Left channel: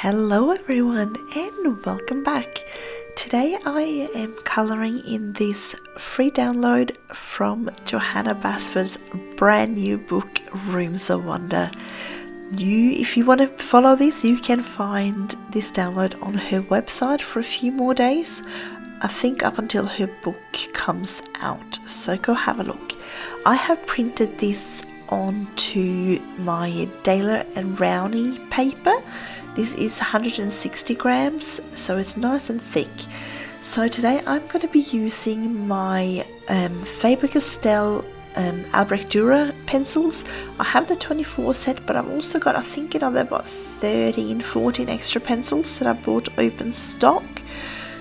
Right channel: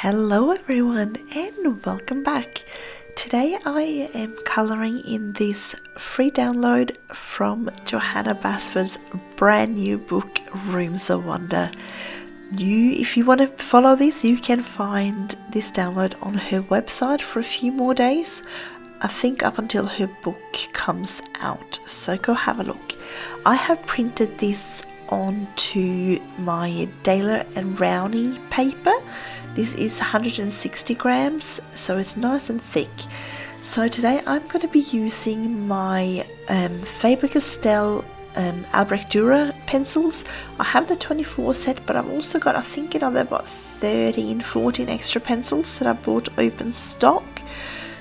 Hello everyone and welcome back. Today I am colouring in this free download from Johanna Basford's brand new book Rooms of Wonder. If you want to follow this, you can find this download on her website for a few more days. I think up until her book comes out, so go have a look. I have printed this onto my Daler and Rowney paper. This is 160 grams, so it's nice and thick. So today I'm going to be using my Faber-Castell Albrecht Dürer pencils. I have the 24 set, but I've also got, I think about 13, 14 extra pencils that I bought open stock.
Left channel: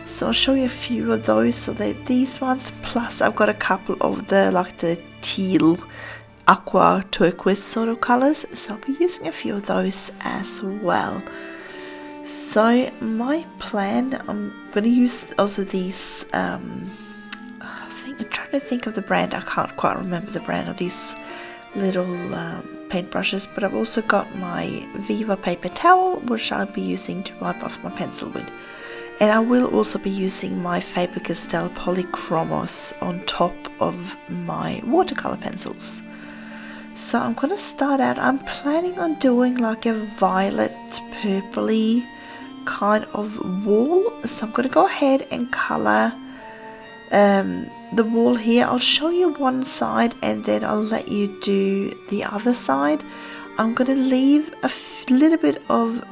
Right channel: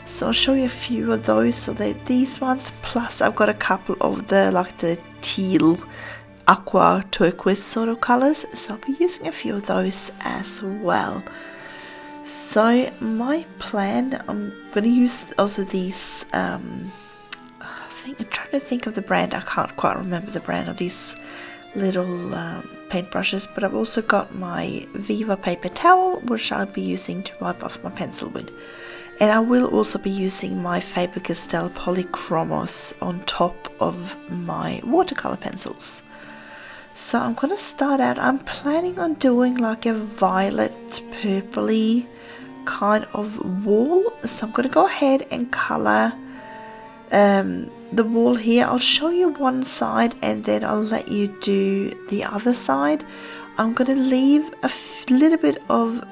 So I'll show you a few of those. So these ones, plus I've got a couple of the teal, aqua, turquoise sort of colours. So I'll be using a few of those as well. So my plan, I'm going to use also these, I'm trying to think of the brand, I can't quite remember the brand of these little paintbrushes, but I've also got my Viva paper towel, which I'll be using to wipe off my pencil with. And I will also be using my Faber-Castell Polychromos on top of my watercolour pencils. So I'm going to start out, I'm planning on doing like a violet purpley kind of wall. So I'm going to go ahead and colour the wall here. I'll show you one side and then I'll let you do the other side. I'm going to leave a little bit of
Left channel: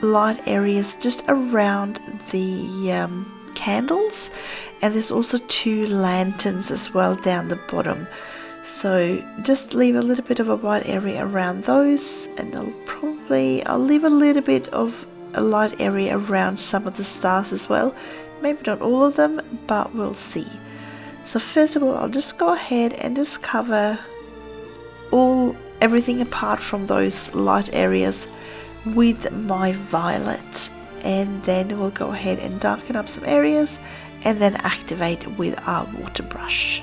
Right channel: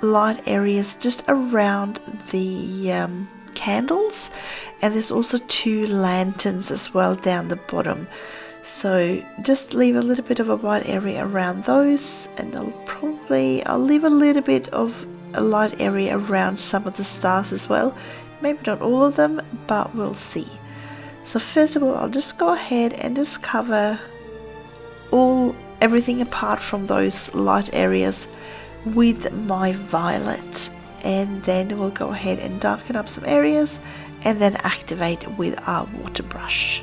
light areas just around the candles, and there's also 2 lanterns as well down the bottom. So just leave a little bit of a white area around those, and I'll leave a little bit of a light area around some of the stars as well. Maybe not all of them, but we'll see. So first of all, I'll just go ahead and just cover everything apart from those light areas with my violet, and then we'll go ahead and darken up some areas and then activate with our water brush.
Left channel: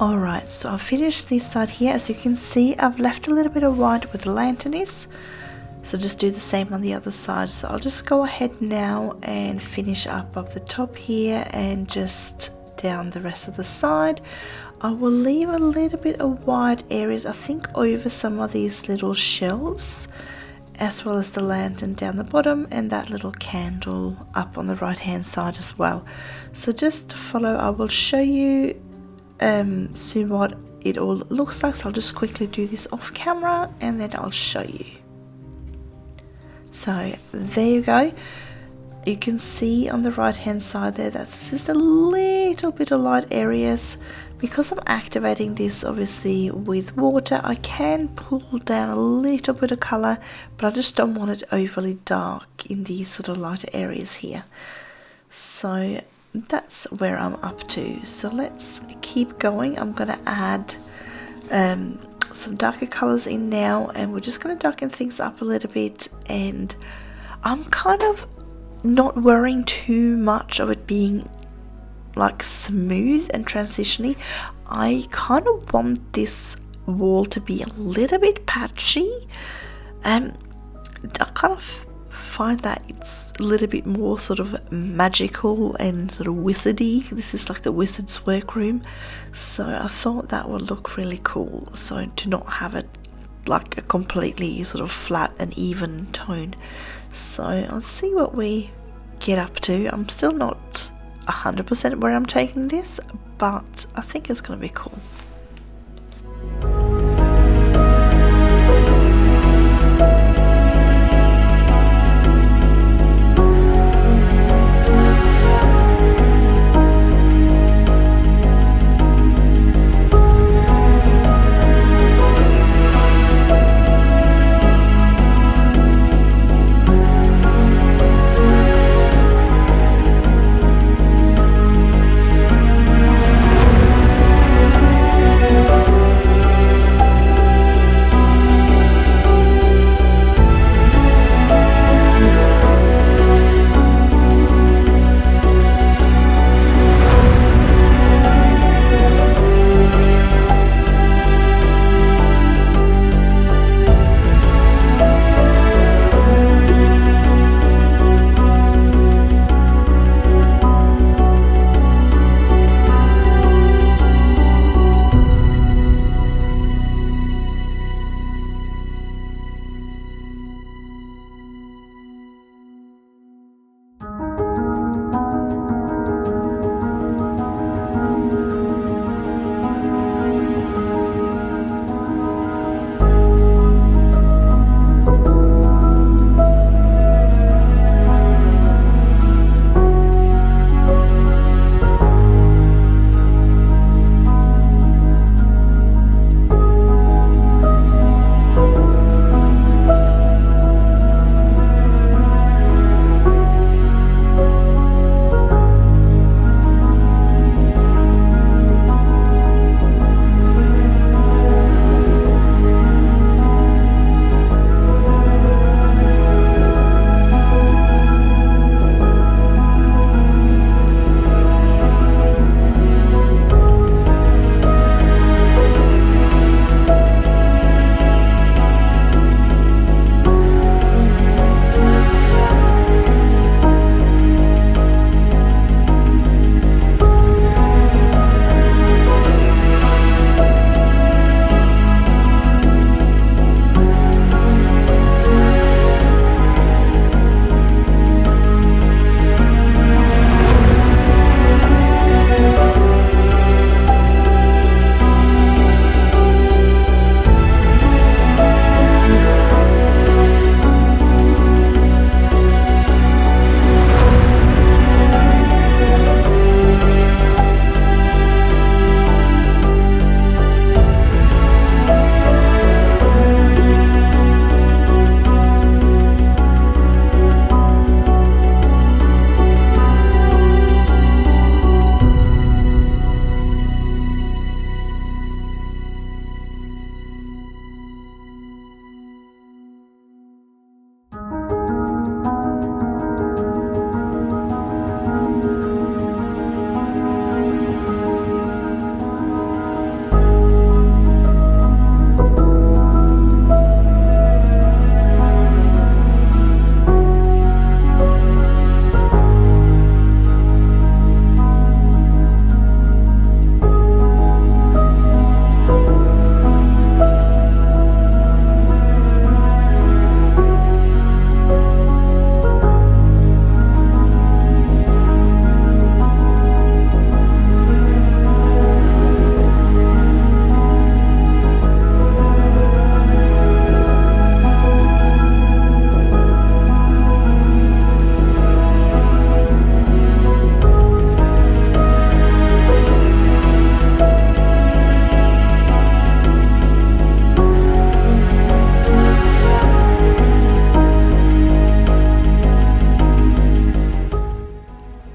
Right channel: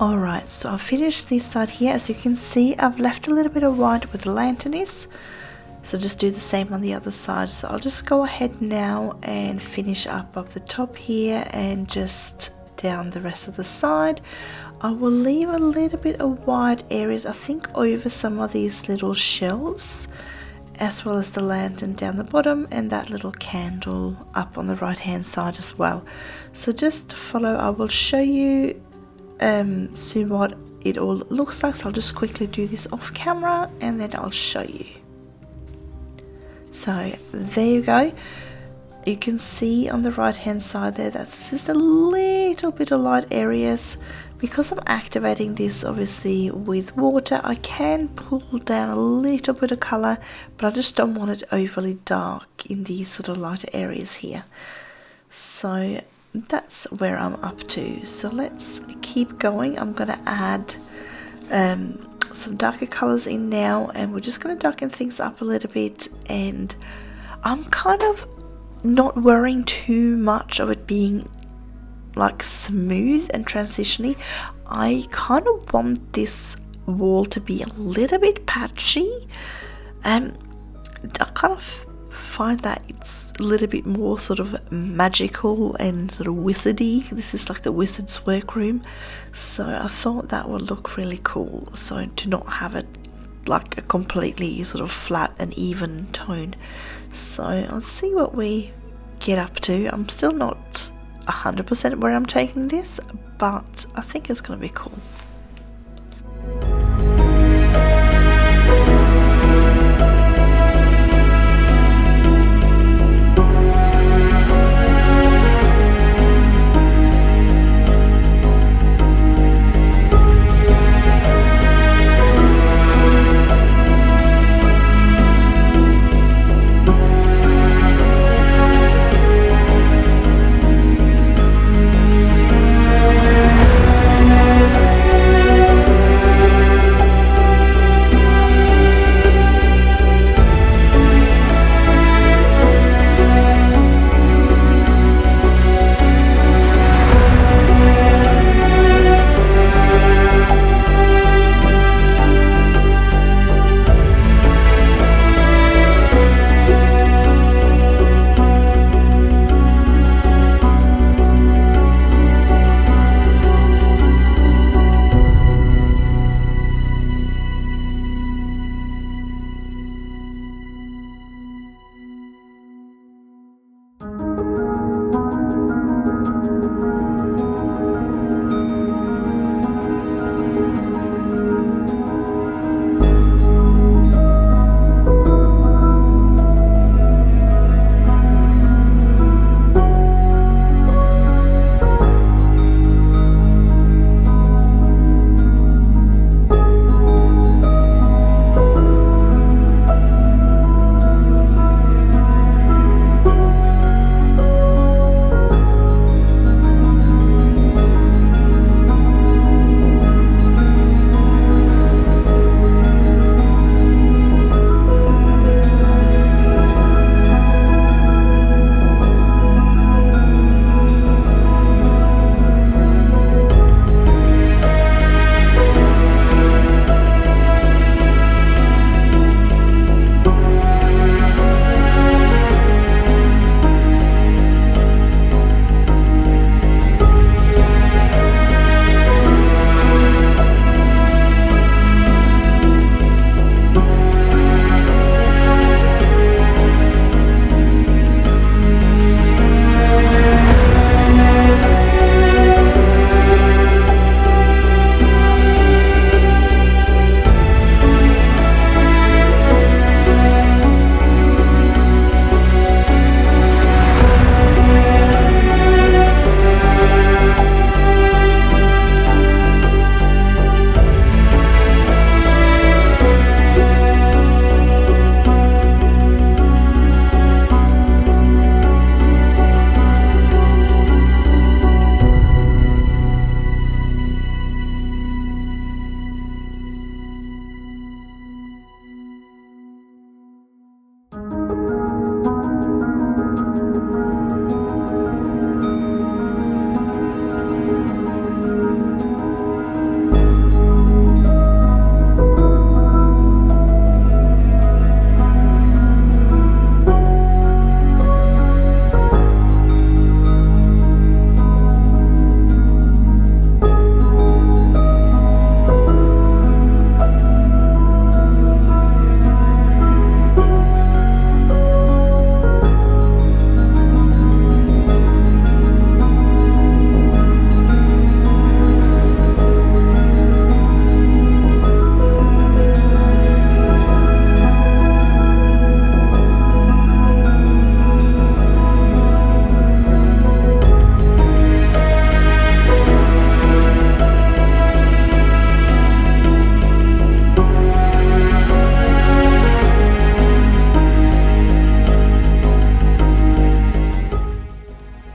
Alright, so I've finished this side here. As you can see, I've left a little bit of white where the lantern is. So just do the same on the other side. So I'll just go ahead now and finish up the top here and just down the rest of the side. I will leave a little bit of white areas, I think, over some of these little shelves, as well as the lantern down the bottom and that little candle up on the right hand side as well. So just follow, I will show you soon what it all looks like. So I'll just quickly do this off camera and then I'll show you. So there you go. You can see on the right hand side there, that's just a little bit of light areas. Because I'm activating this obviously with water, I can pull down a little bit of colour, but I just don't want it overly dark in these sort of lighter areas here. So that's where I'm up to. So let's keep going. I'm going to add some darker colours in now, and we're just going to darken things up a little bit. And I'm kind of not worrying too much of it being like smooth and transitioning. I kind of want this wall to be a little bit patchy. I kind of find that it's a little bit more sort of magical and sort of wizardy. This is like the wizard's workroom, so I thought that would look really cool. So to not have it like a completely sort of flat and even tone. So I'll see what we get up to. I'm still not 100% where I'm taking this, but I think it's going to be cool.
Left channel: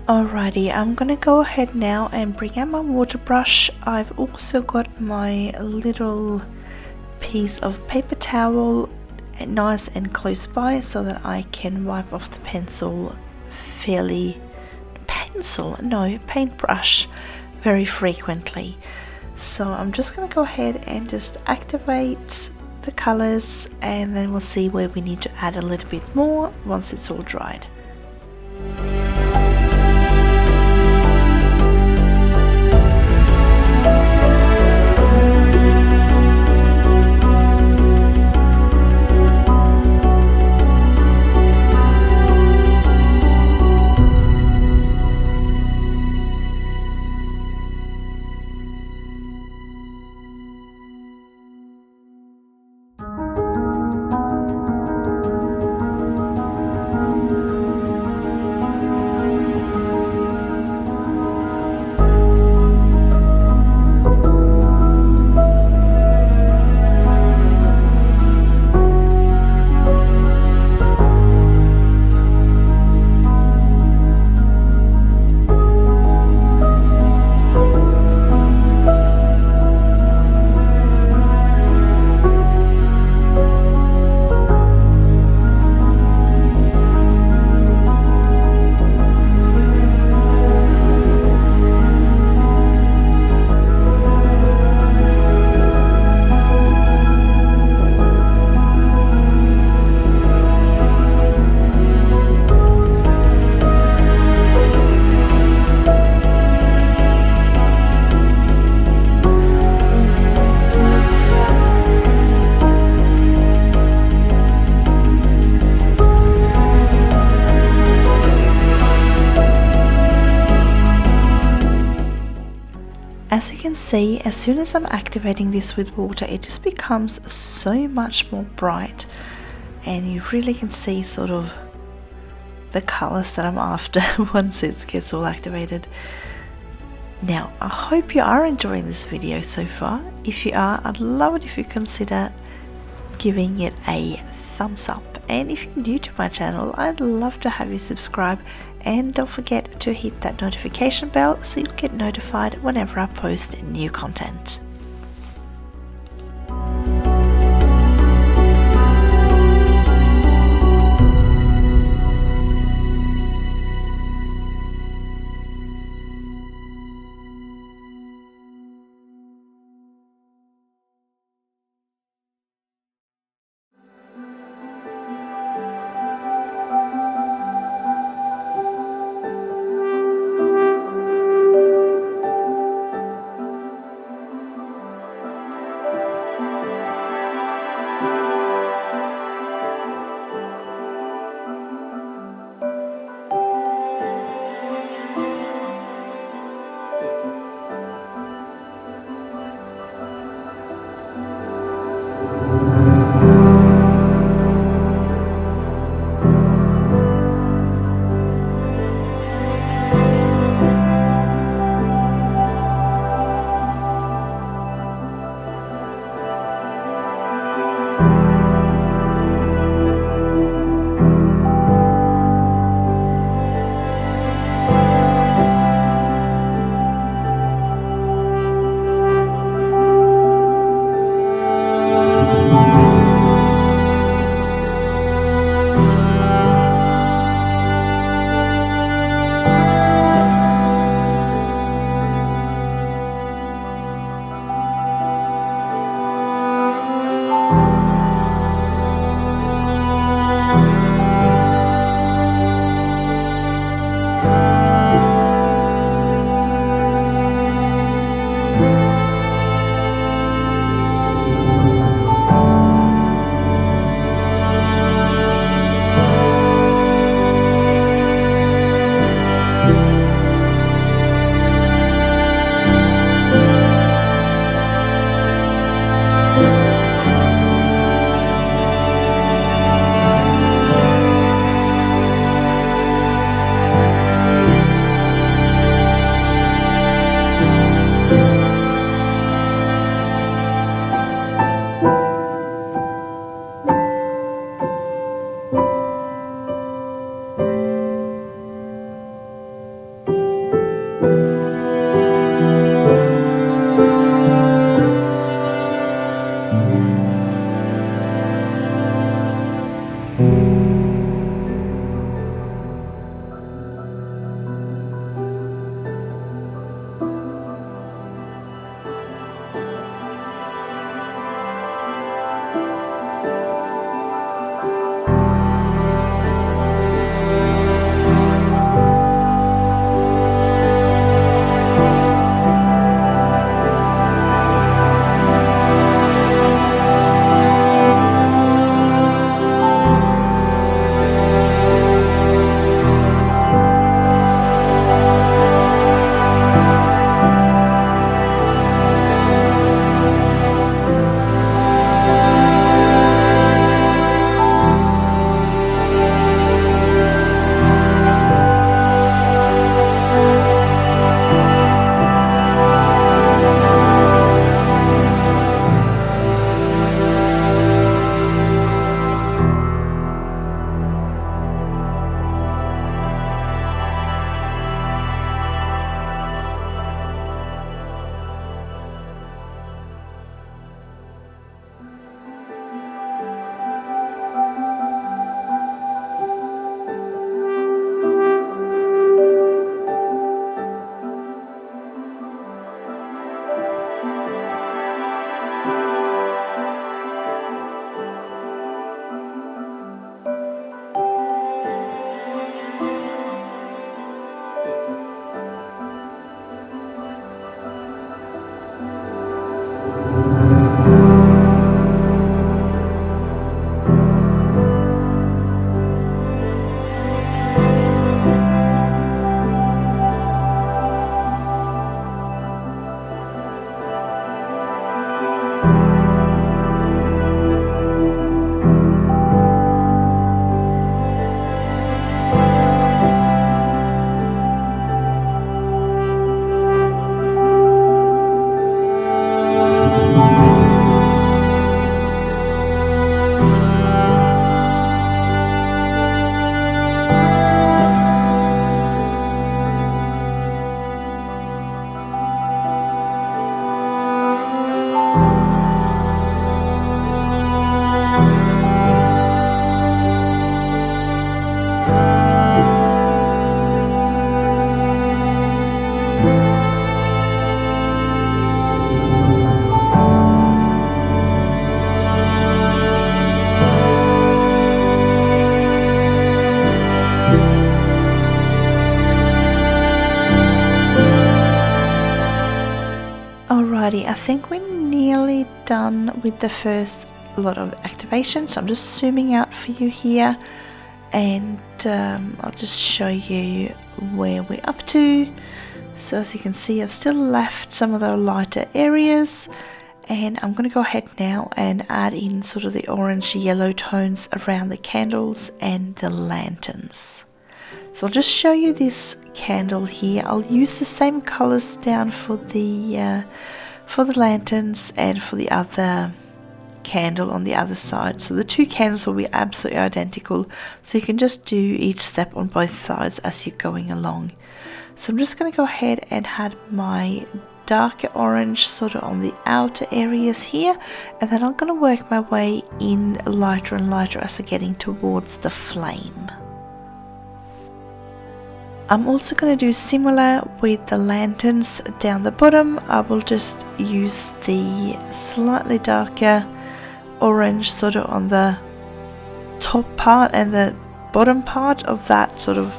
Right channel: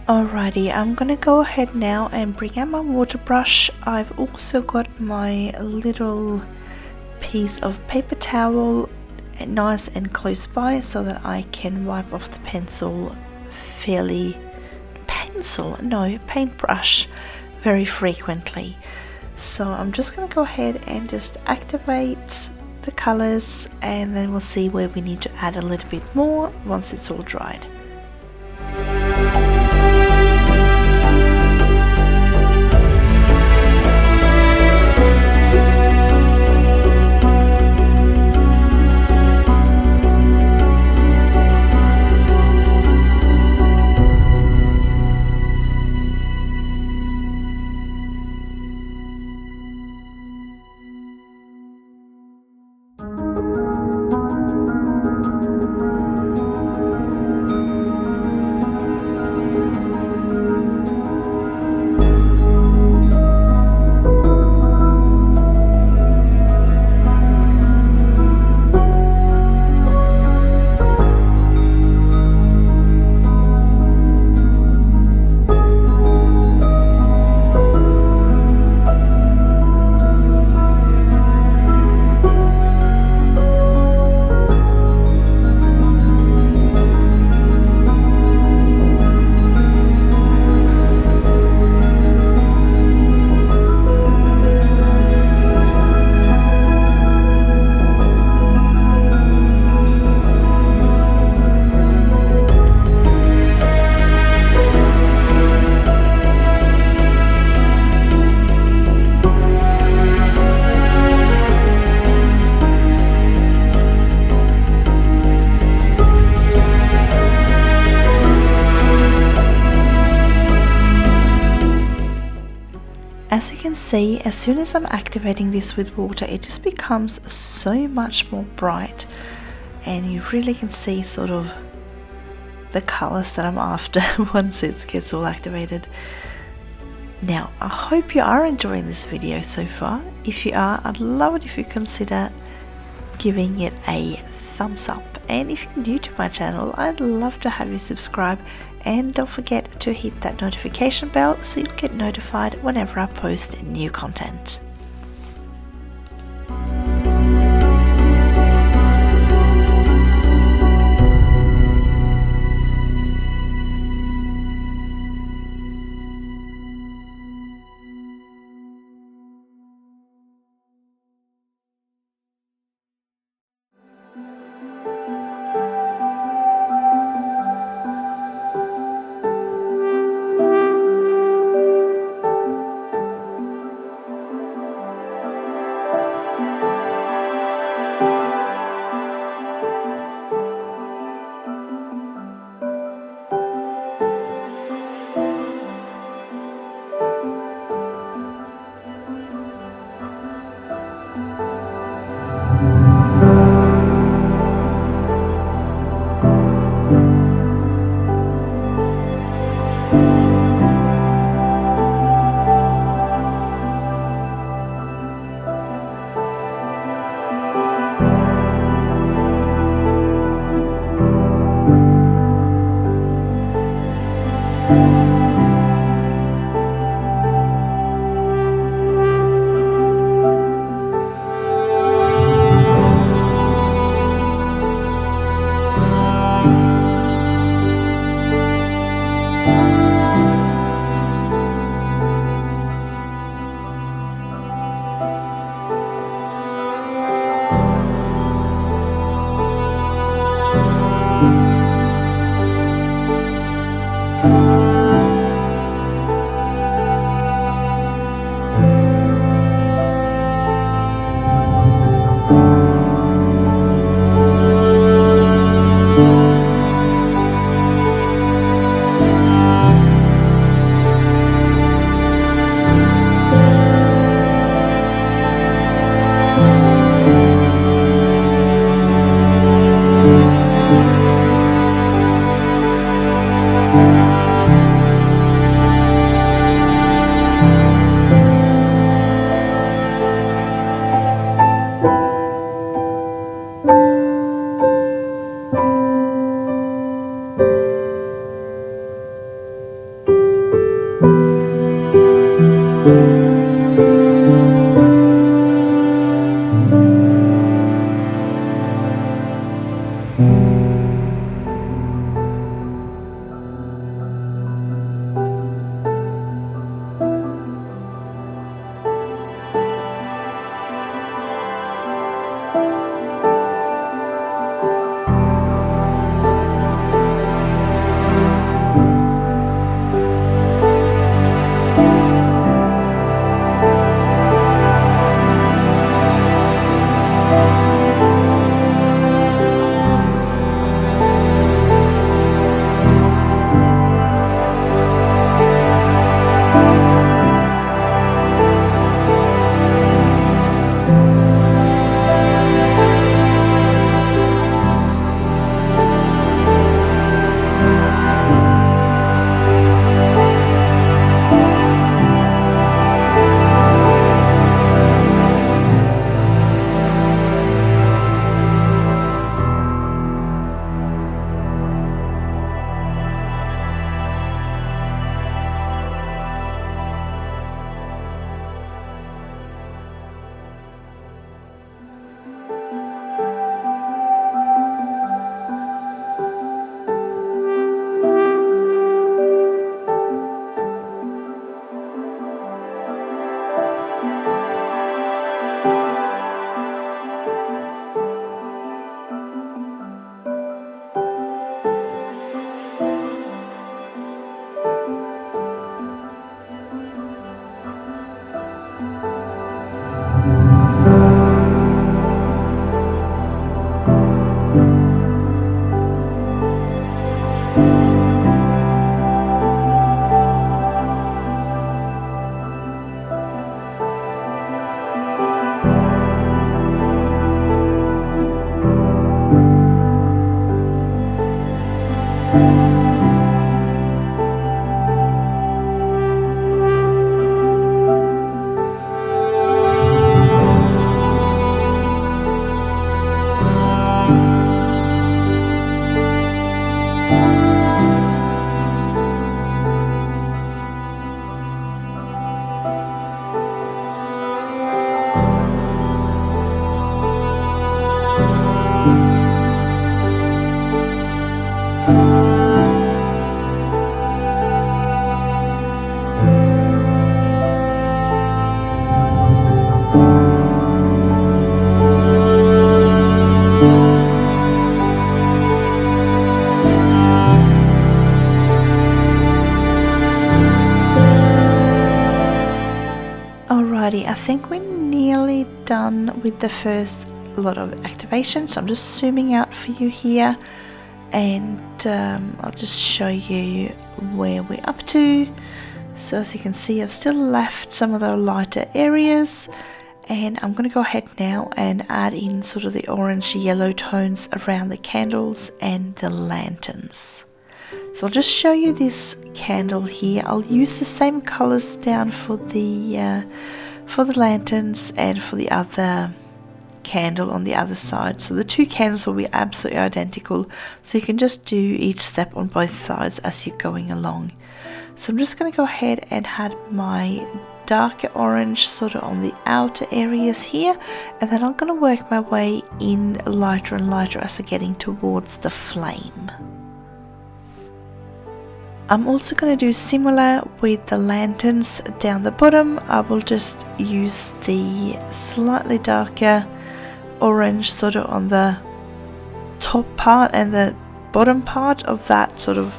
Alrighty, I'm gonna go ahead now and bring out my water brush. I've also got my little piece of paper towel nice and close by so that I can wipe off the paintbrush very frequently. So I'm just gonna go ahead and just activate the colors, and then we'll see where we need to add a little bit more once it's all dried. As you can see, as soon as I'm activating this with water, it just becomes so much more bright, and you really can see sort of the colors that I'm after once it gets all activated. Now, I hope you are enjoying this video so far. If you are, I'd love it if you consider giving it a thumbs up, and if you're new to my channel, I'd love to have you subscribe, and don't forget to hit that notification bell so you'll get notified whenever I post new content. Alrighty, I think we're nearly done with the first lot of activation, so I'm just zooming out for you here, and I'll just show you where we're up to. So as you can see, I've still left some of the lighter areas, and I'm going to go ahead now and add in sort of the orange yellow tones around the candles and the lanterns. So I'll just show you this candle here. I'll use the same colors down for the lanterns and for the other candle on the other side. So the two candles will be absolutely identical, so you can just do each step on both sides as you're going along. So I'm just going to go ahead and add my darker orange sort of on the outer areas here, and then I'm going to work my way in lighter and lighter as I'm getting towards the flame. I'm also going to do similar with the lanterns down the bottom. I will just use the slightly darker orange sort of on the top part and the bottom part of that sort of,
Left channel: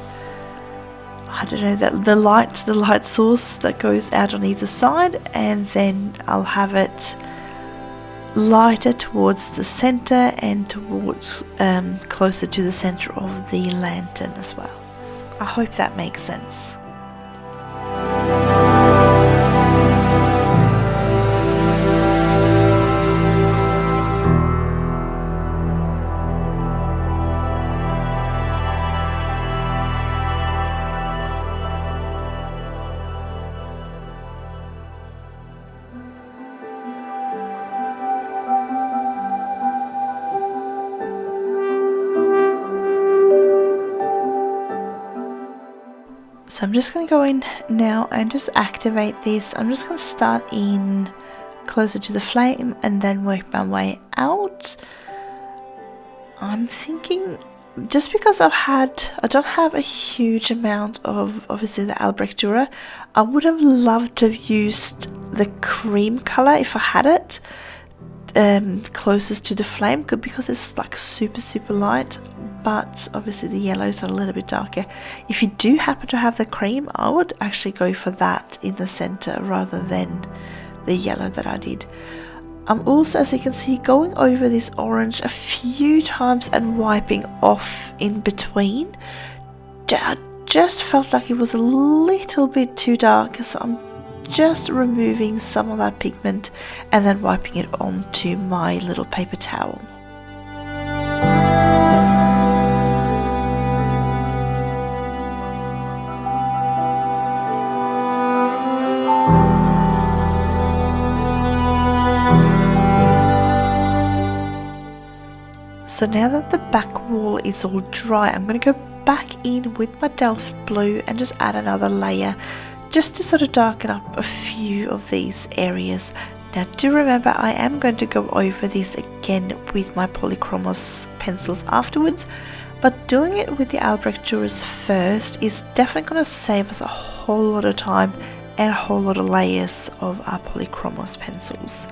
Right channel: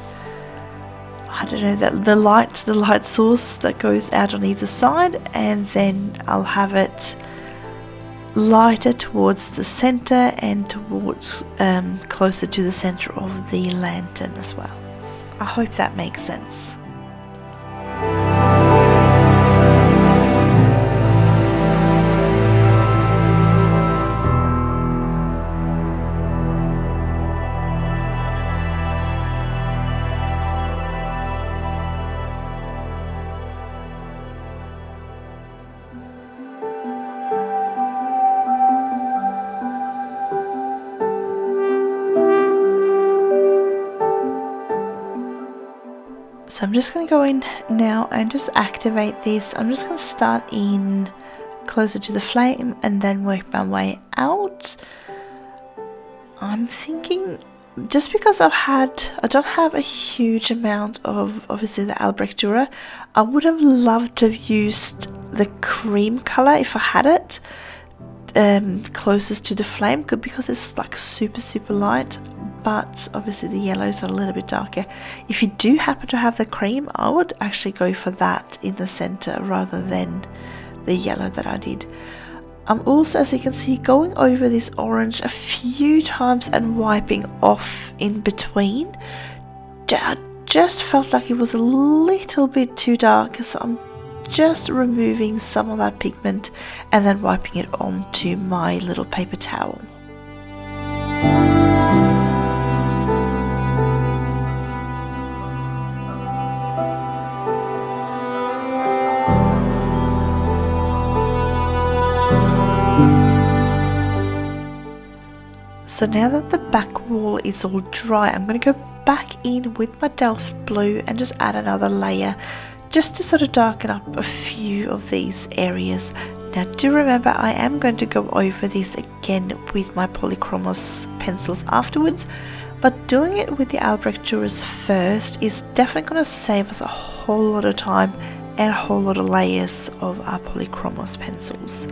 I don't know, that the light source that goes out on either side, and then I'll have it lighter towards the center and towards closer to the center of the lantern as well. I hope that makes sense. So I'm just going to go in now and just activate this. I'm just going to start in closer to the flame and then work my way out. I'm thinking, just because I don't have a huge amount of obviously the Albrecht Dürer, I would have loved to have used the cream color if I had it closest to the flame, because it's like super light, but obviously the yellows are a little bit darker. If you do happen to have the cream, I would actually go for that in the center rather than the yellow that I did. I'm also, as you can see, going over this orange a few times and wiping off in between. I just felt like it was a little bit too dark, so I'm just removing some of that pigment and then wiping it onto my little paper towel. So now that the back wall is all dry, I'm going to go back in with my Delft Blue and just add another layer just to sort of darken up a few of these areas. Now do remember, I am going to go over this again with my Polychromos pencils afterwards, but doing it with the Albrecht Dürers first is definitely going to save us a whole lot of time and a whole lot of layers of our Polychromos pencils.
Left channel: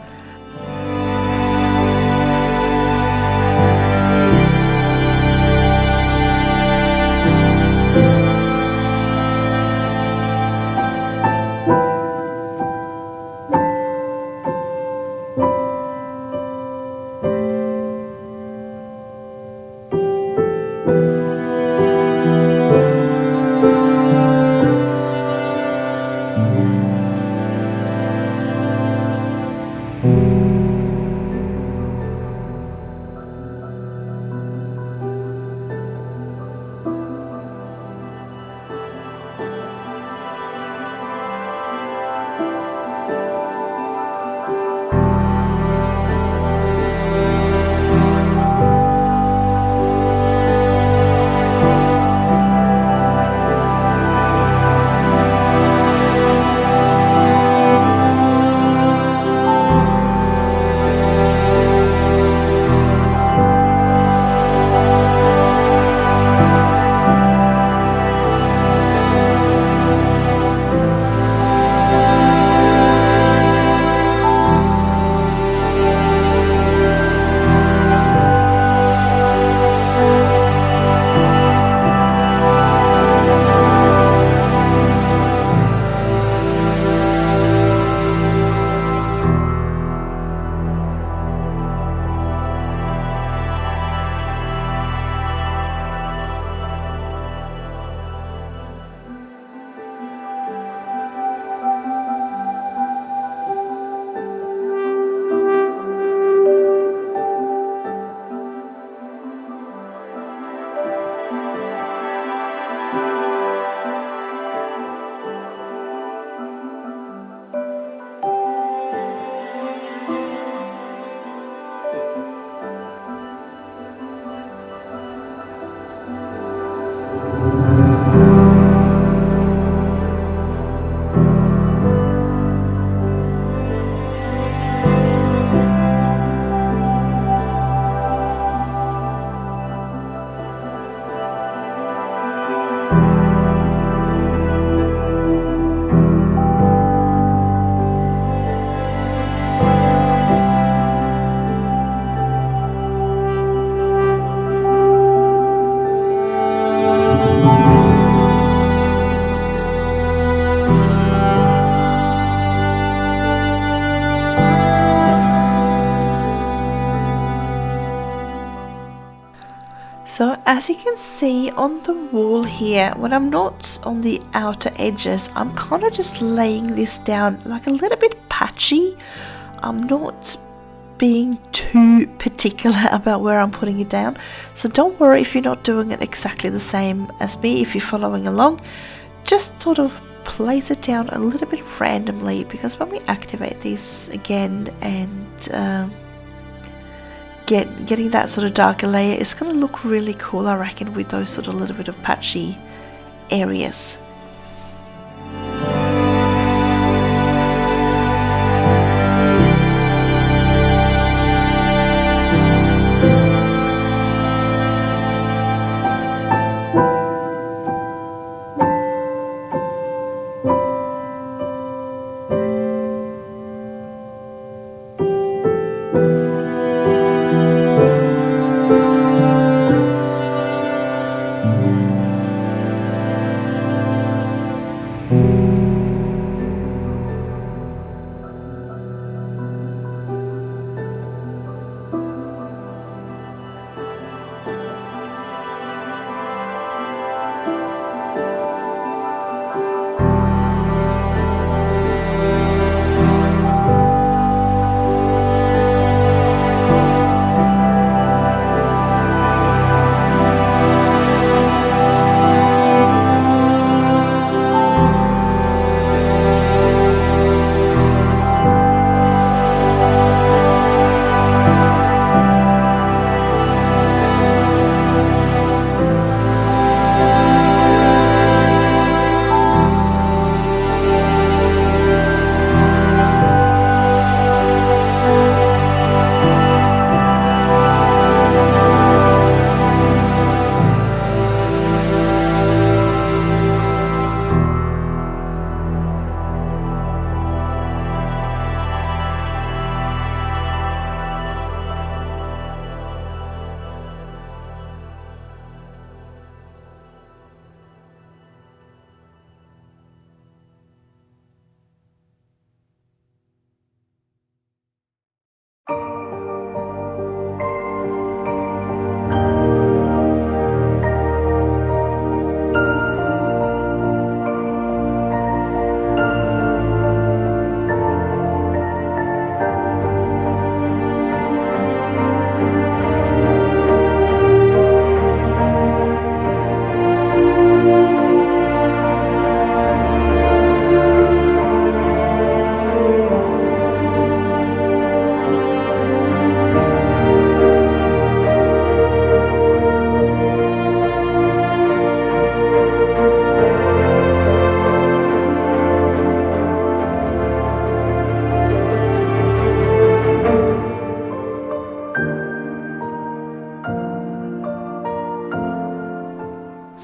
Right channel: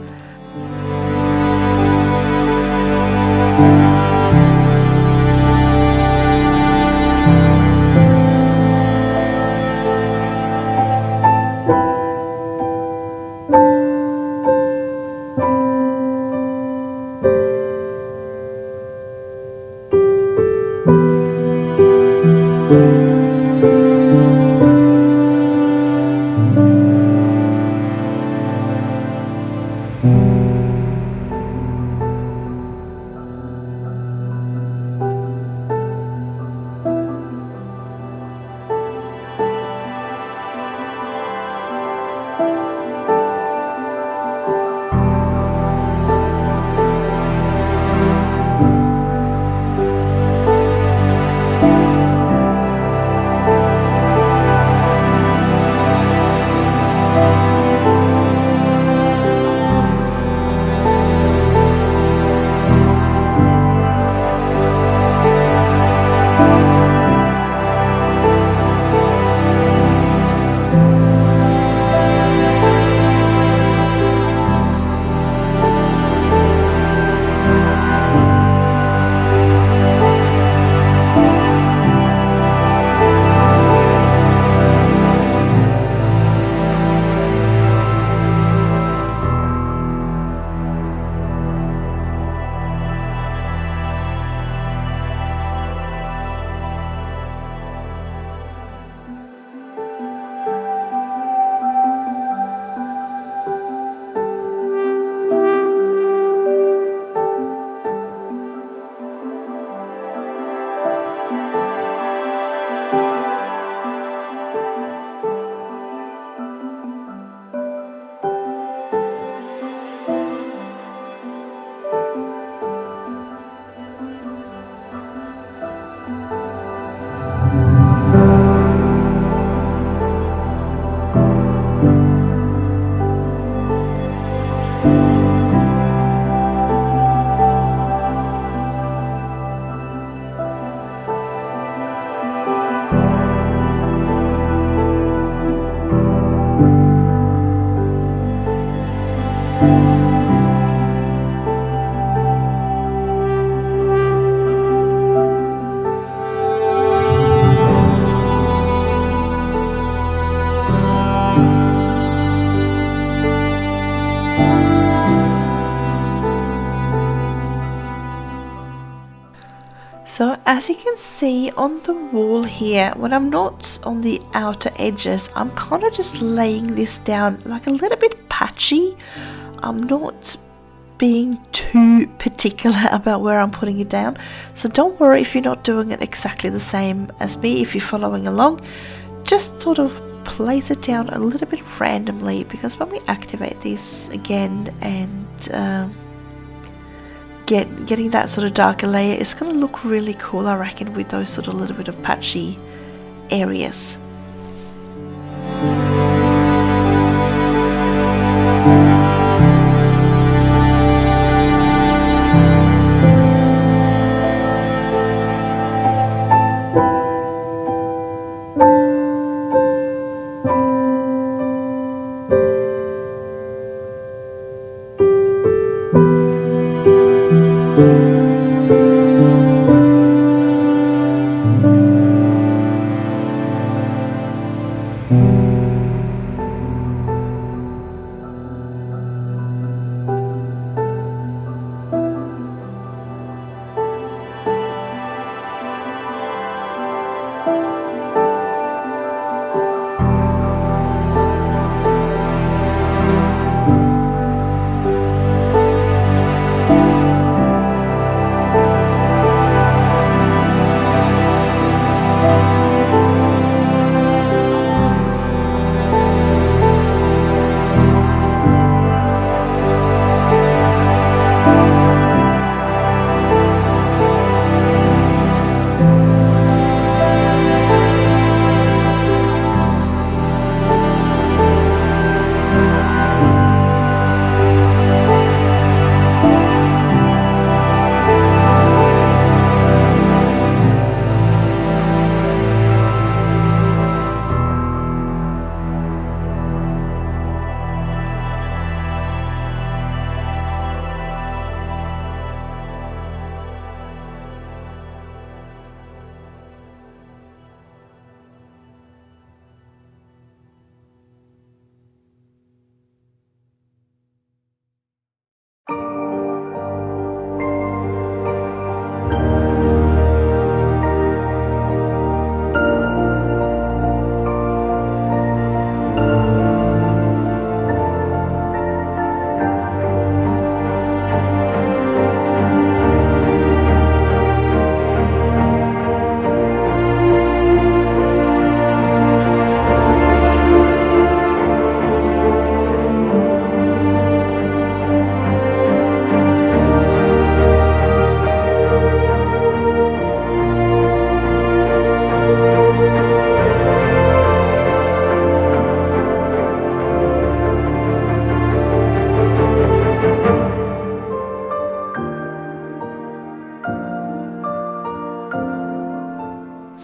So as you can see on the wall here, when I'm not on the outer edges, I'm kind of just laying this down like a little bit patchy. I'm not being too particular about where I'm putting it down. So don't worry if you're not doing it exactly the same as me. If you're following along, just sort of place it down a little bit randomly, because when we activate this again and getting that sort of darker layer, it's going to look really cool, I reckon, with those sort of little bit of patchy areas.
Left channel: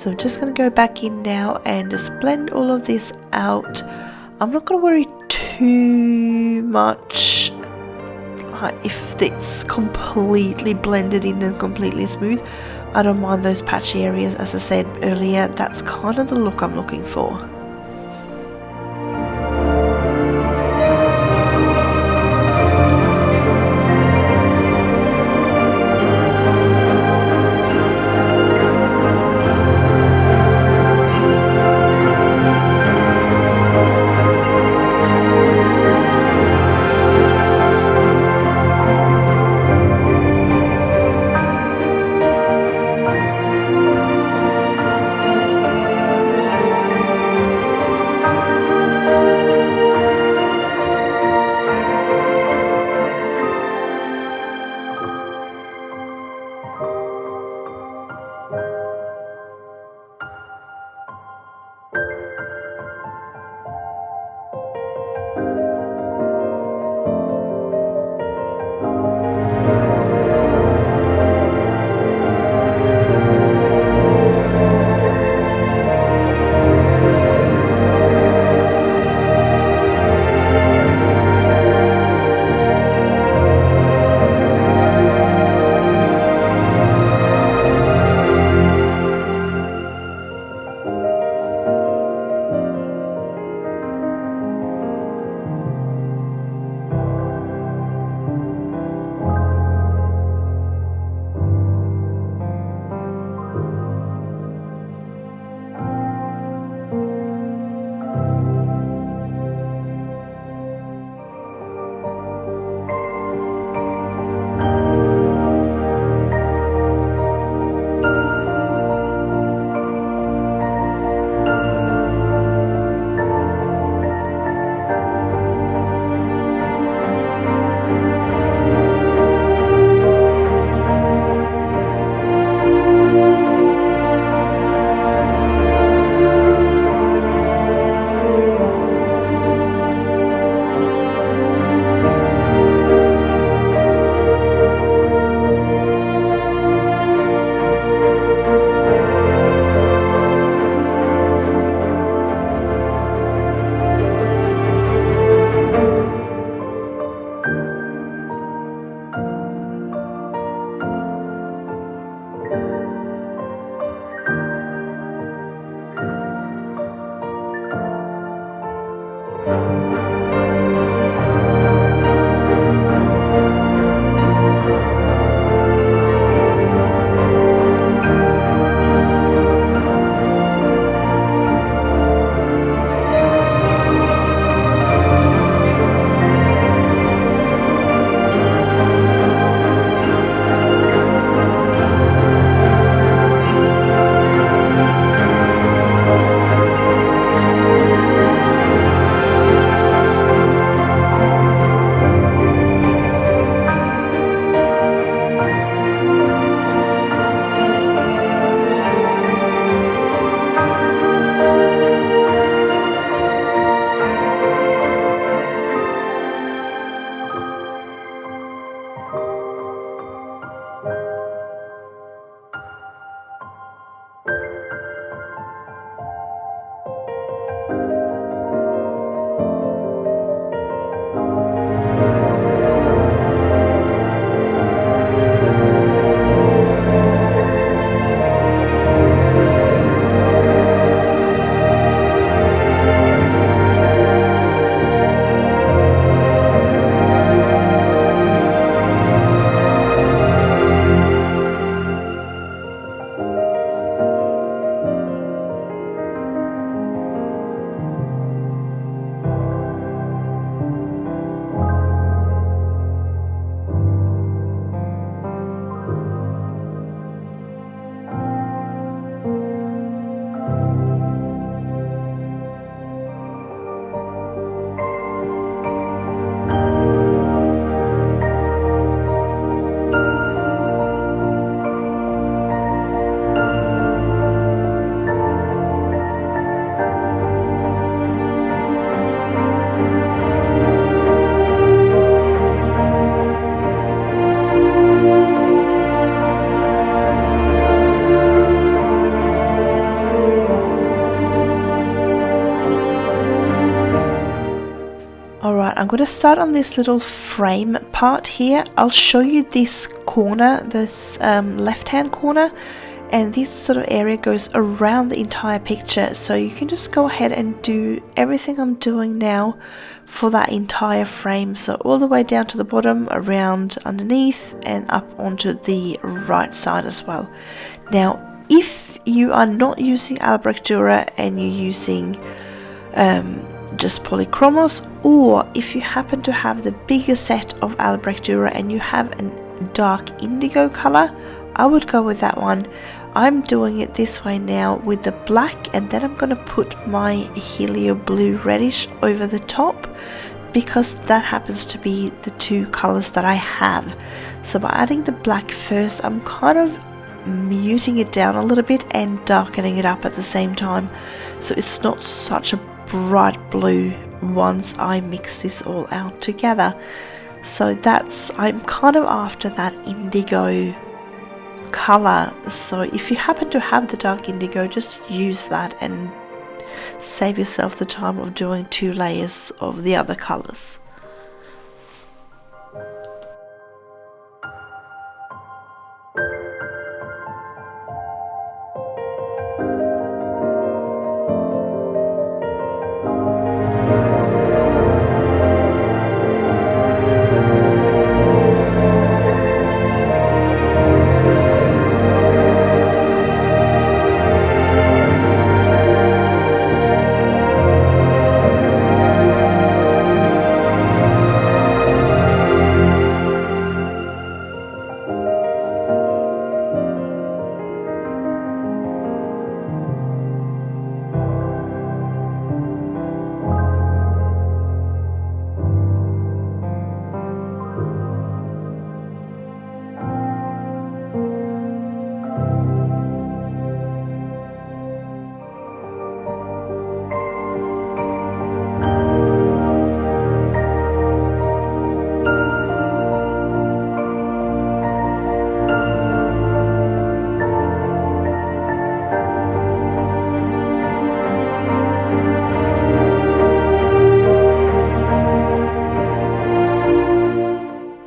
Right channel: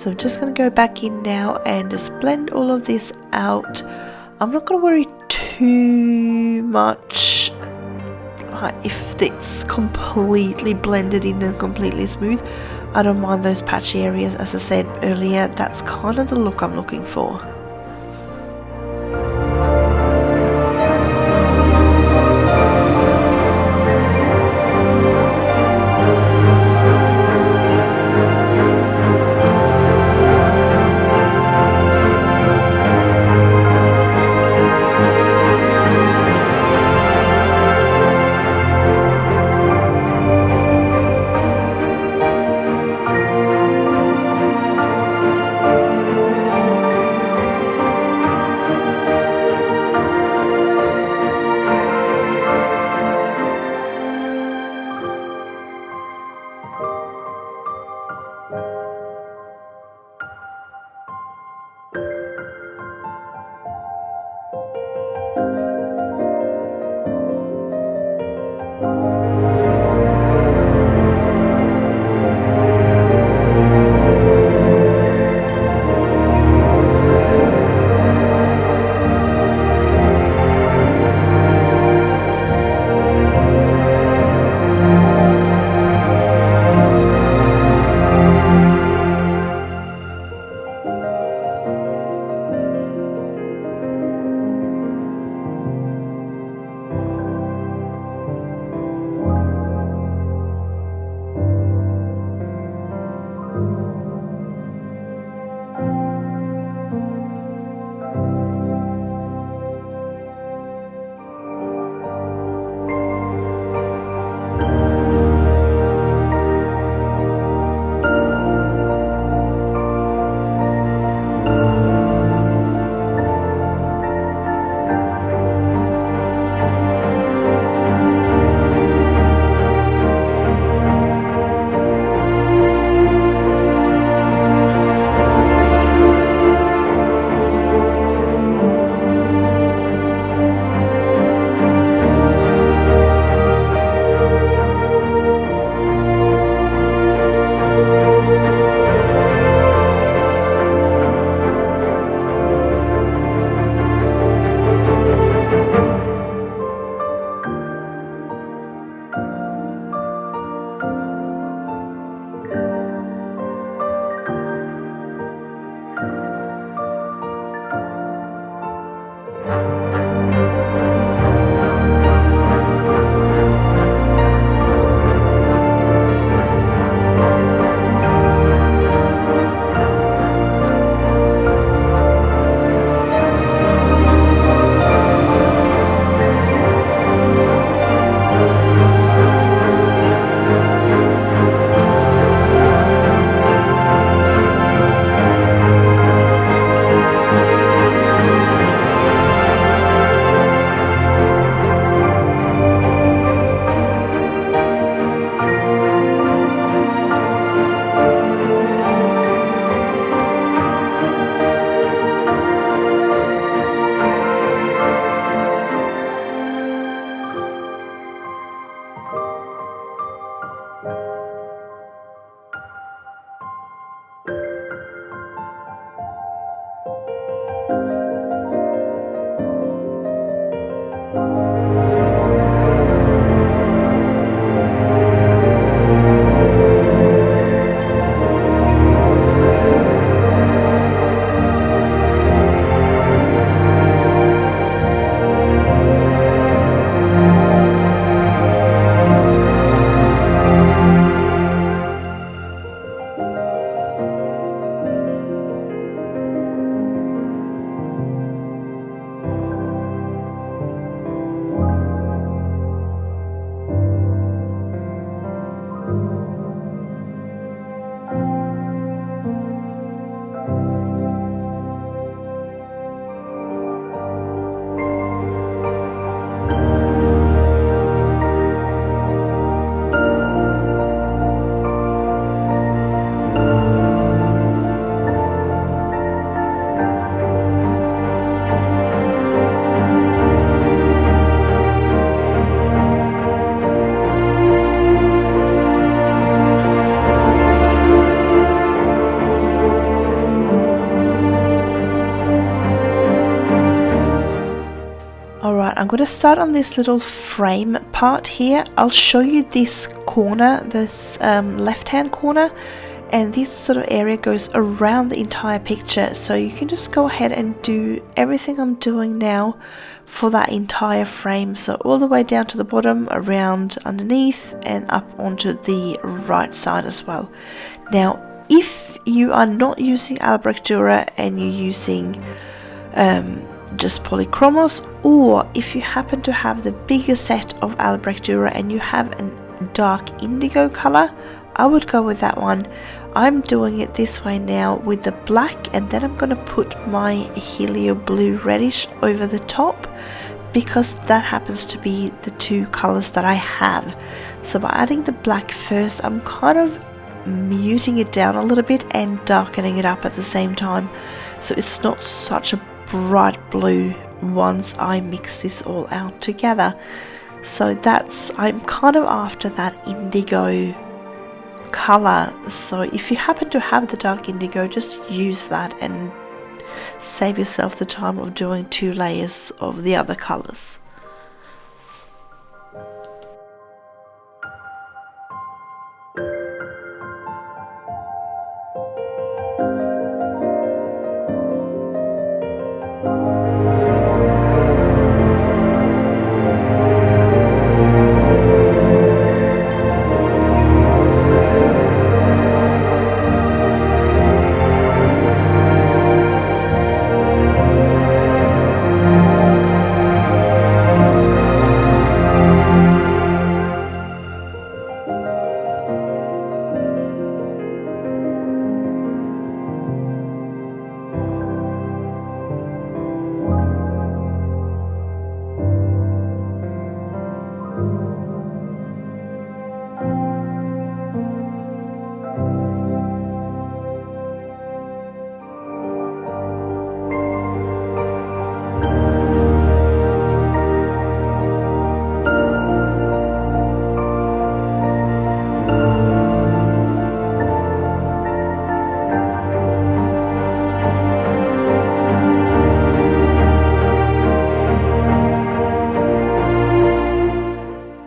So I'm just going to go back in now and just blend all of this out. I'm not going to worry too much if it's completely blended in and completely smooth. I don't mind those patchy areas. As I said earlier, that's kind of the look I'm looking for. I'm going to start on this little frame part here. I'll show you this corner, this left hand corner, and this sort of area goes around the entire picture, so you can just go ahead and do everything I'm doing now for that entire frame, so all the way down to the bottom, around underneath, and up onto the right side as well. Now if you are not using Albrecht Dürer and you're using just Polychromos, or if you happen to have the bigger set of Albrecht Dürer and you have a dark indigo color, I would go with that one. I'm doing it this way now with the black, and then I'm going to put my Helioblue Reddish over the top because that happens to be the two colors that I have. So by adding the black first, I'm kind of muting it down a little bit and darkening it up at the same time, so it's not such a bright blue once I mix this all out together. So I'm kind of after that indigo color, so if you happen to have the dark indigo, just use that and save yourself the time of doing 2 layers of the other colors.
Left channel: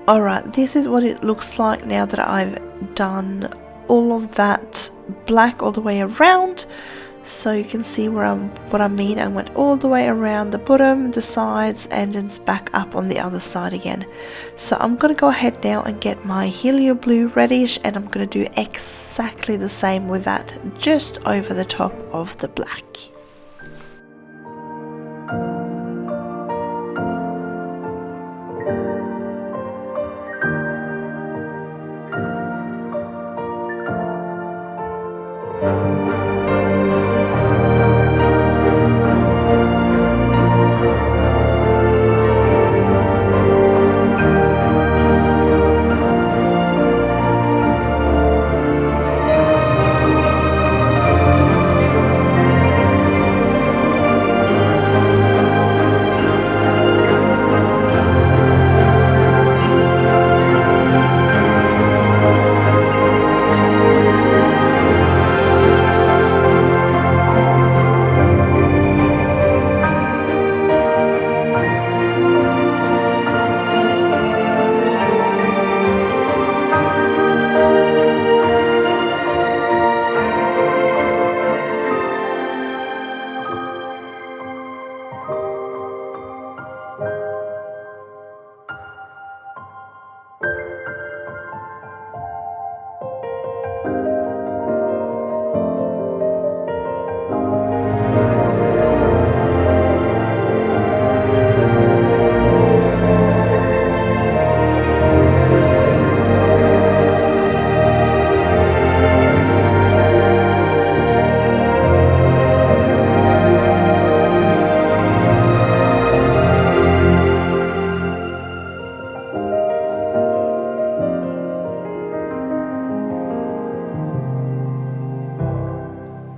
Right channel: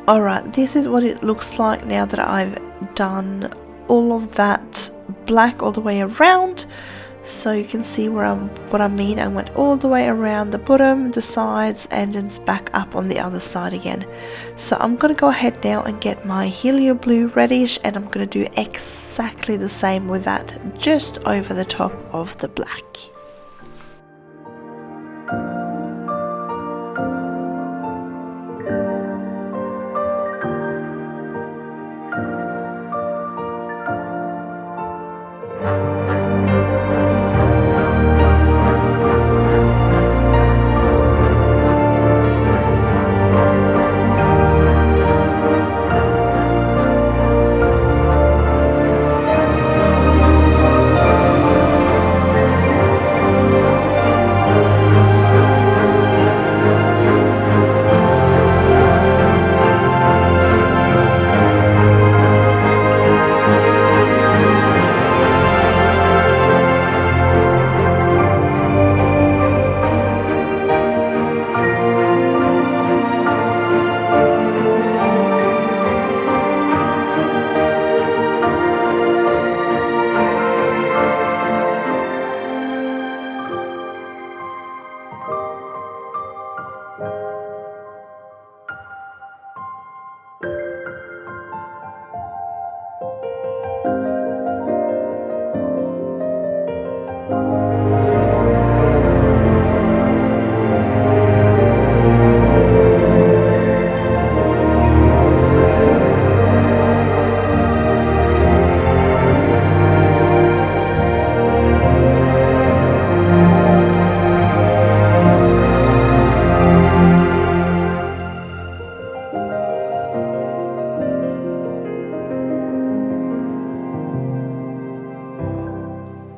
Alright, this is what it looks like now that I've done all of that black all the way around. So you can see what I mean. I went all the way around the bottom, the sides, and then it's back up on the other side again. So I'm going to go ahead now and get my Helioblue Reddish, and I'm going to do exactly the same with that, just over the top of the black.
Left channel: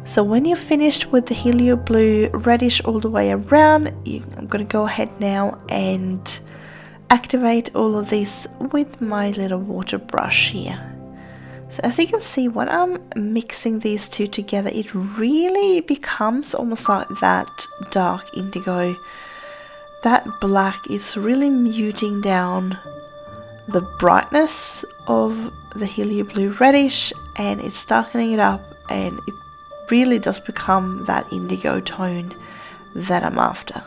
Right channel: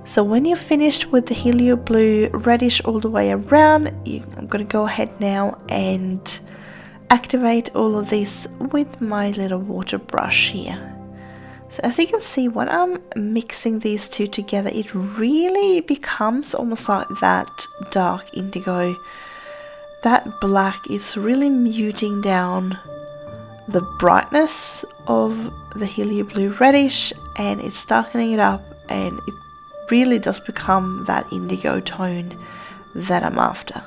So when you're finished with the Helioblue Reddish all the way around, I'm going to go ahead now and activate all of this with my little water brush here. So as you can see, when I'm mixing these two together, it really becomes almost like that dark indigo that black is really muting down the brightness of the Helioblue Reddish, and it's darkening it up, and it really does become that indigo tone that I'm after.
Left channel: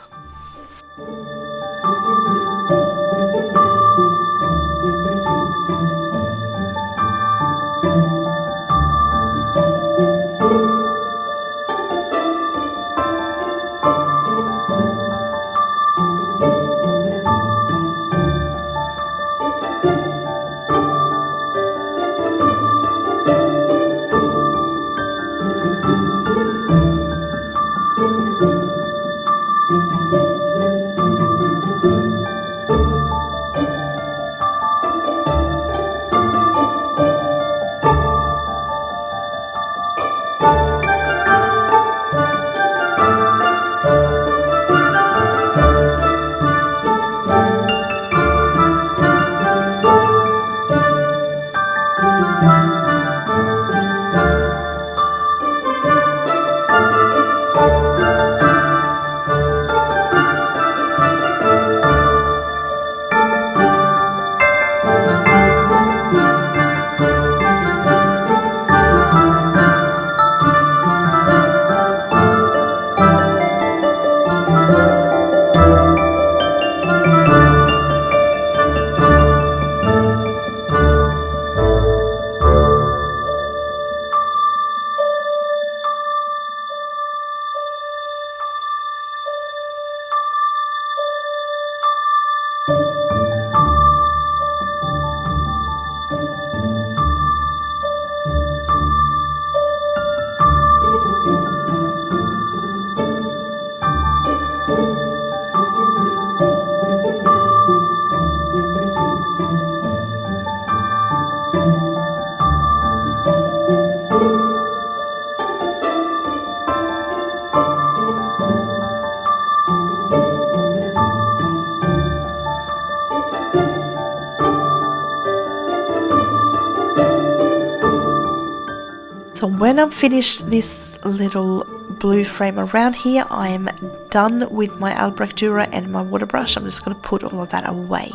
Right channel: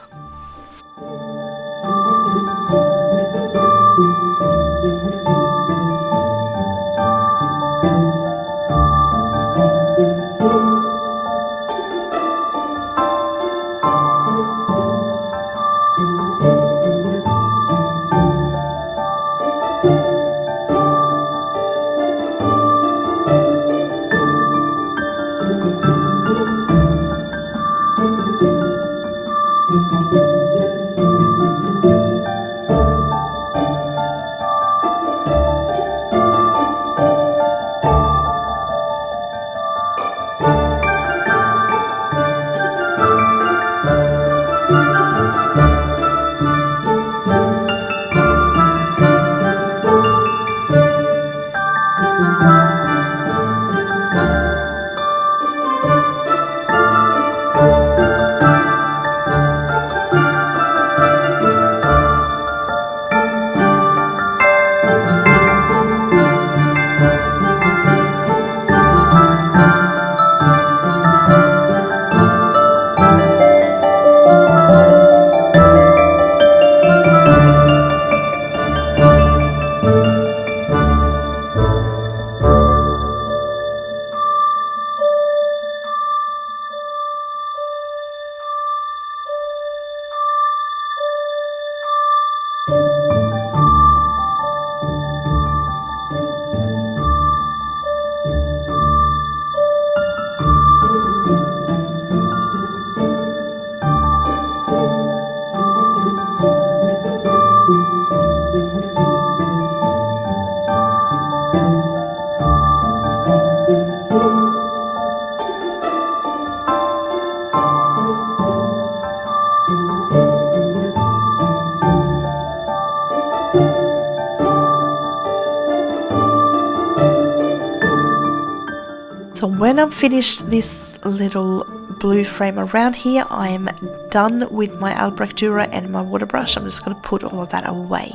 So when I'm finished this little blue frame around here, I'm done with my Albrecht Dürer and my water brush. I'm just going to put all of that away.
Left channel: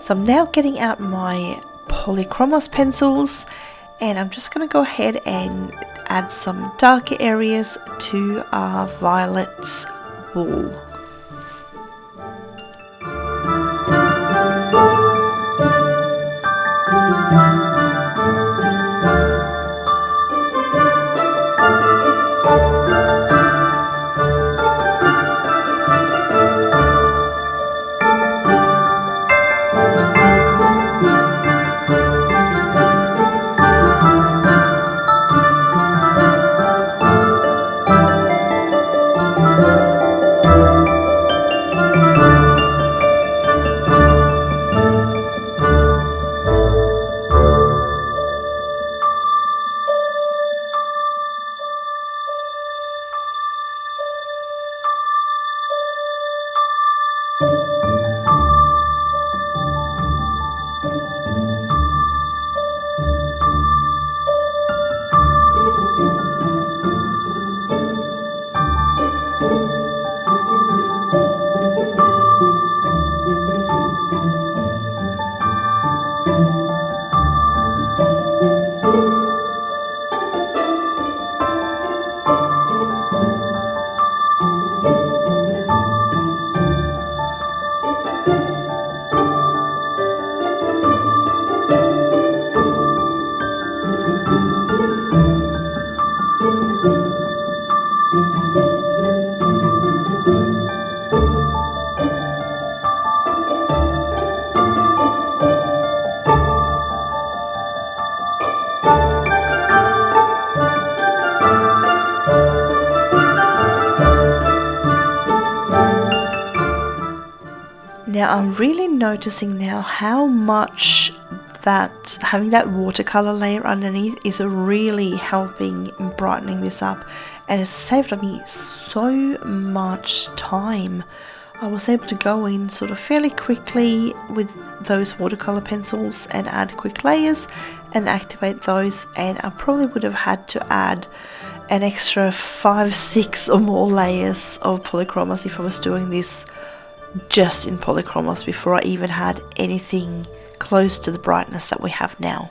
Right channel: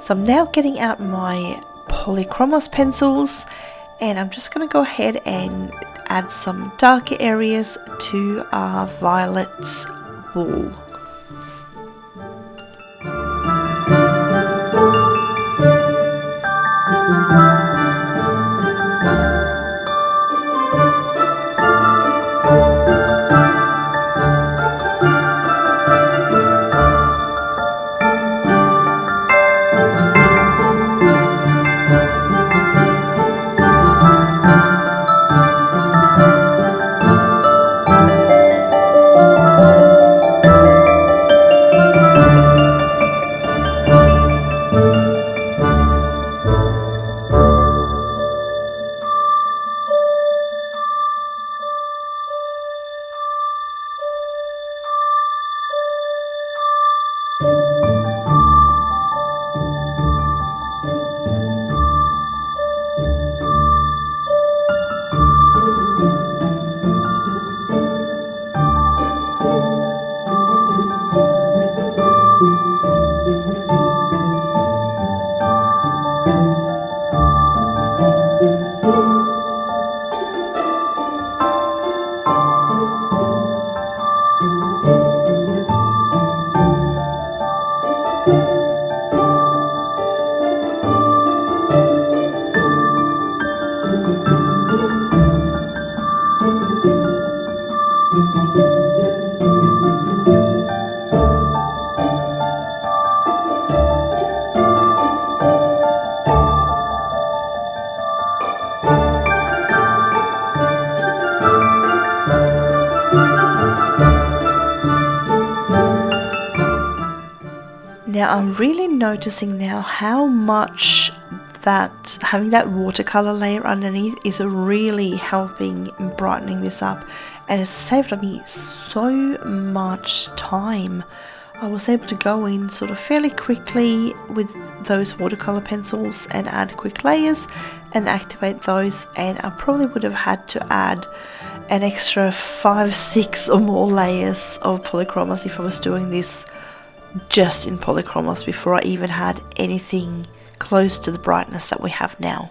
So I'm now getting out my Polychromos pencils, and I'm just going to go ahead and add some darker areas to our violet wool. Now I'm really noticing now how much that having that watercolor layer underneath is really helping brightening this up, and it's saved me so much time. I was able to go in sort of fairly quickly with those watercolor pencils and add quick layers and activate those, and I probably would have had to add an extra 5, 6 or more layers of Polychromos if I was doing this just in Polychromos before I even had anything close to the brightness that we have now.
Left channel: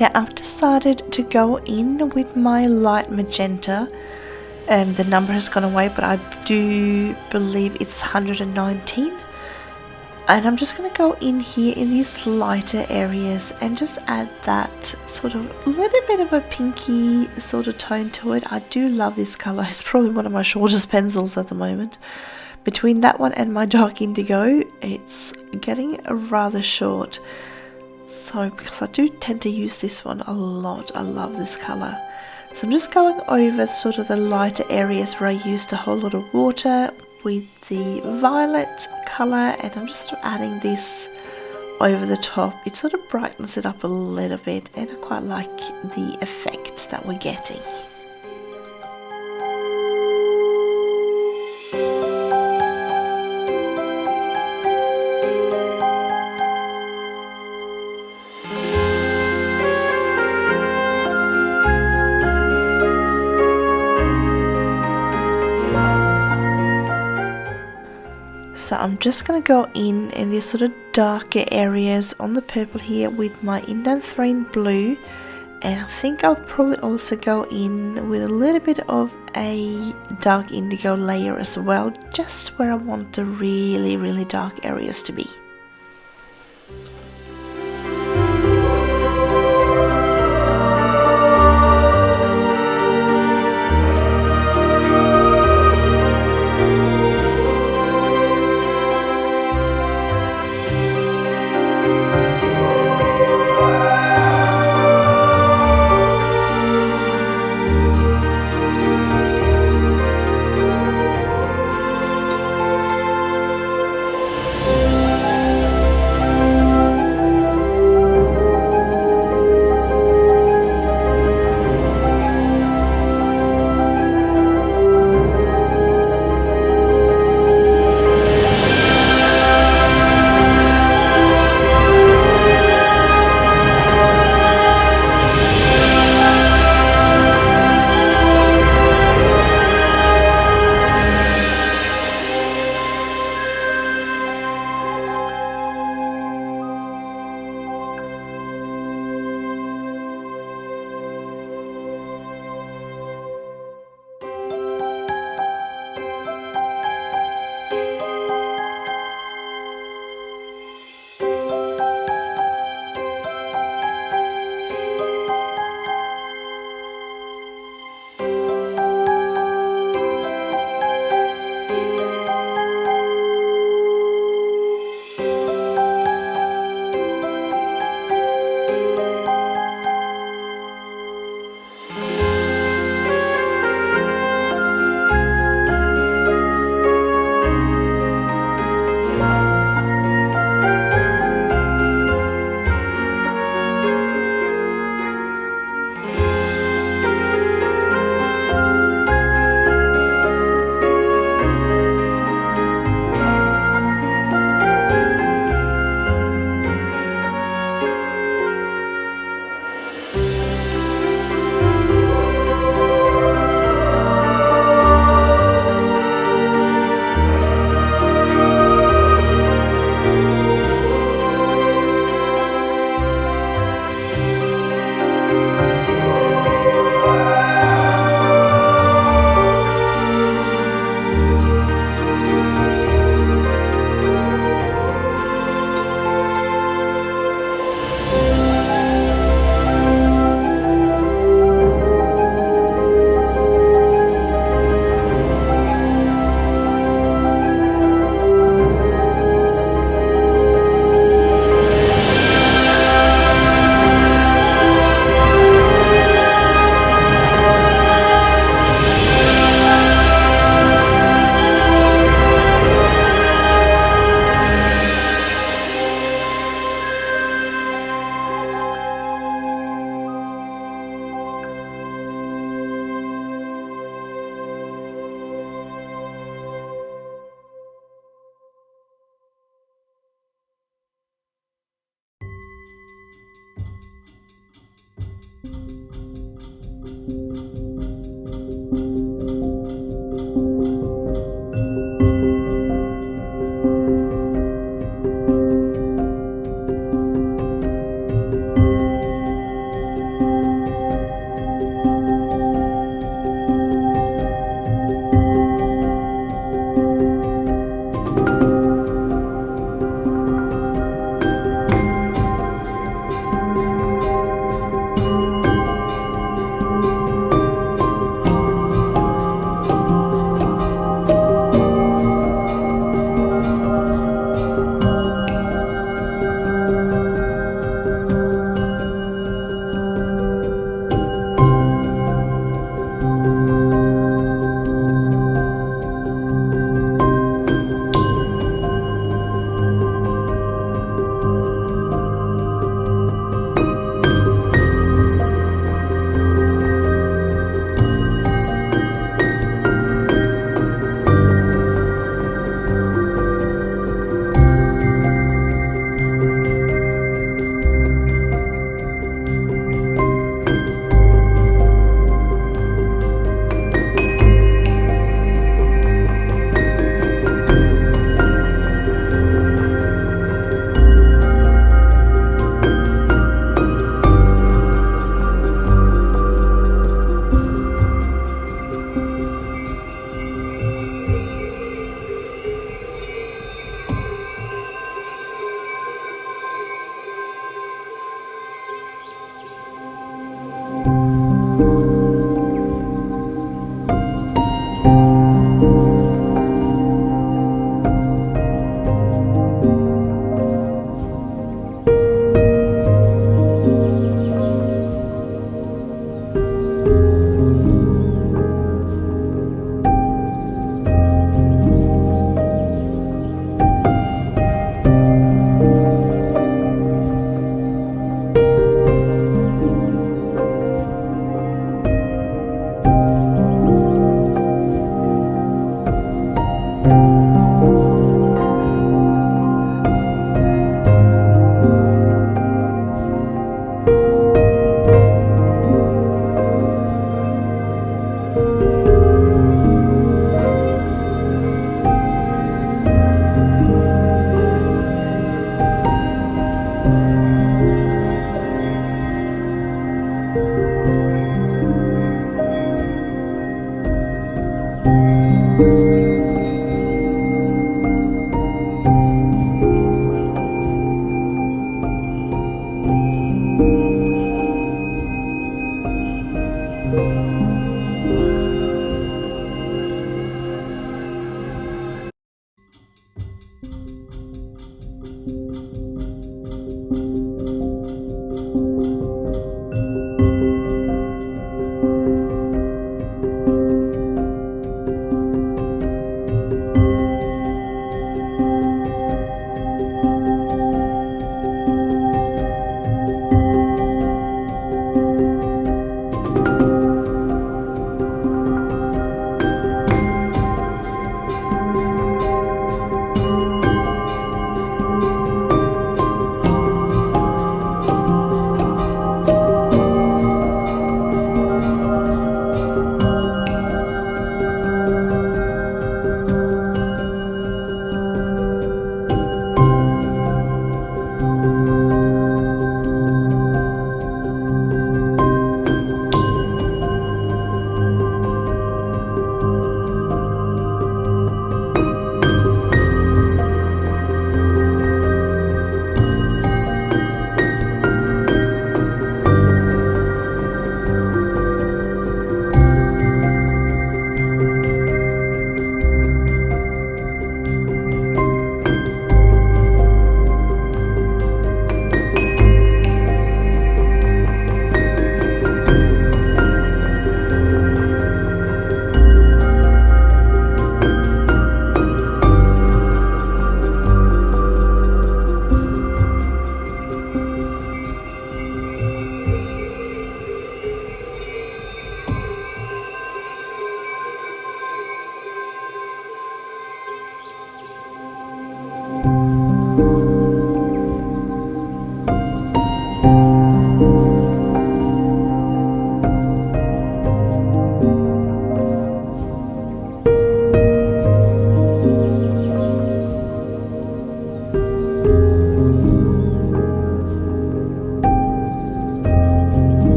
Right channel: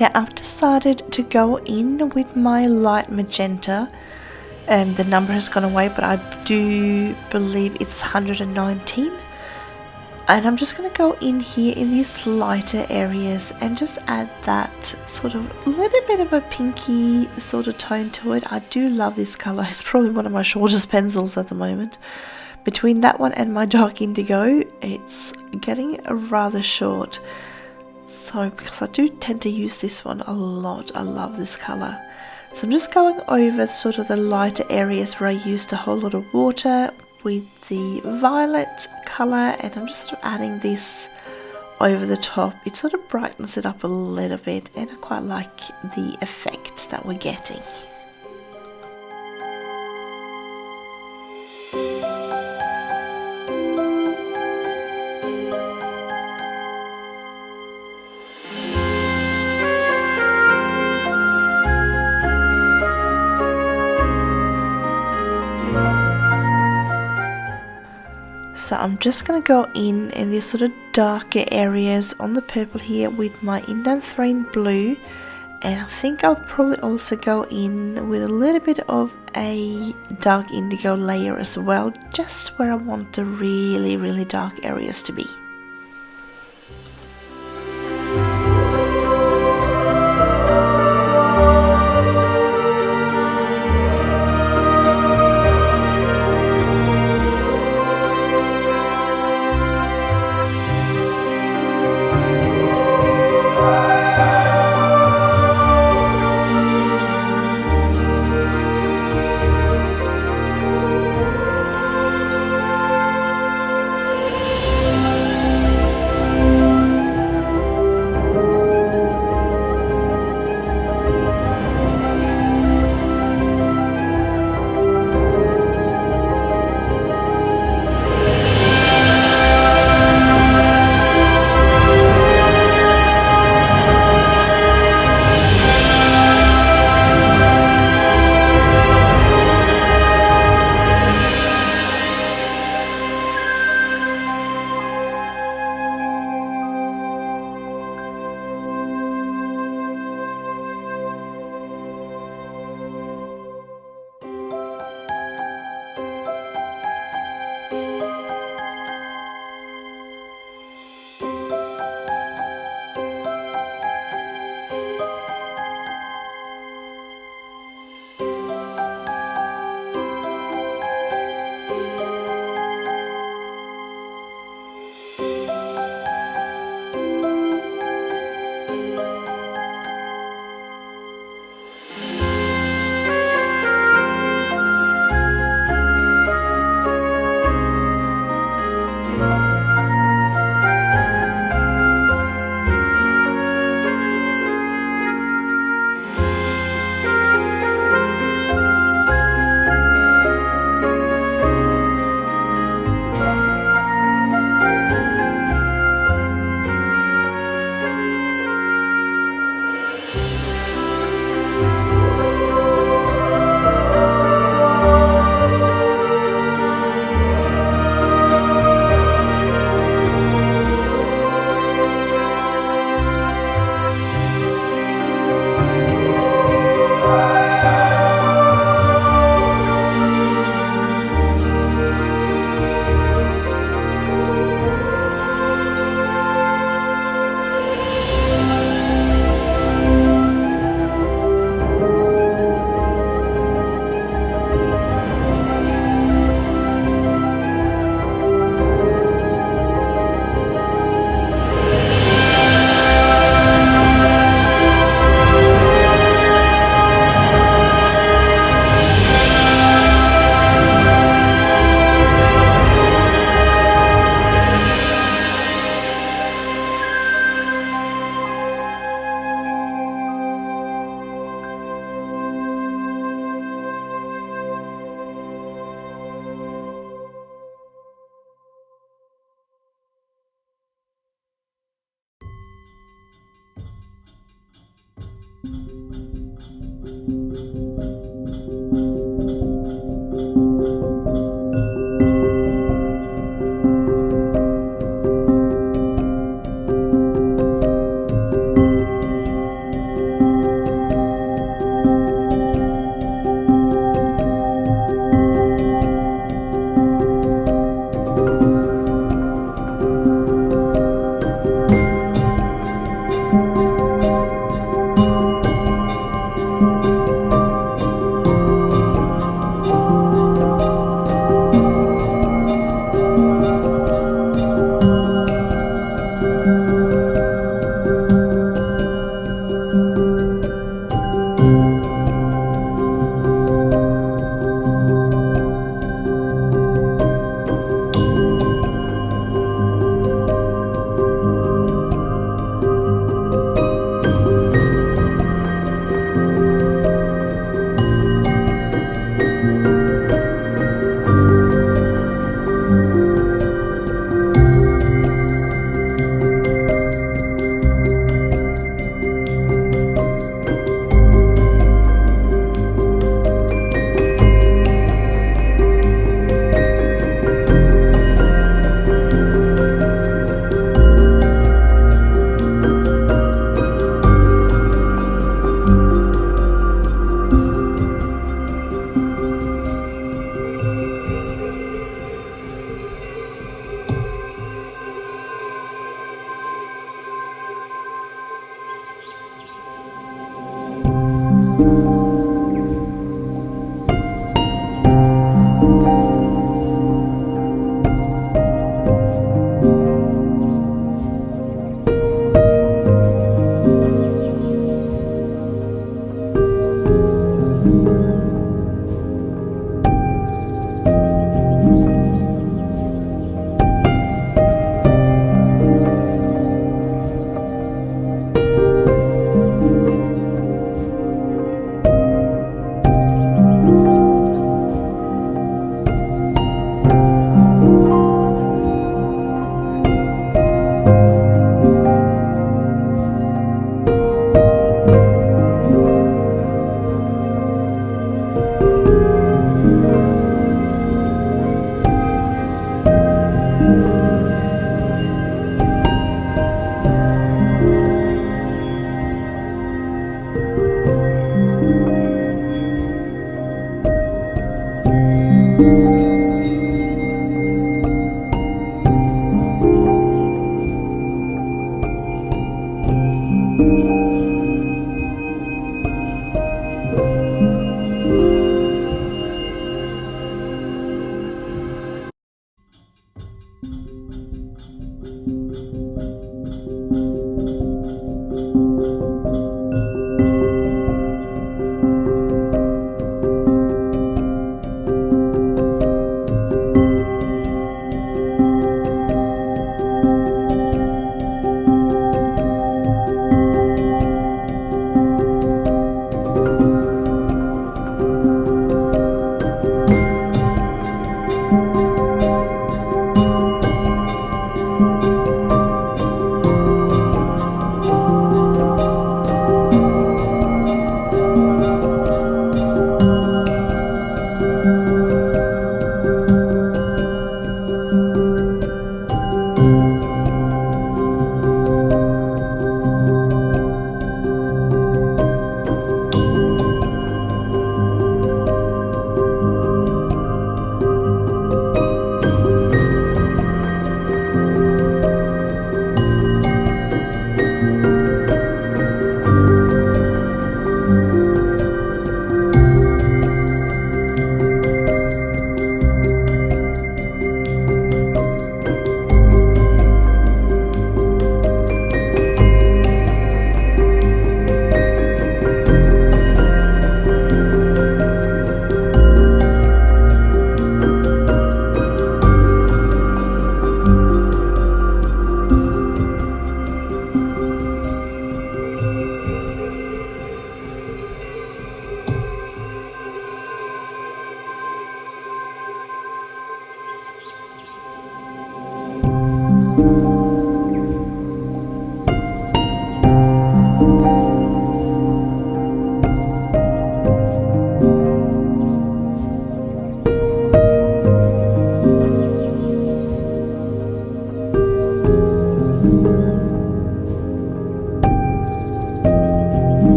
Now I've decided to go in with my light magenta. The number has gone away, but I do believe it's 119. And I'm just going to go in here in these lighter areas and just add that sort of little bit of a pinky sort of tone to it. I do love this colour. It's probably one of my shortest pencils at the moment. Between that one and my dark indigo, it's getting rather short. So because I do tend to use this one a lot, I love this colour. So I'm just going over sort of the lighter areas where I used a whole lot of water with the violet colour, and I'm just sort of adding this over the top. It sort of brightens it up a little bit, and I quite like the effect that we're getting. So I'm just going to go in these sort of darker areas on the purple here with my Indanthrene blue, and I think I'll probably also go in with a little bit of a dark indigo layer as well, just where I want the really dark areas to be.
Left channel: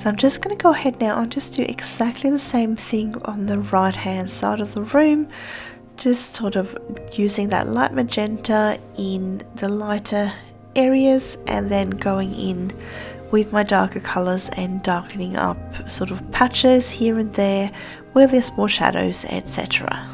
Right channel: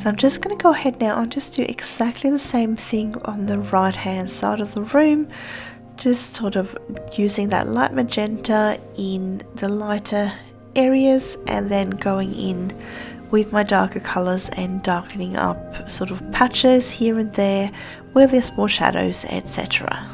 So I'm just going to go ahead now and just do exactly the same thing on the right hand side of the room, just sort of using that light magenta in the lighter areas and then going in with my darker colours and darkening up sort of patches here and there where there's more shadows, etc.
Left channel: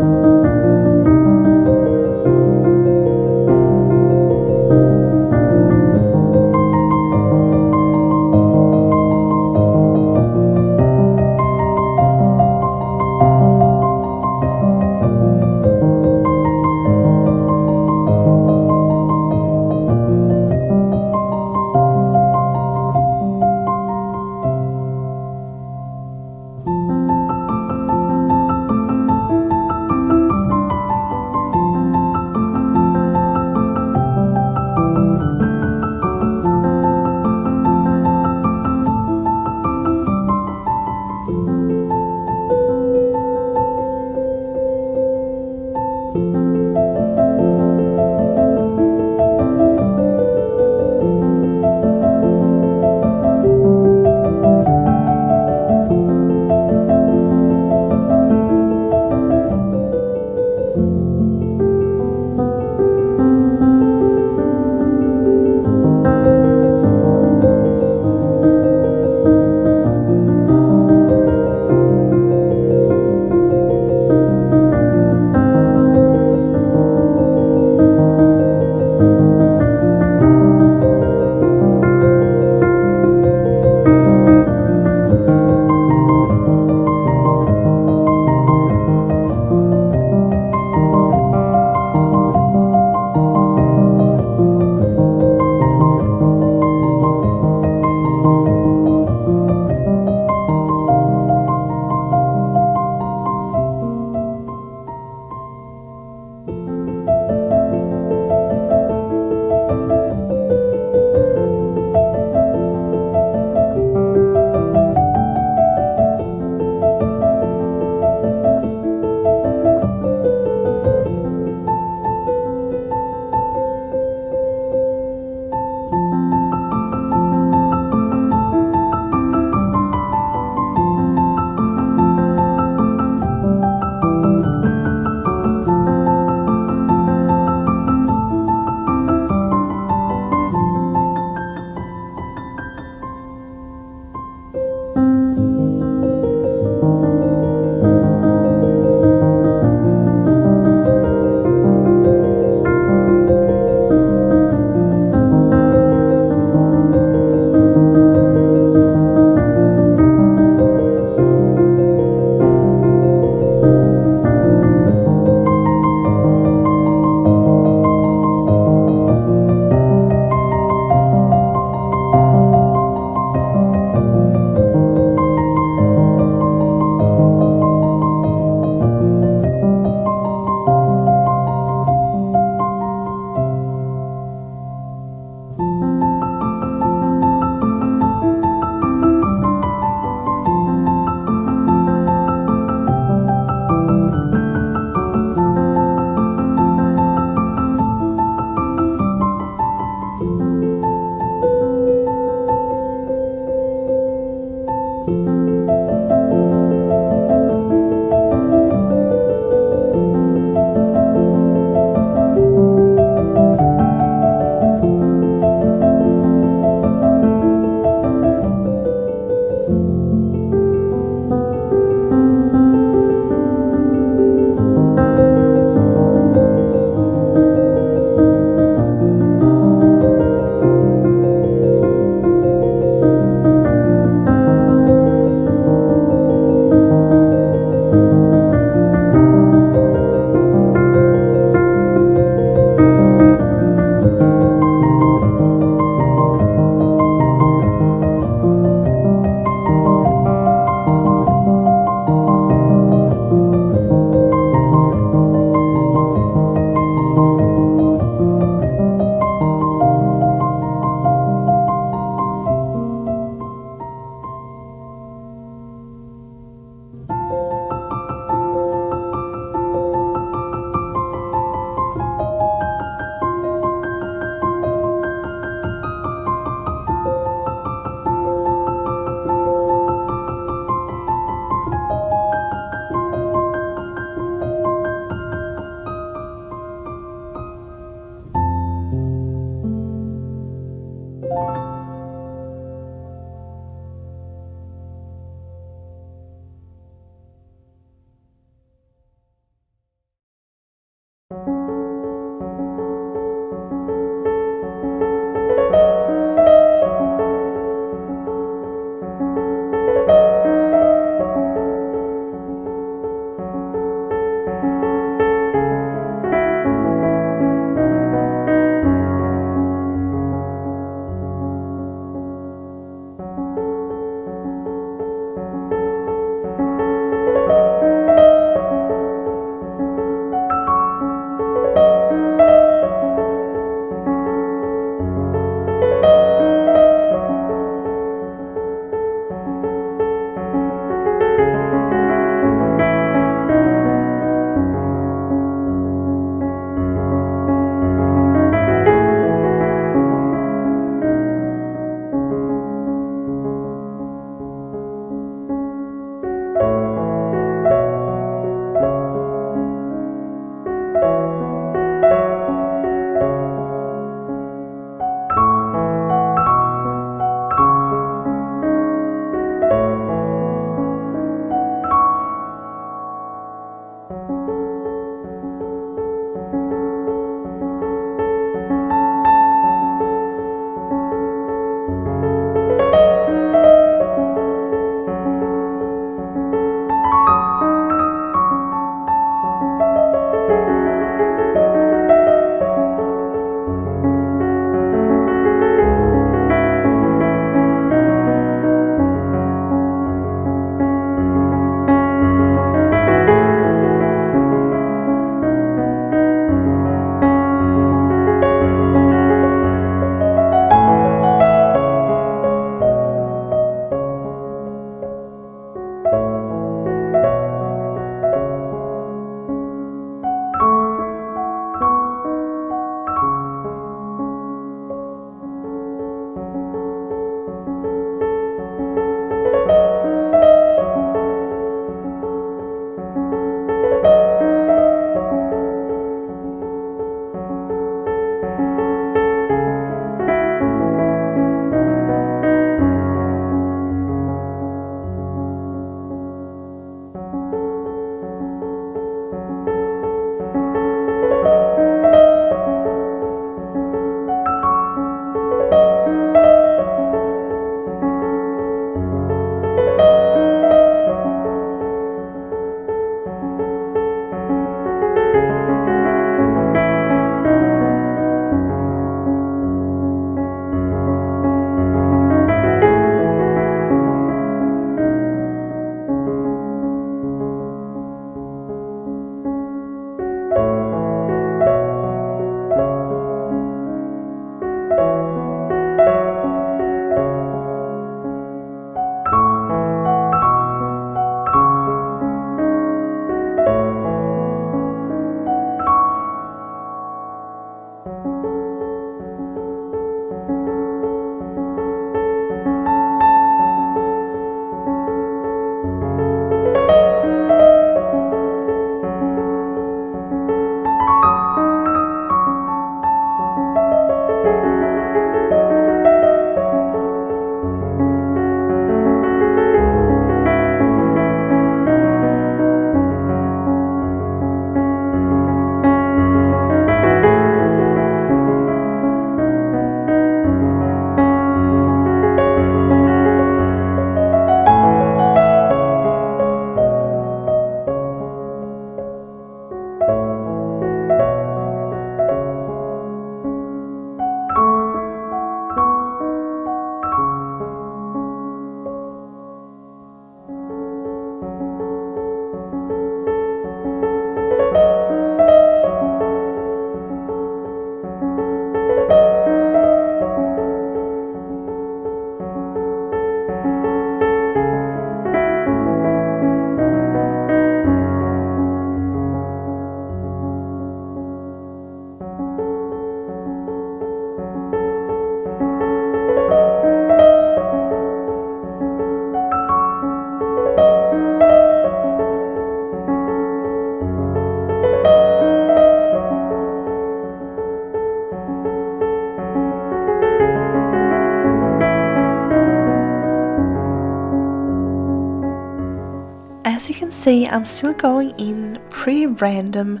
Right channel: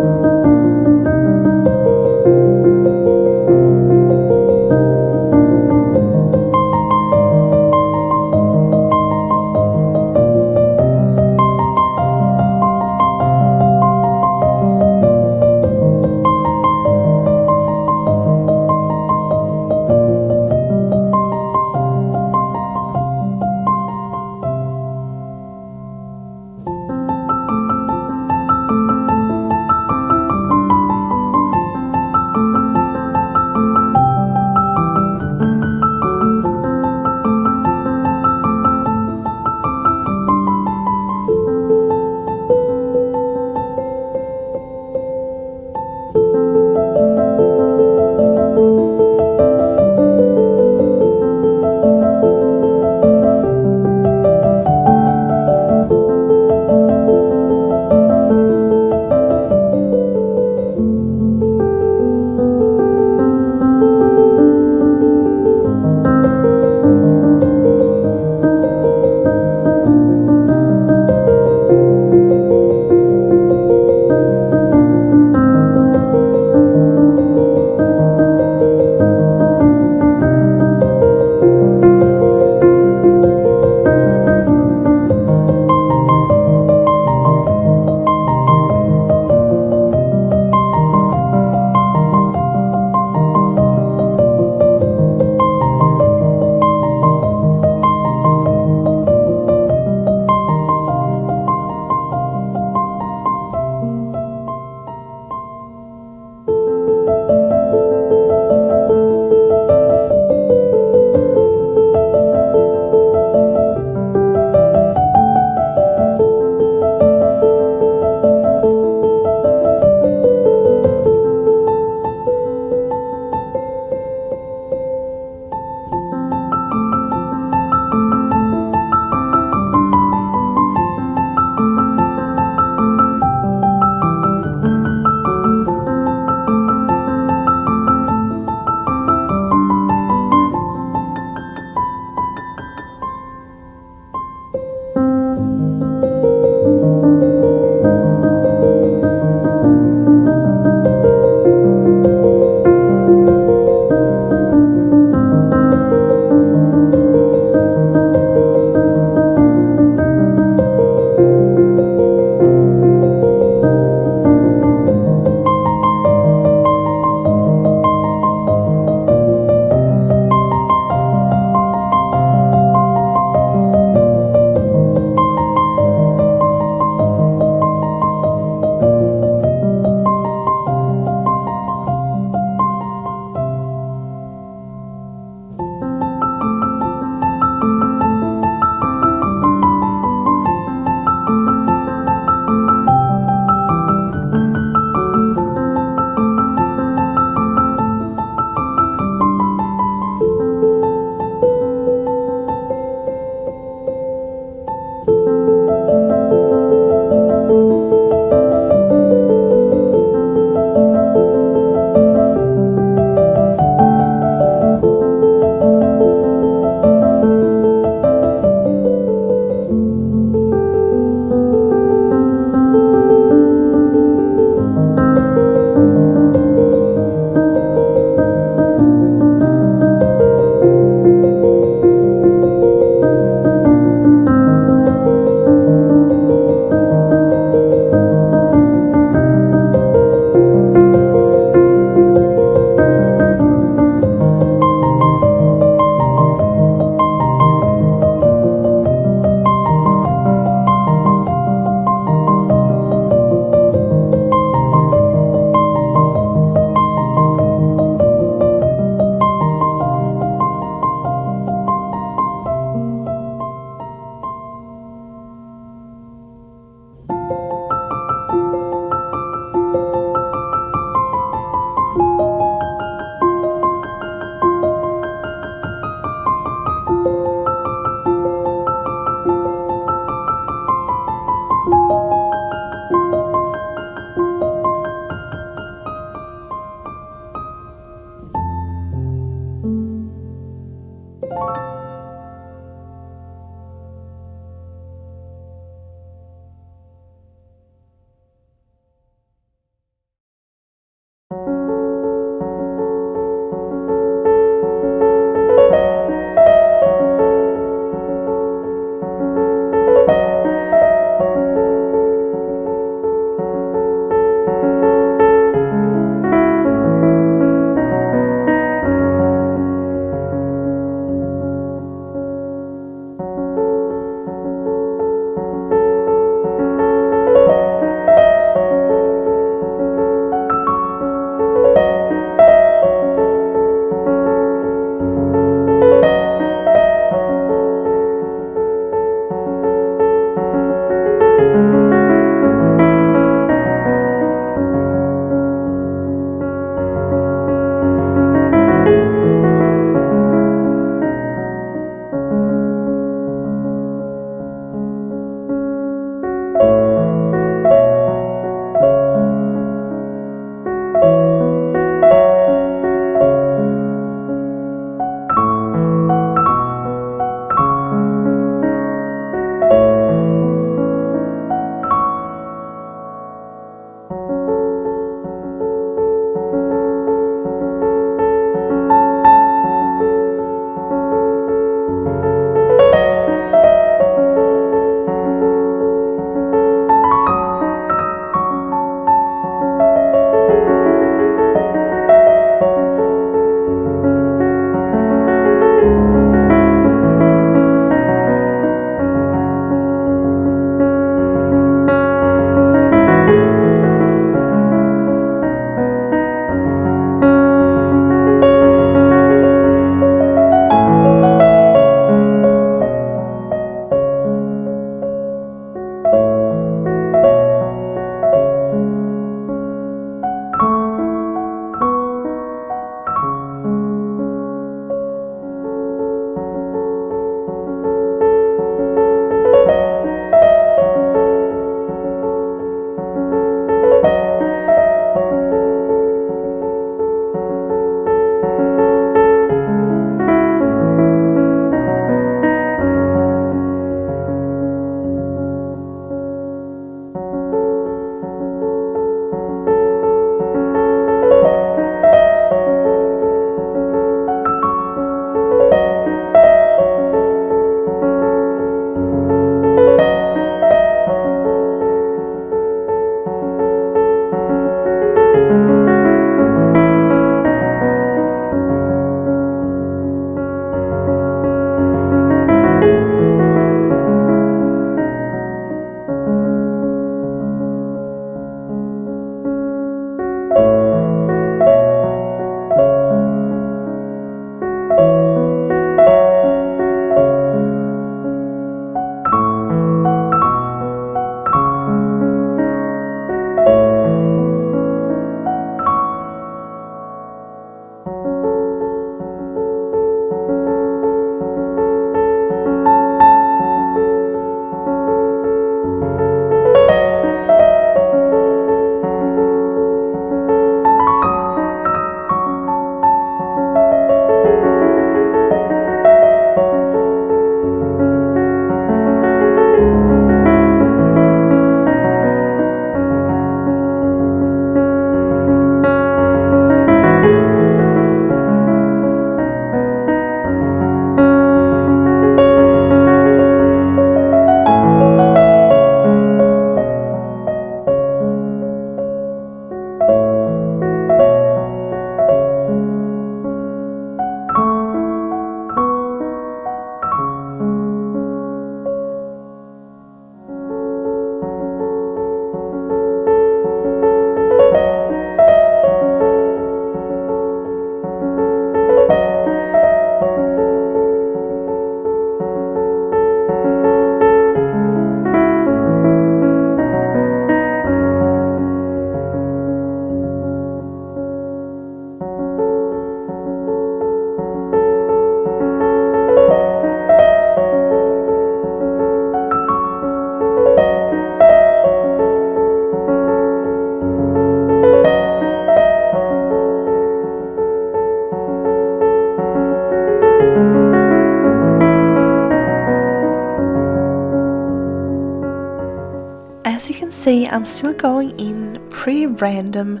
As you can see, I'm still going in pretty random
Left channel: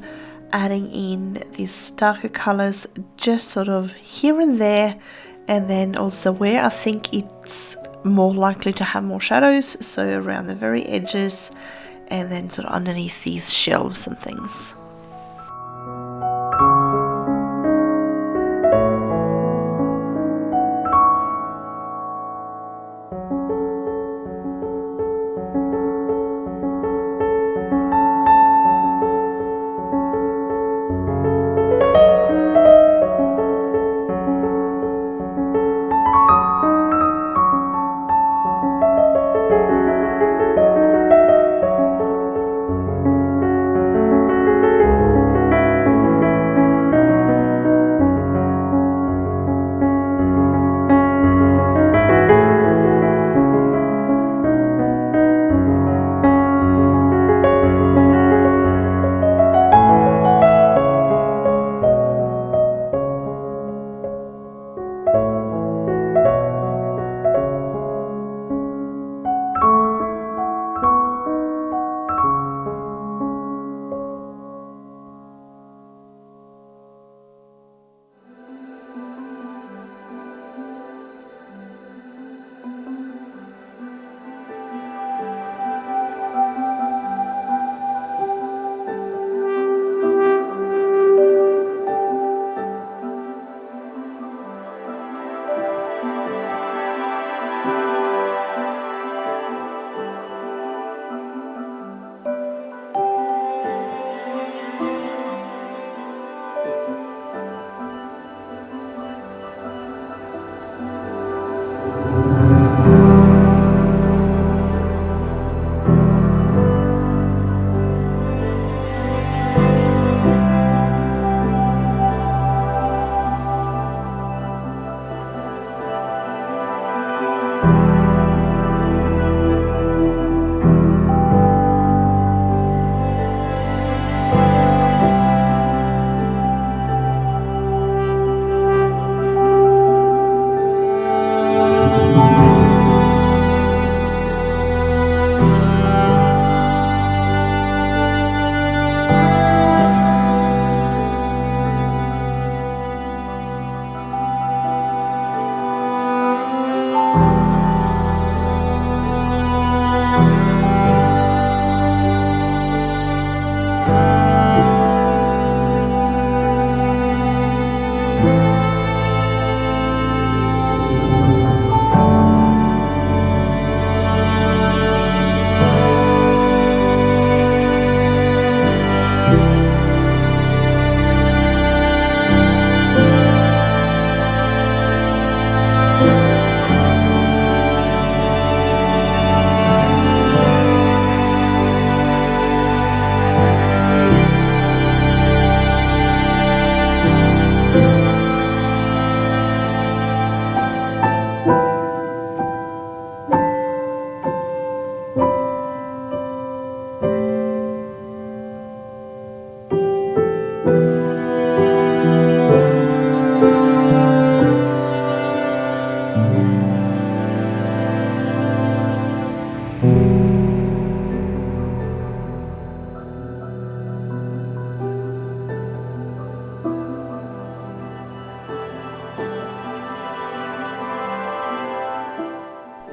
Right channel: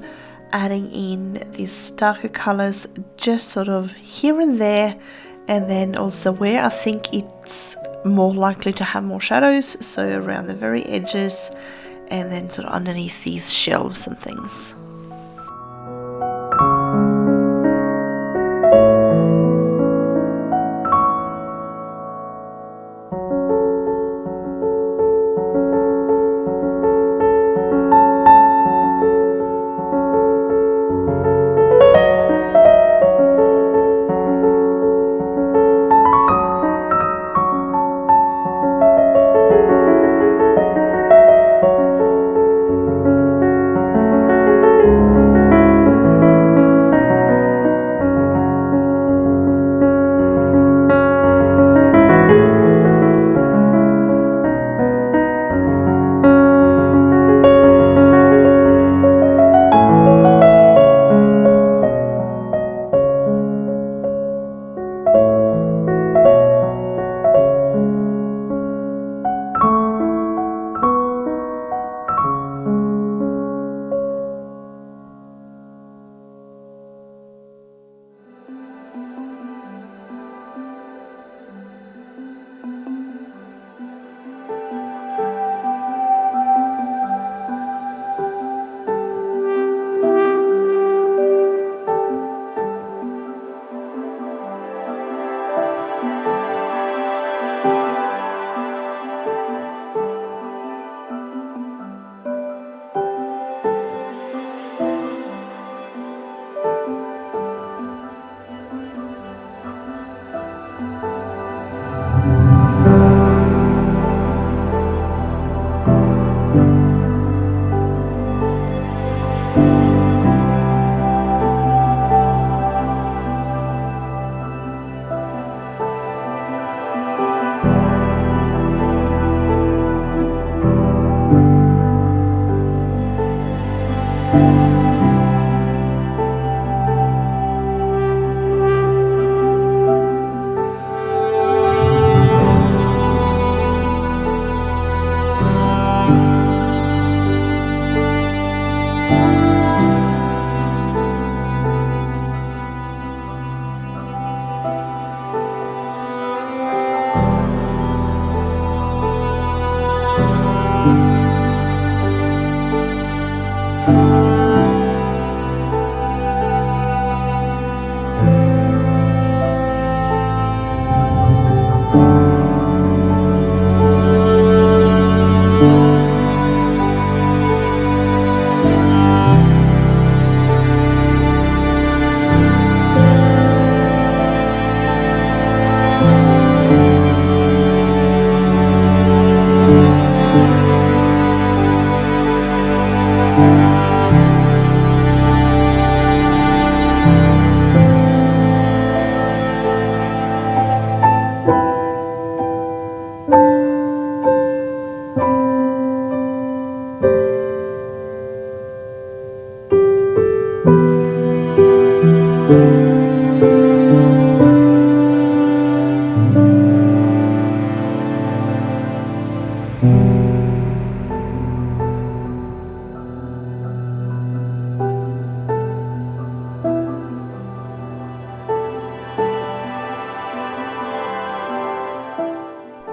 adding in these darker colors just sort of here and there, and then also where I think it's more likely to have more shadows, so around the very edges and then sort of underneath these shelves and things.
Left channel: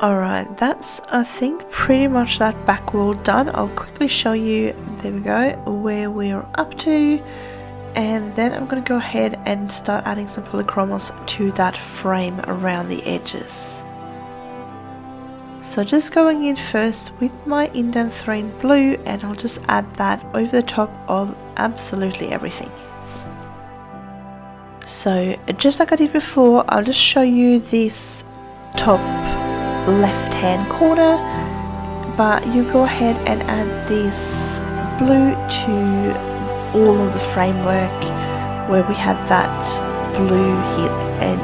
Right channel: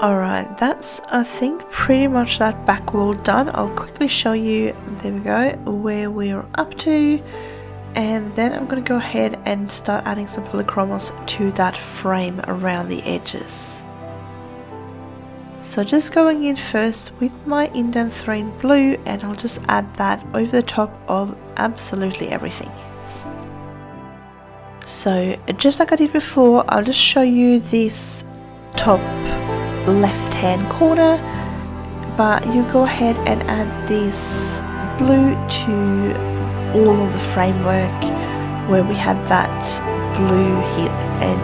Alright, that's I think pretty much that back wall done. I'll quickly show you, there we go, where we're up to, and then I'm going to go ahead and start adding some Polychromos to that frame around the edges. So just going in first with my Indanthrene blue, and I'll just add that over the top of absolutely everything. So just like I did before, I'll just show you this top left hand corner, but you go ahead and add this blue to all of the framework where we had that blue and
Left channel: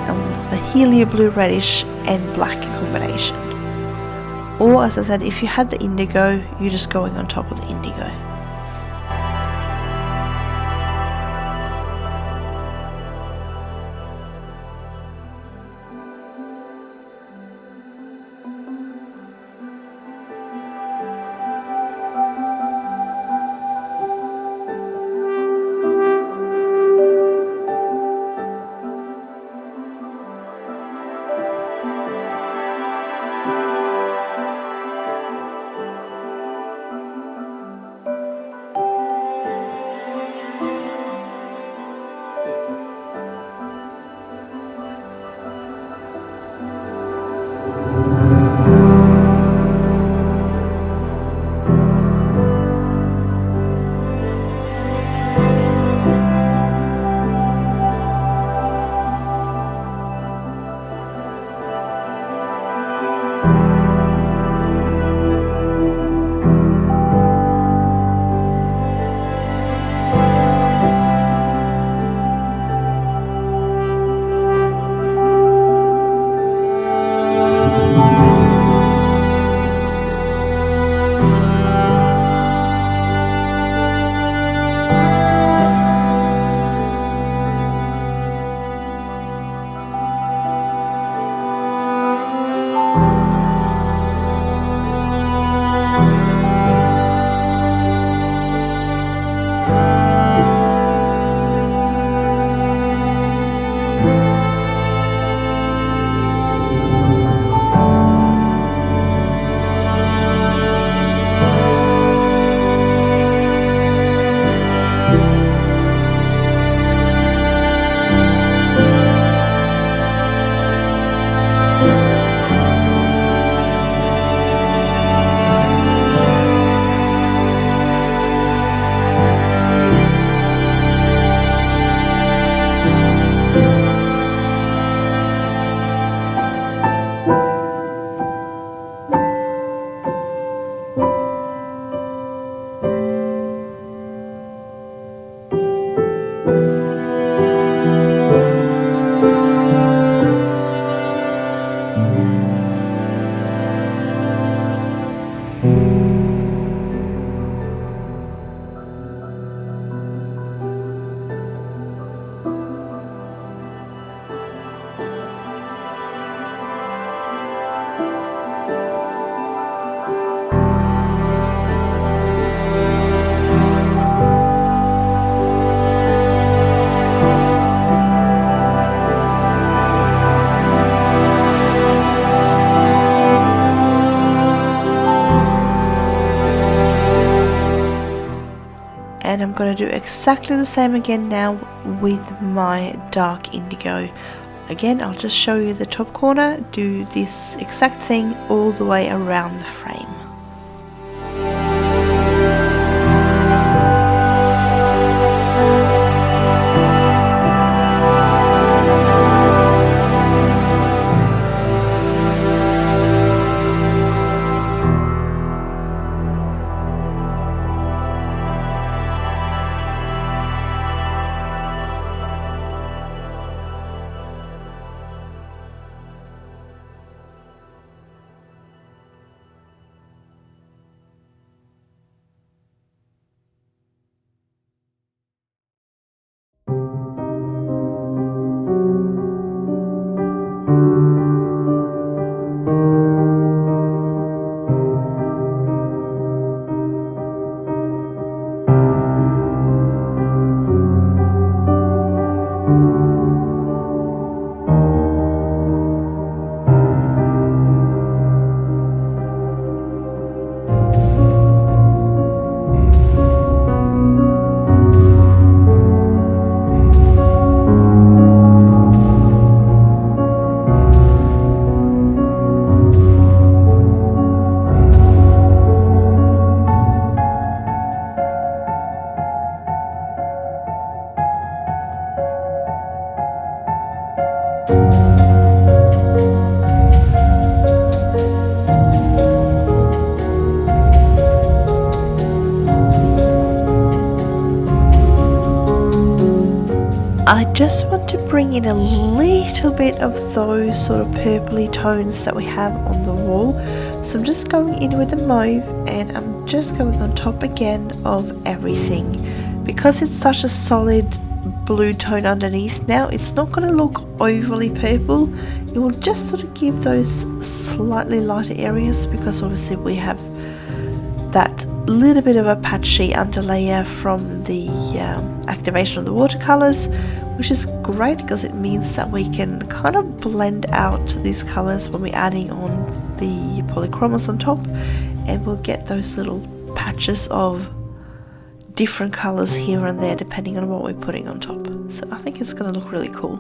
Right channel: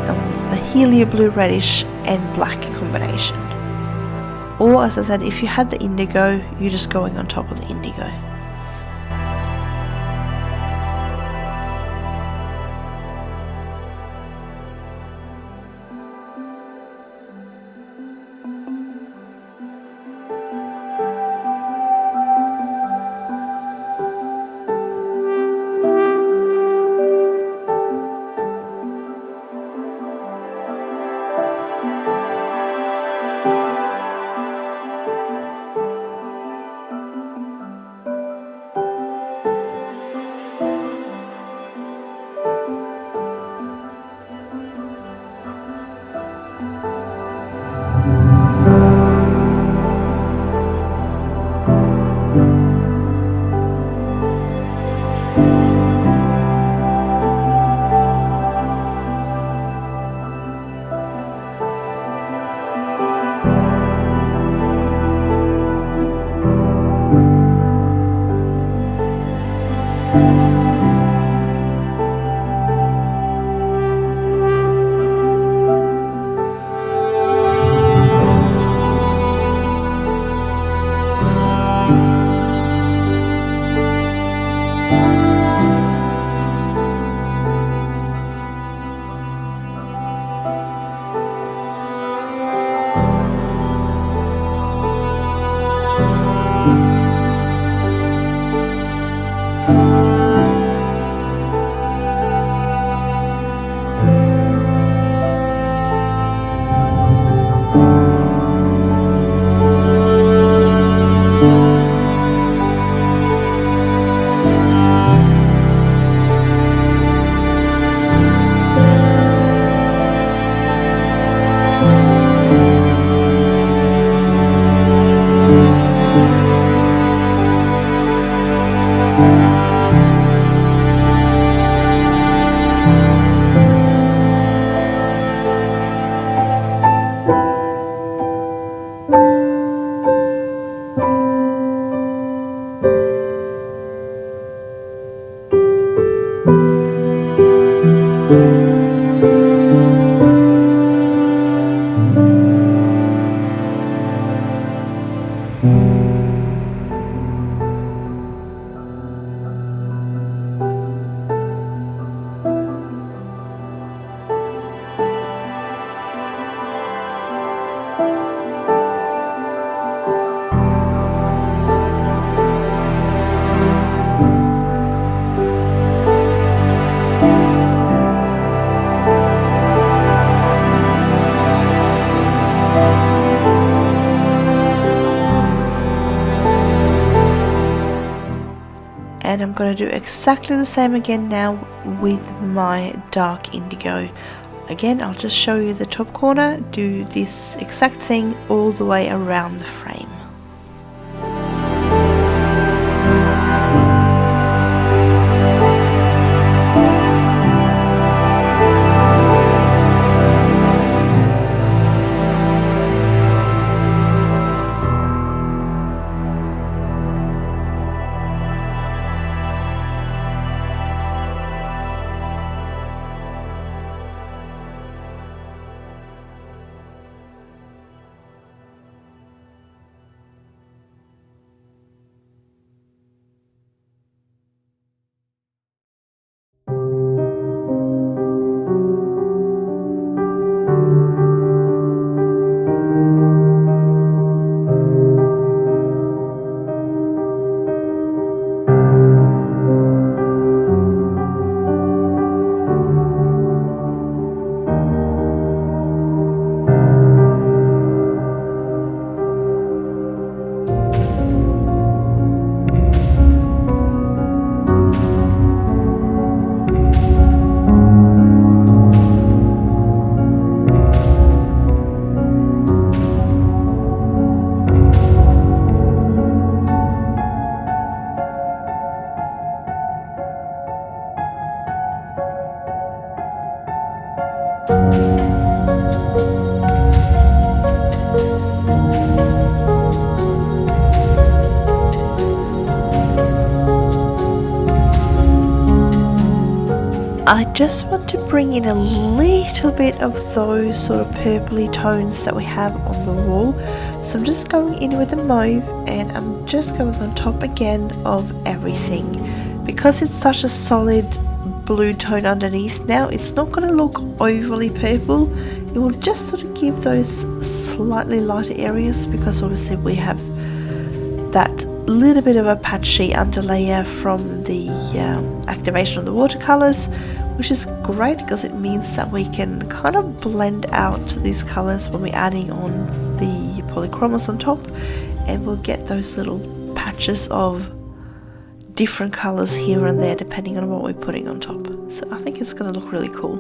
the Helioblue Reddish and black combination. Or as I said, if you had the indigo, you're just going on top of the indigo. And I'm going to do exactly the same again now with my dark indigo. Again, I'll just show you the top corner, do this exact thing all the way around the frame. I just want to bring in a little bit of those sort of purpley tones that we have on the wall. So I'm just going in with the mauve and I'm just going on top again of everything. Because it's such a solid blue tone underneath now, it's not going to look overly purple. It will just sort of give those slightly lighter areas because obviously we have that little bit of a patchy underlayer from the activation of the watercolors, which is great because it means that we can kind of blend out these colors when we're adding on the Polychromos on top, and we'll get those little patches of different colors here and there depending on what we're putting on top. So I think it's going to look really cool.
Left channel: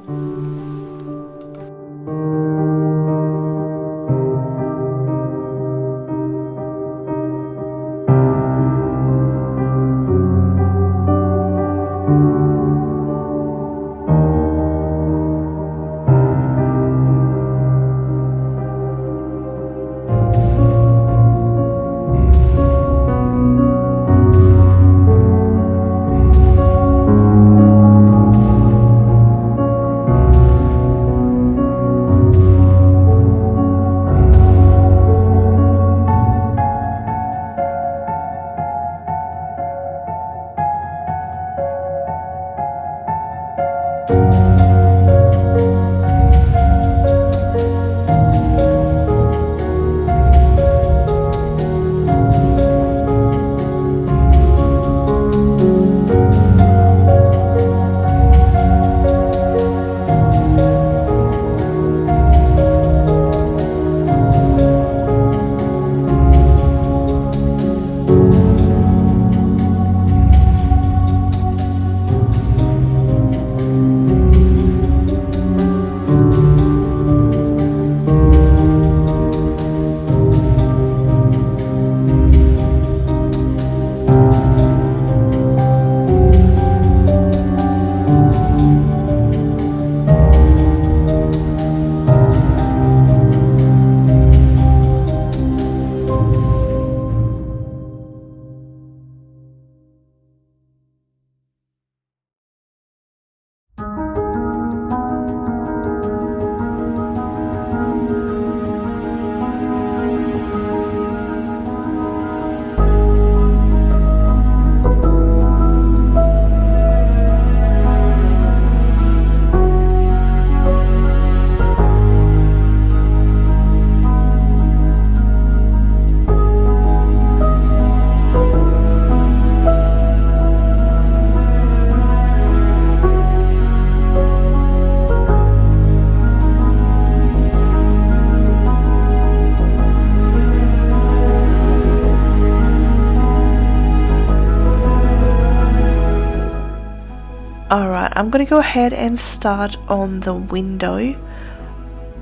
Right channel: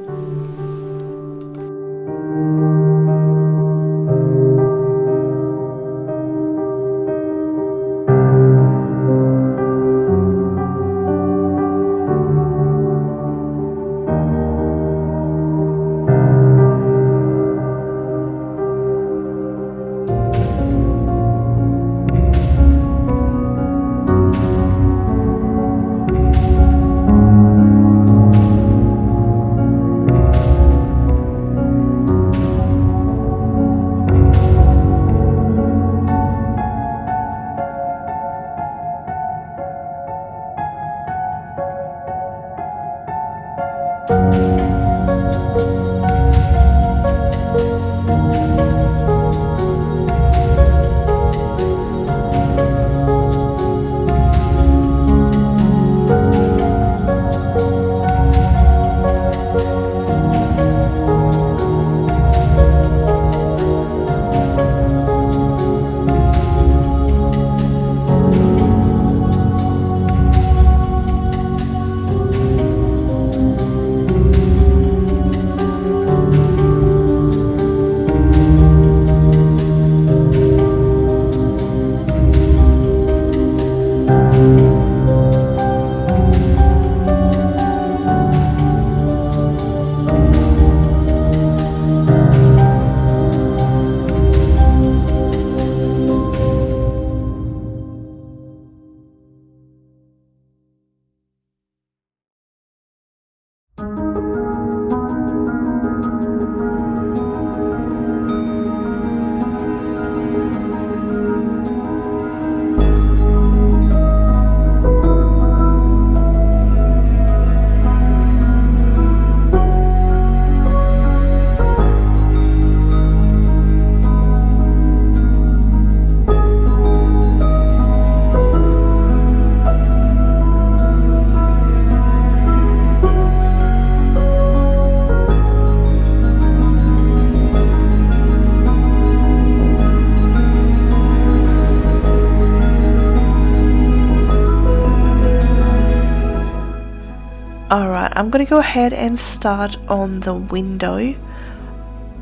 Alright, I'm gonna go ahead and start on the window.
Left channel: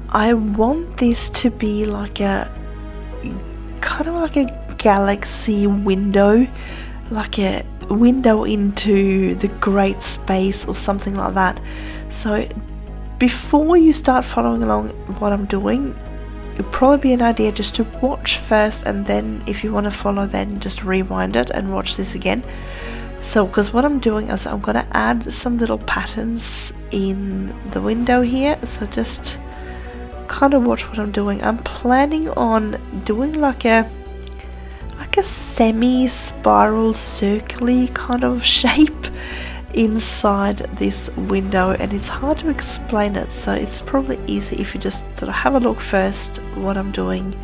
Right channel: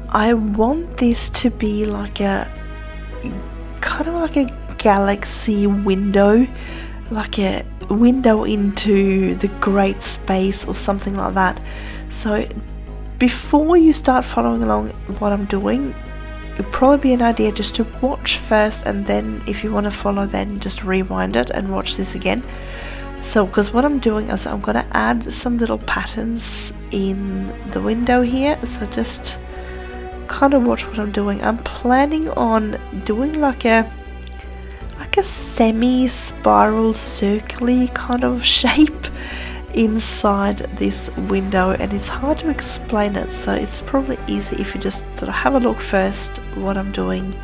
I want this to be like a kind of like a galaxy window, like a window into the great space or something like that. So before you start following along what I'm doing, it'd probably be an idea just to watch first, and then if you want to follow, then just rewind it and watch this again. So because what I'm doing is I'm going to add some little patterns in the window here, so just kind of watch what I'm doing. I'm planning on doing like a semi-spiral circly kind of shape inside this window, and it's hard to explain it, so it's probably easy if you just sort of have a look first what I'm doing,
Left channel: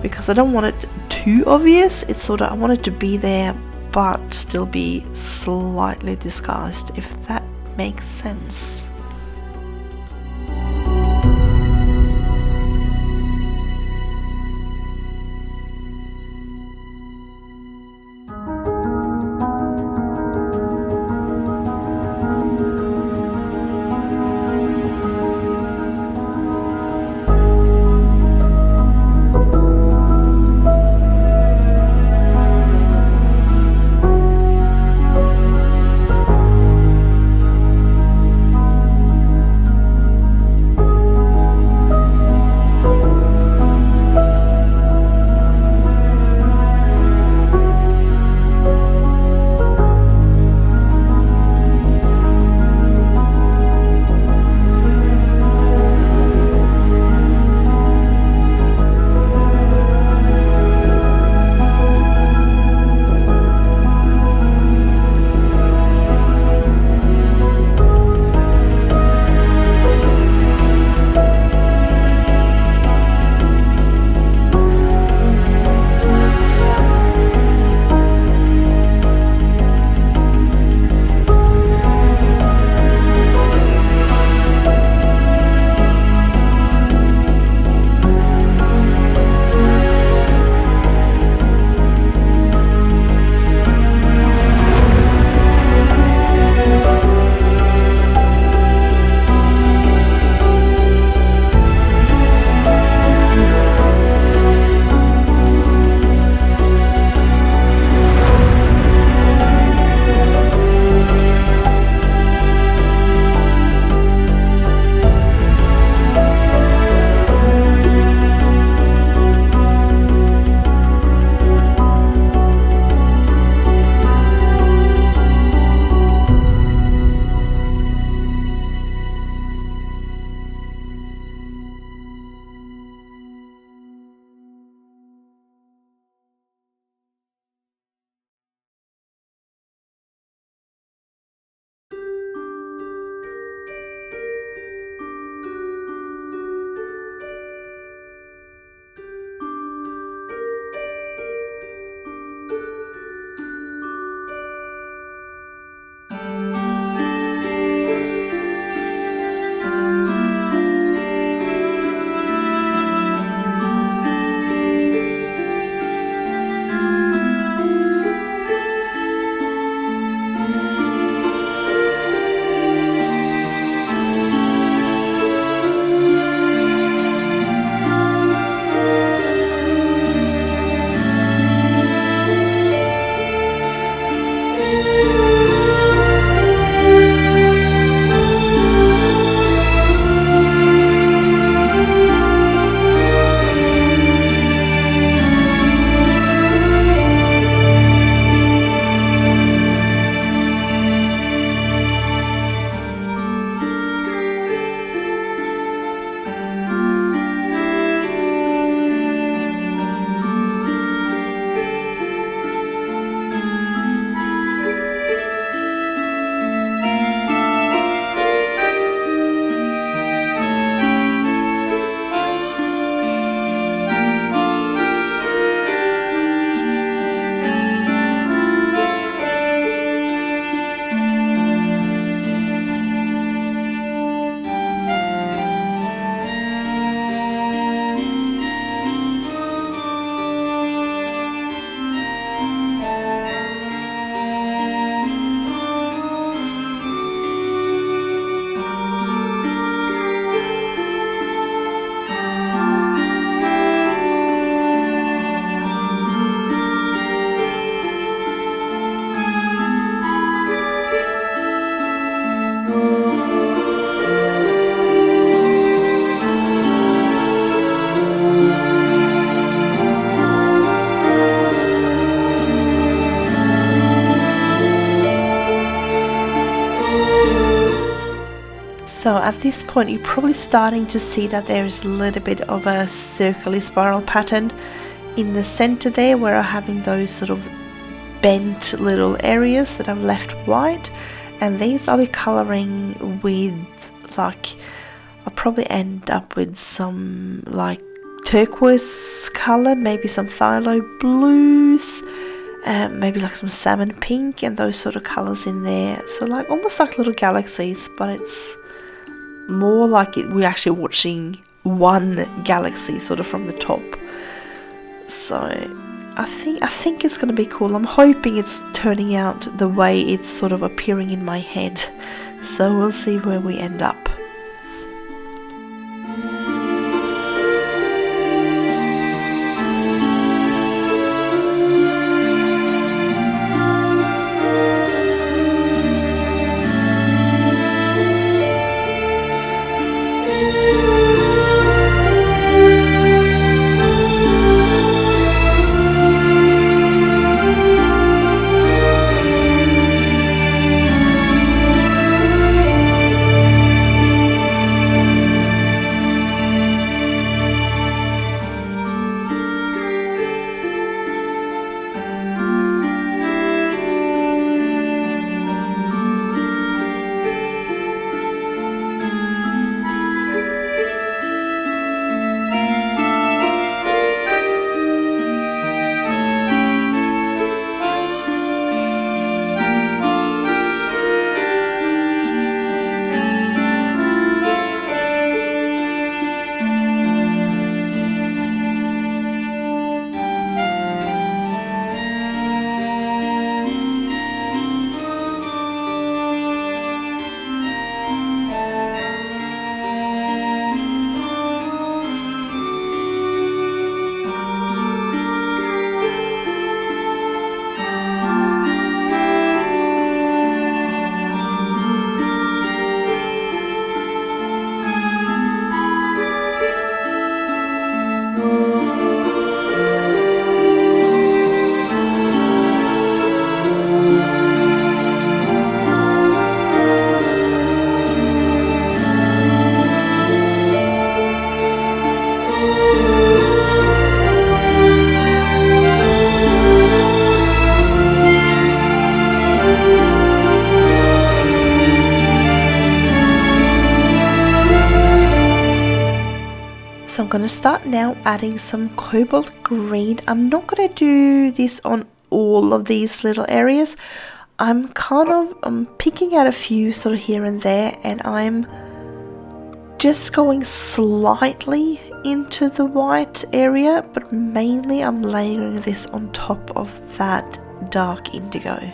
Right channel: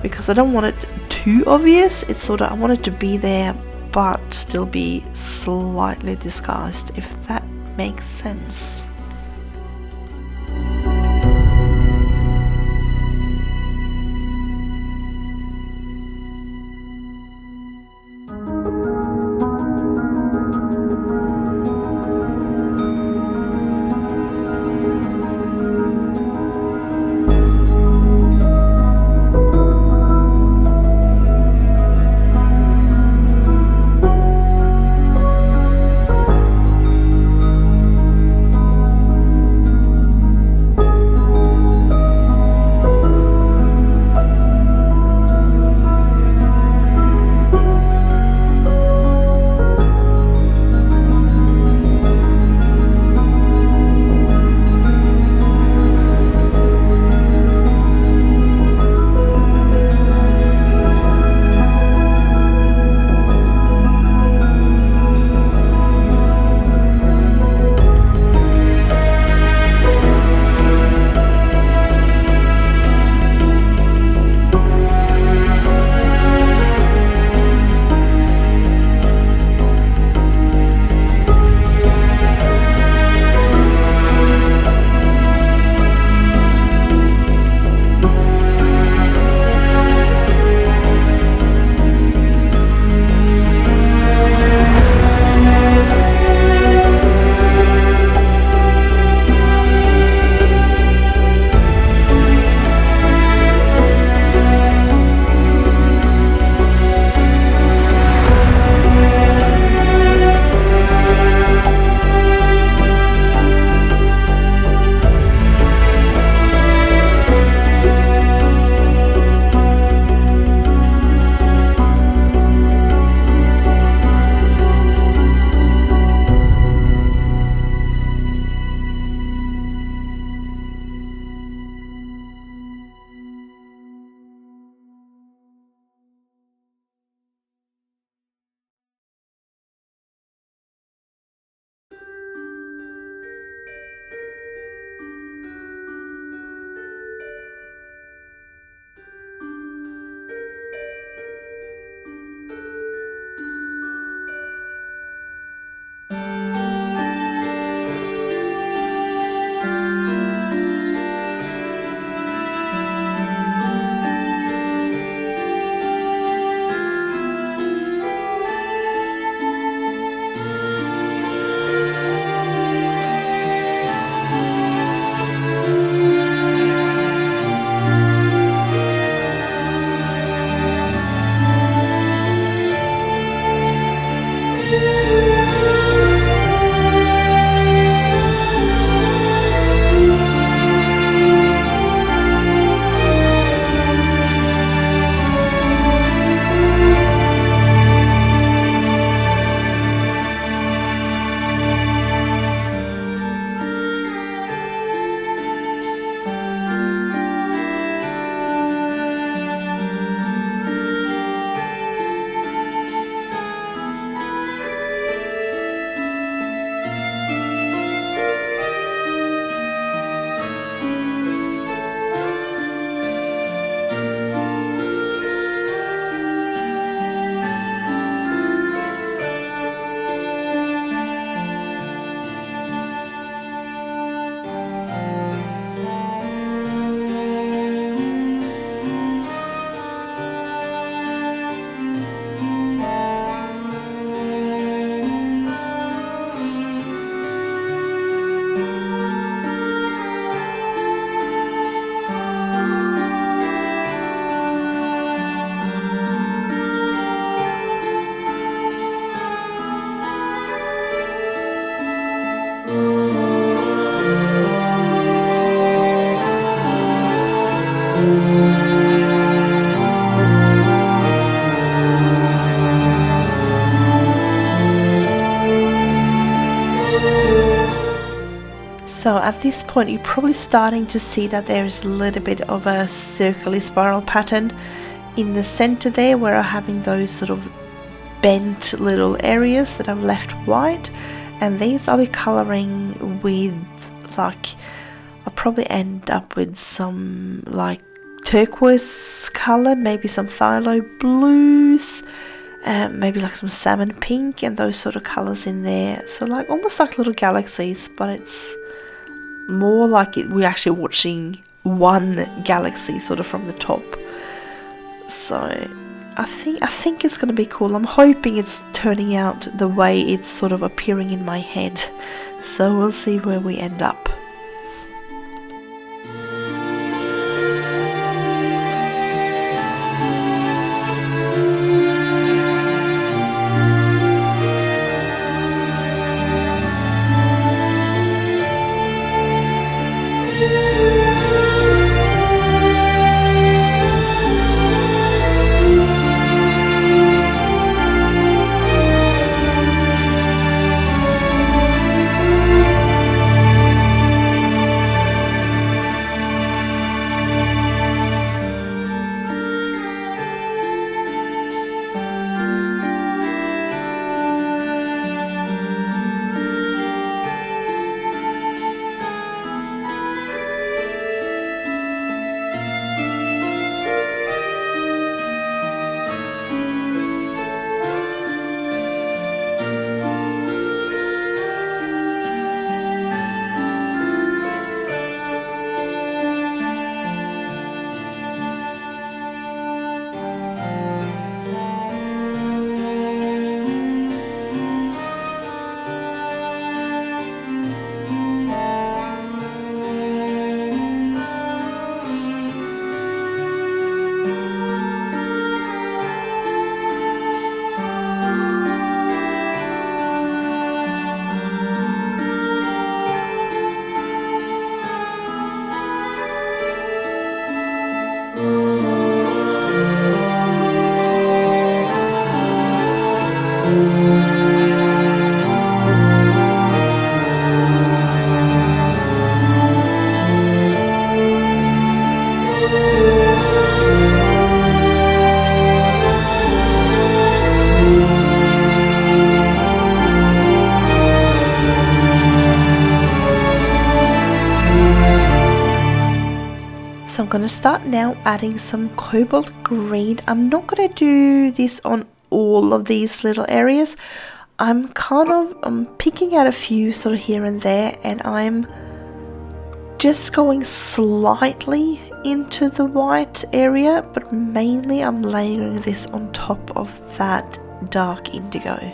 because I don't want it too obvious. It's sort of, I want it to be there but still be slightly disguised, if that makes sense. So at this point you're probably starting to see that there is a little bit of a circular spiral pattern in the center there, where I'm having those sort of bent little areas that I've left white, and these I'll be colouring with, like, I'll probably end up with some like turquoise colour, maybe some phthalo blues, maybe like some salmon pink and those sort of colours in there. So like almost like little galaxies, but it's more like we're actually watching one galaxy sort of from the top. So I think it's going to be cool. I'm hoping it's turning out the way it's sort of appearing in my head. So we'll see where we end up. So I'm going to start now adding some Cobalt Green. I'm not going to do this on all of these little areas. I'm picking out a few sort of here and there, and I'm just going slightly into the white area, but mainly I'm layering this on top of that dark indigo.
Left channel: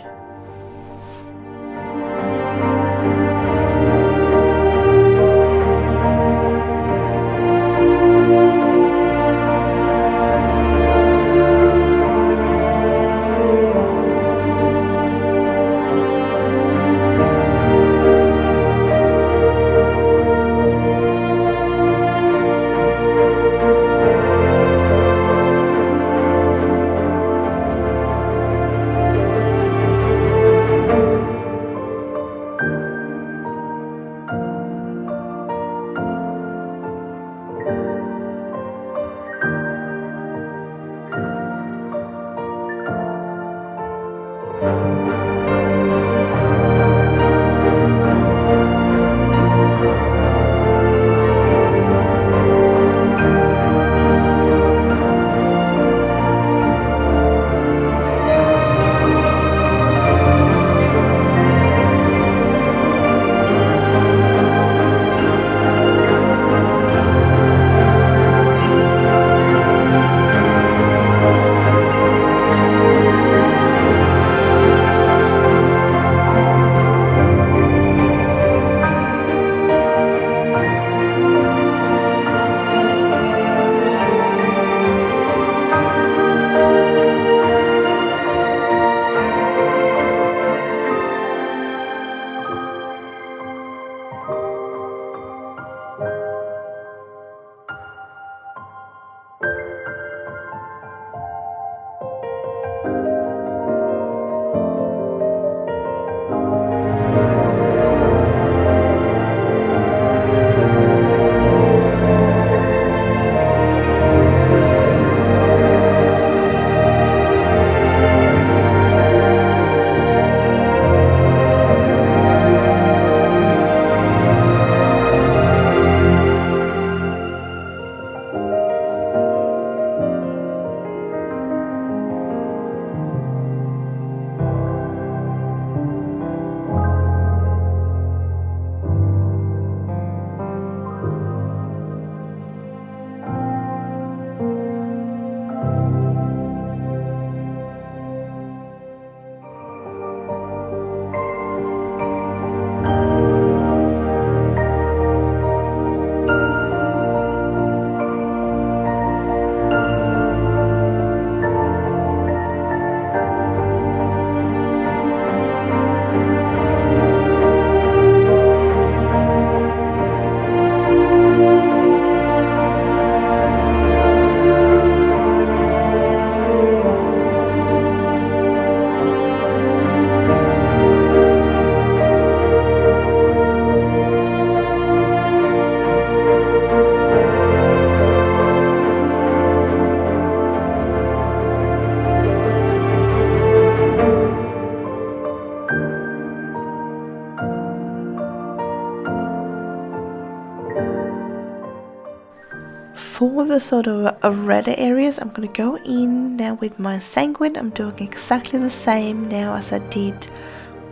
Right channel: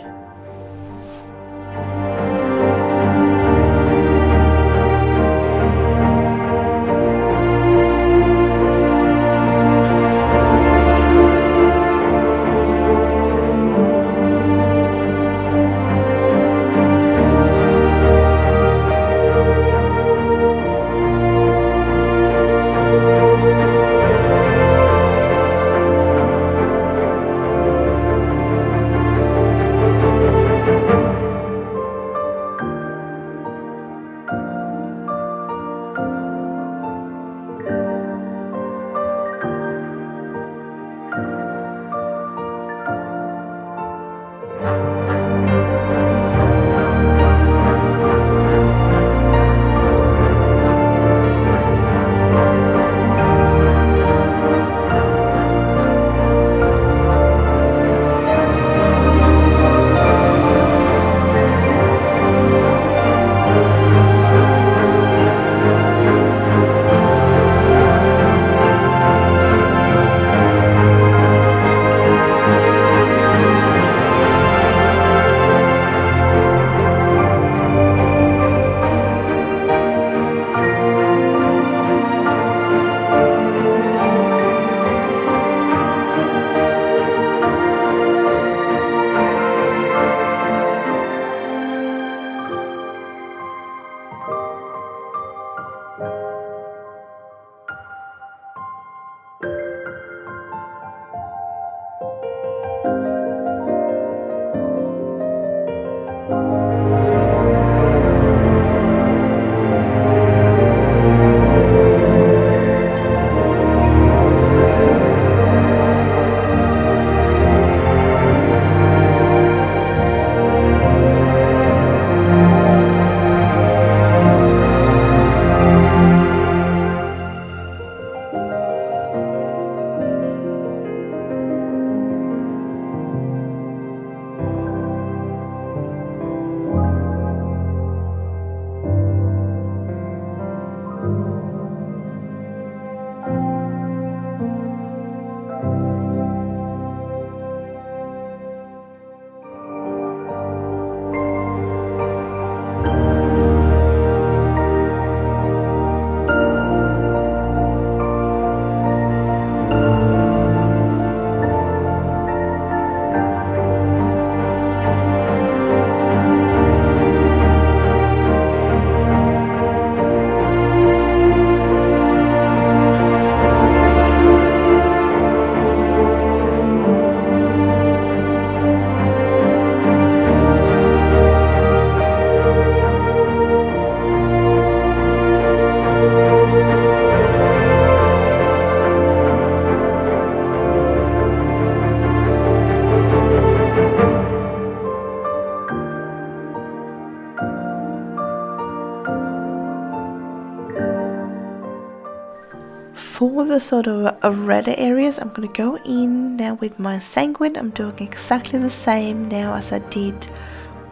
for the sort of redder areas, I'm going to go in now with my sanguine. I'm doing exactly the same now as I did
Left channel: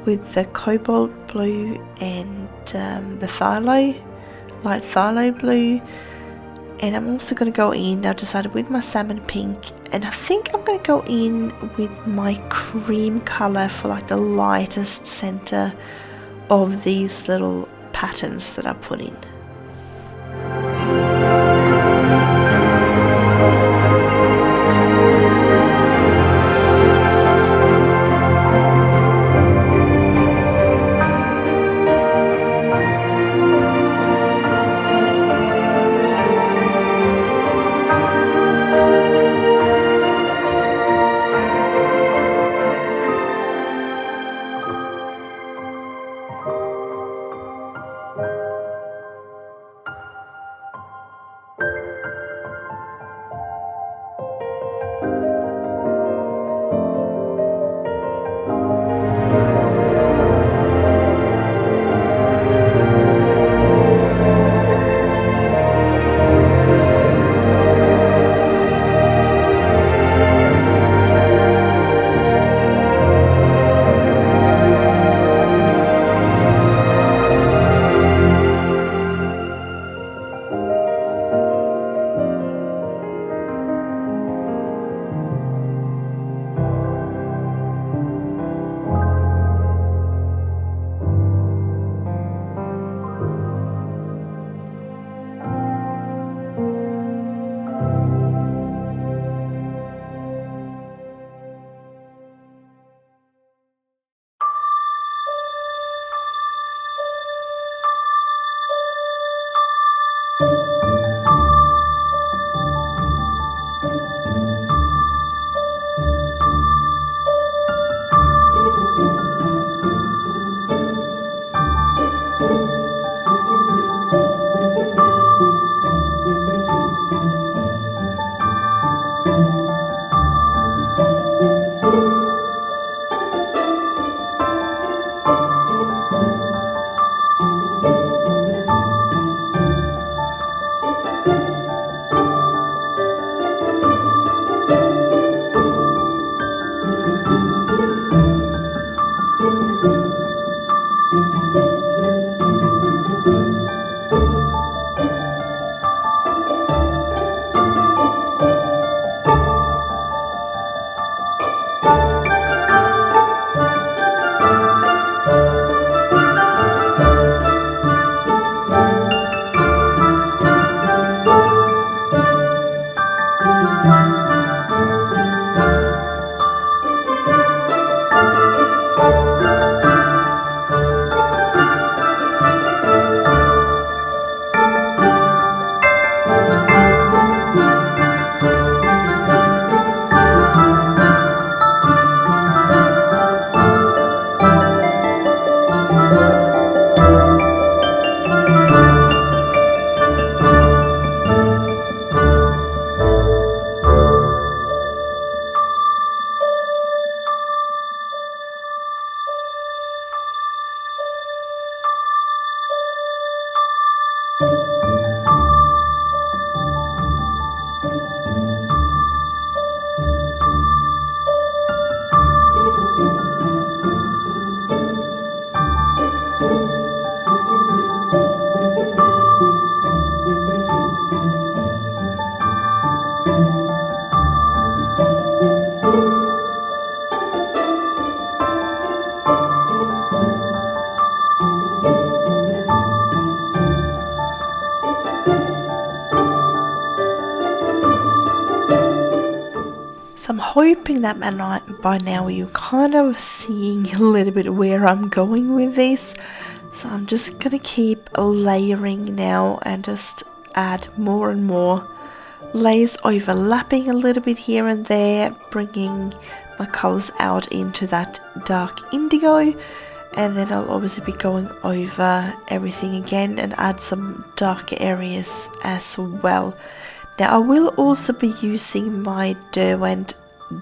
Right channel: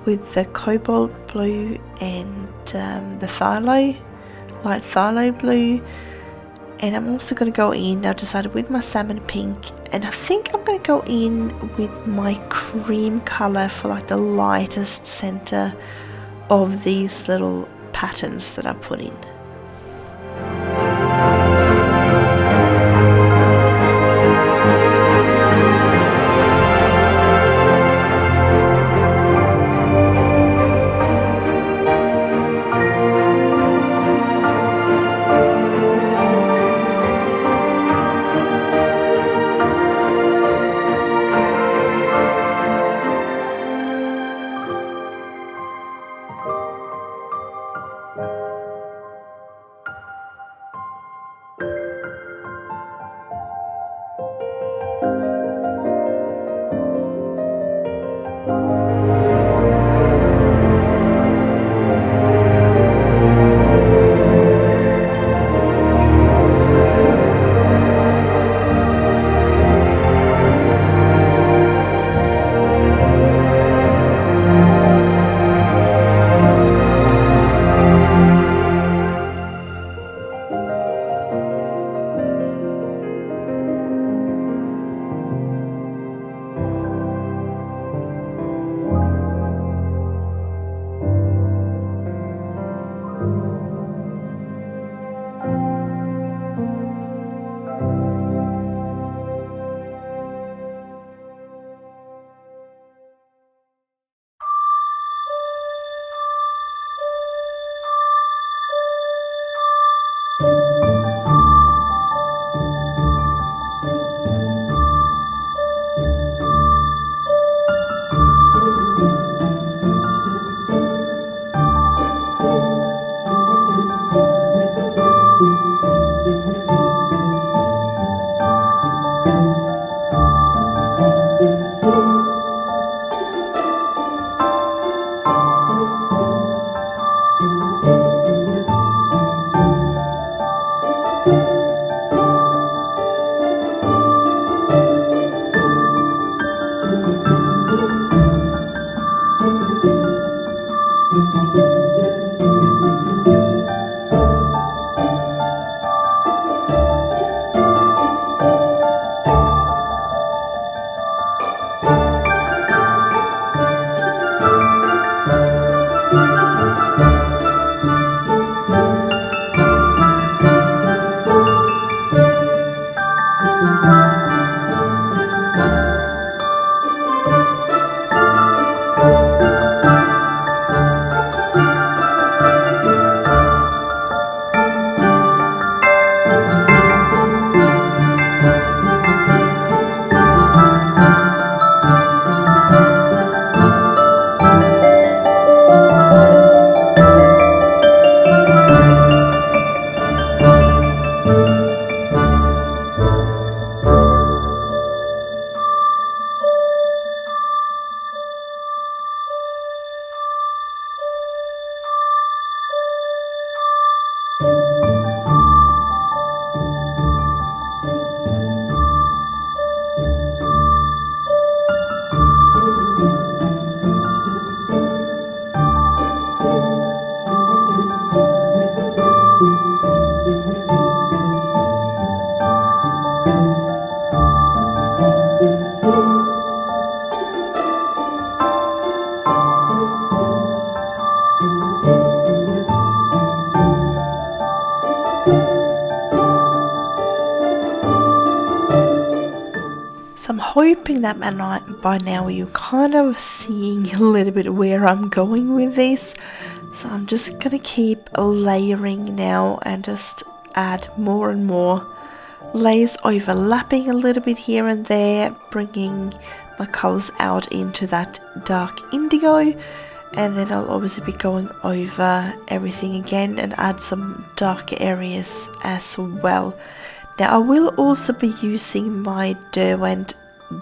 with the cobalt blue and the light phthalo blue. And I'm also going to go in, I've decided, with my salmon pink, and I think I'm going to go in with my cream colour for like the lightest centre of these little patterns that I put in. So I'm hoping that by now you're kind of seeing a little bit where I'm going with this. So I'm just going to keep layering now and just add more and more layers, overlapping a little bit here and there, bringing my colours out into that dark indigo. And then I'll obviously be going over everything again and add some darker areas as well. Now I will also be using my Derwent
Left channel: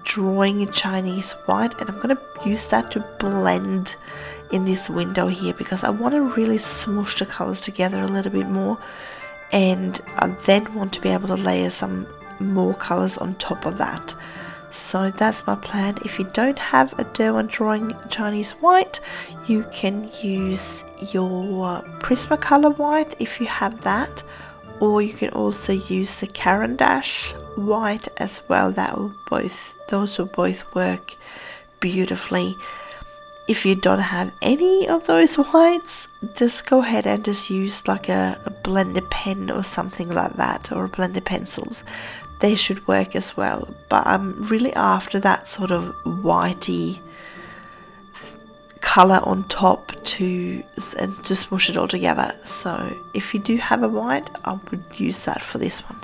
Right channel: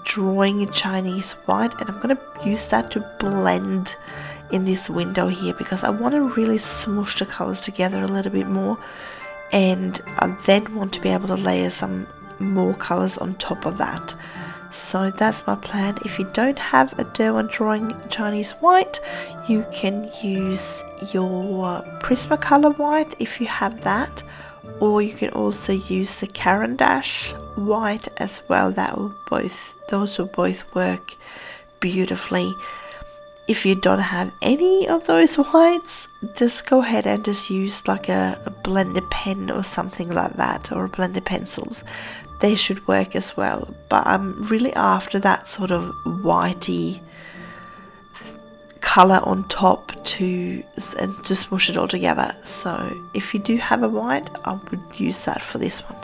Drawing Chinese White, and I'm going to use that to blend in this window here because I want to really smoosh the colours together a little bit more. and I then want to be able to layer some more colours on top of that. So that's my plan. If you don't have a Derwent Drawing Chinese White, you can use your Prismacolor White if you have that, or you can also use the Caran d'Ache White as well. Those will both work beautifully. If you don't have any of those whites, just go ahead and just use like a blender pen or something like that, or a blender pencils. They should work as well, but I'm really after that sort of whitey color on top to smush it all together. So if you do have a white, I would use that for this one.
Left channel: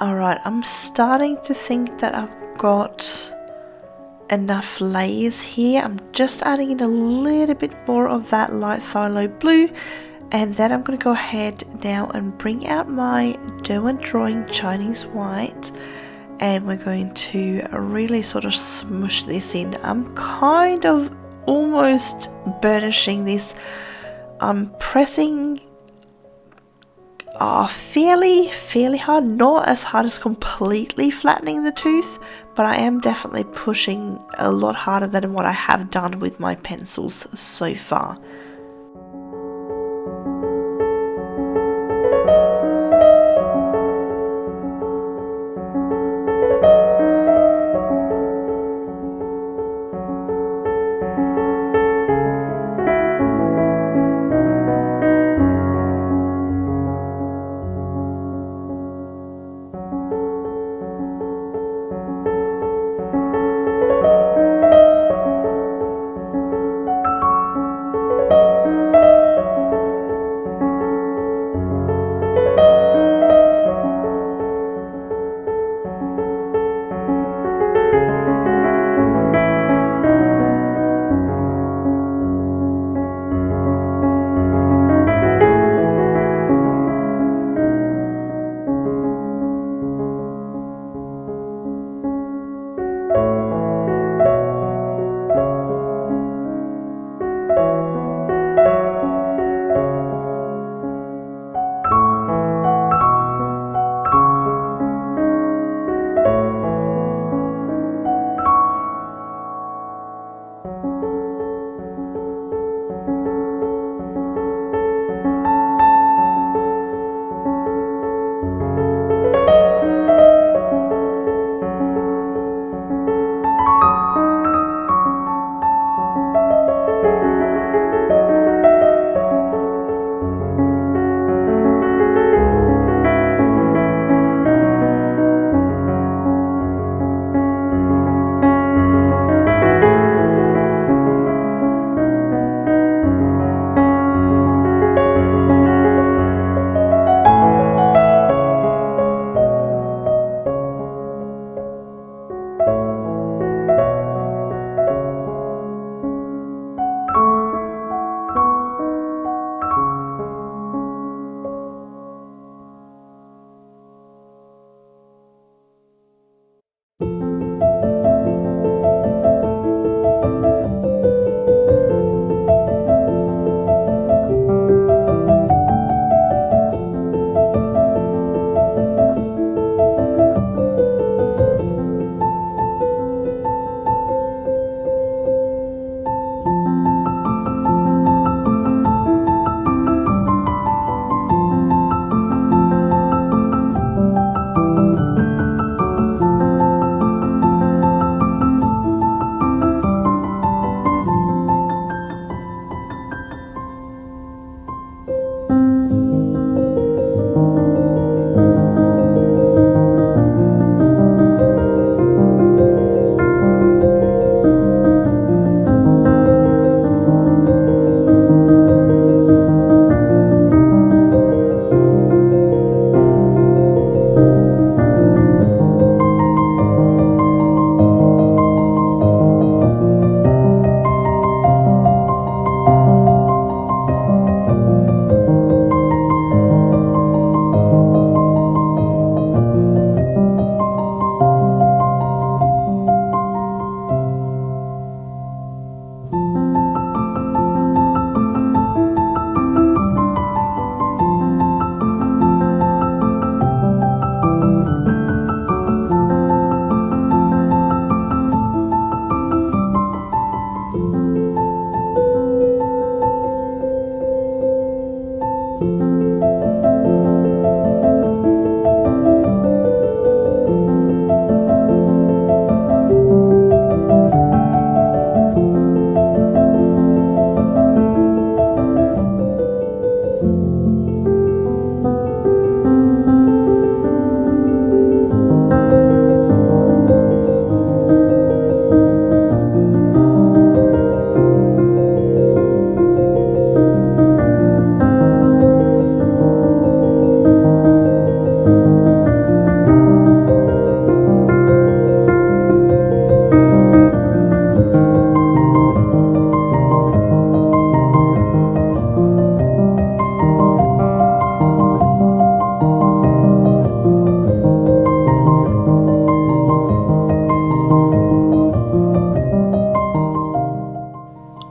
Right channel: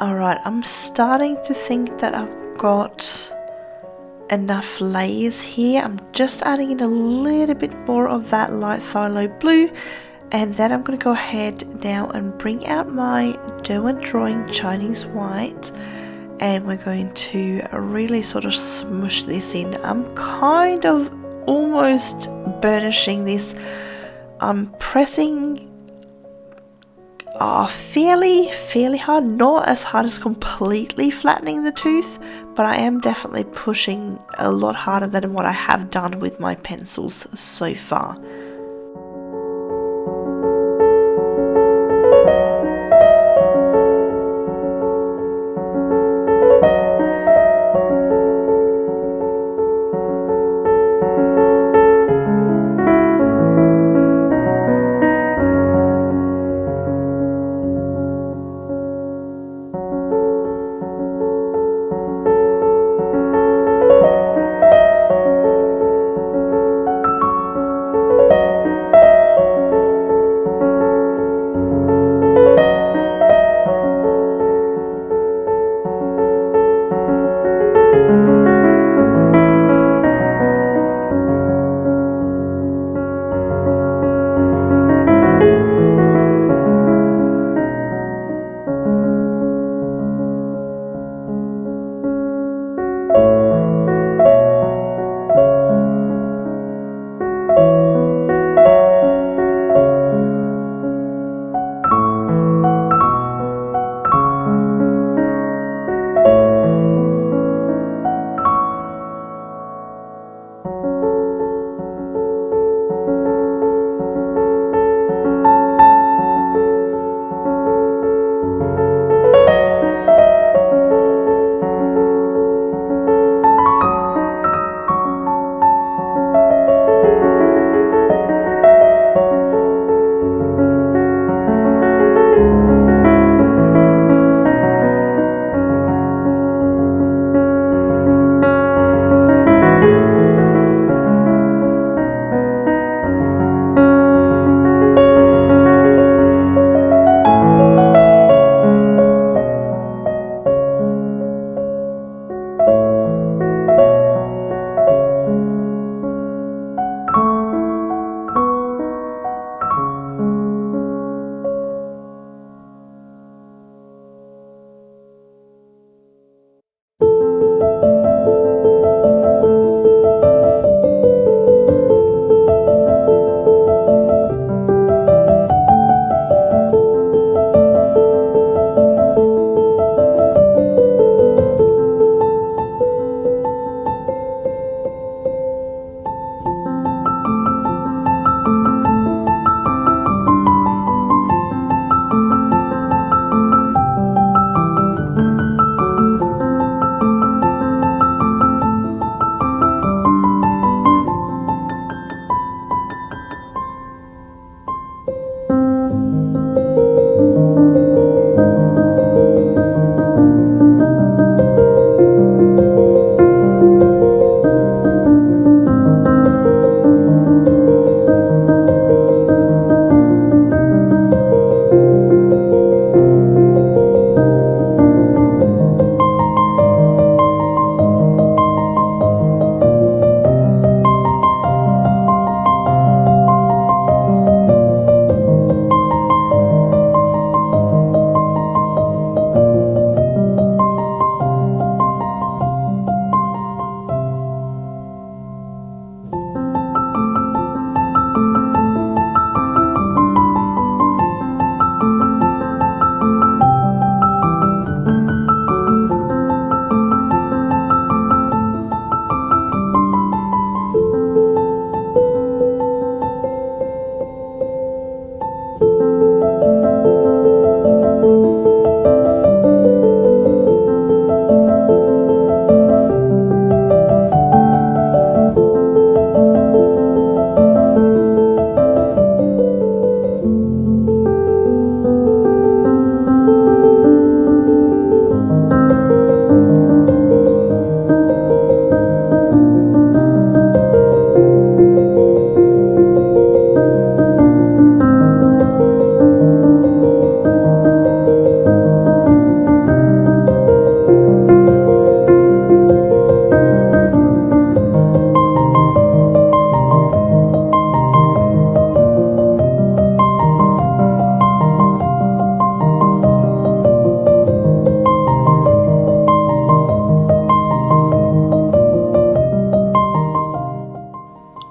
Alright, I'm starting to think that I've got enough layers here. I'm just adding in a little bit more of that light phthalo blue, and then I'm going to go ahead now and bring out my Derwent Drawing Chinese White, and we're going to really sort of smush this in. I'm kind of almost burnishing this. I'm pressing fairly hard, not as hard as completely flattening the tooth, but I am definitely pushing a lot harder than what I have done with my pencils so far.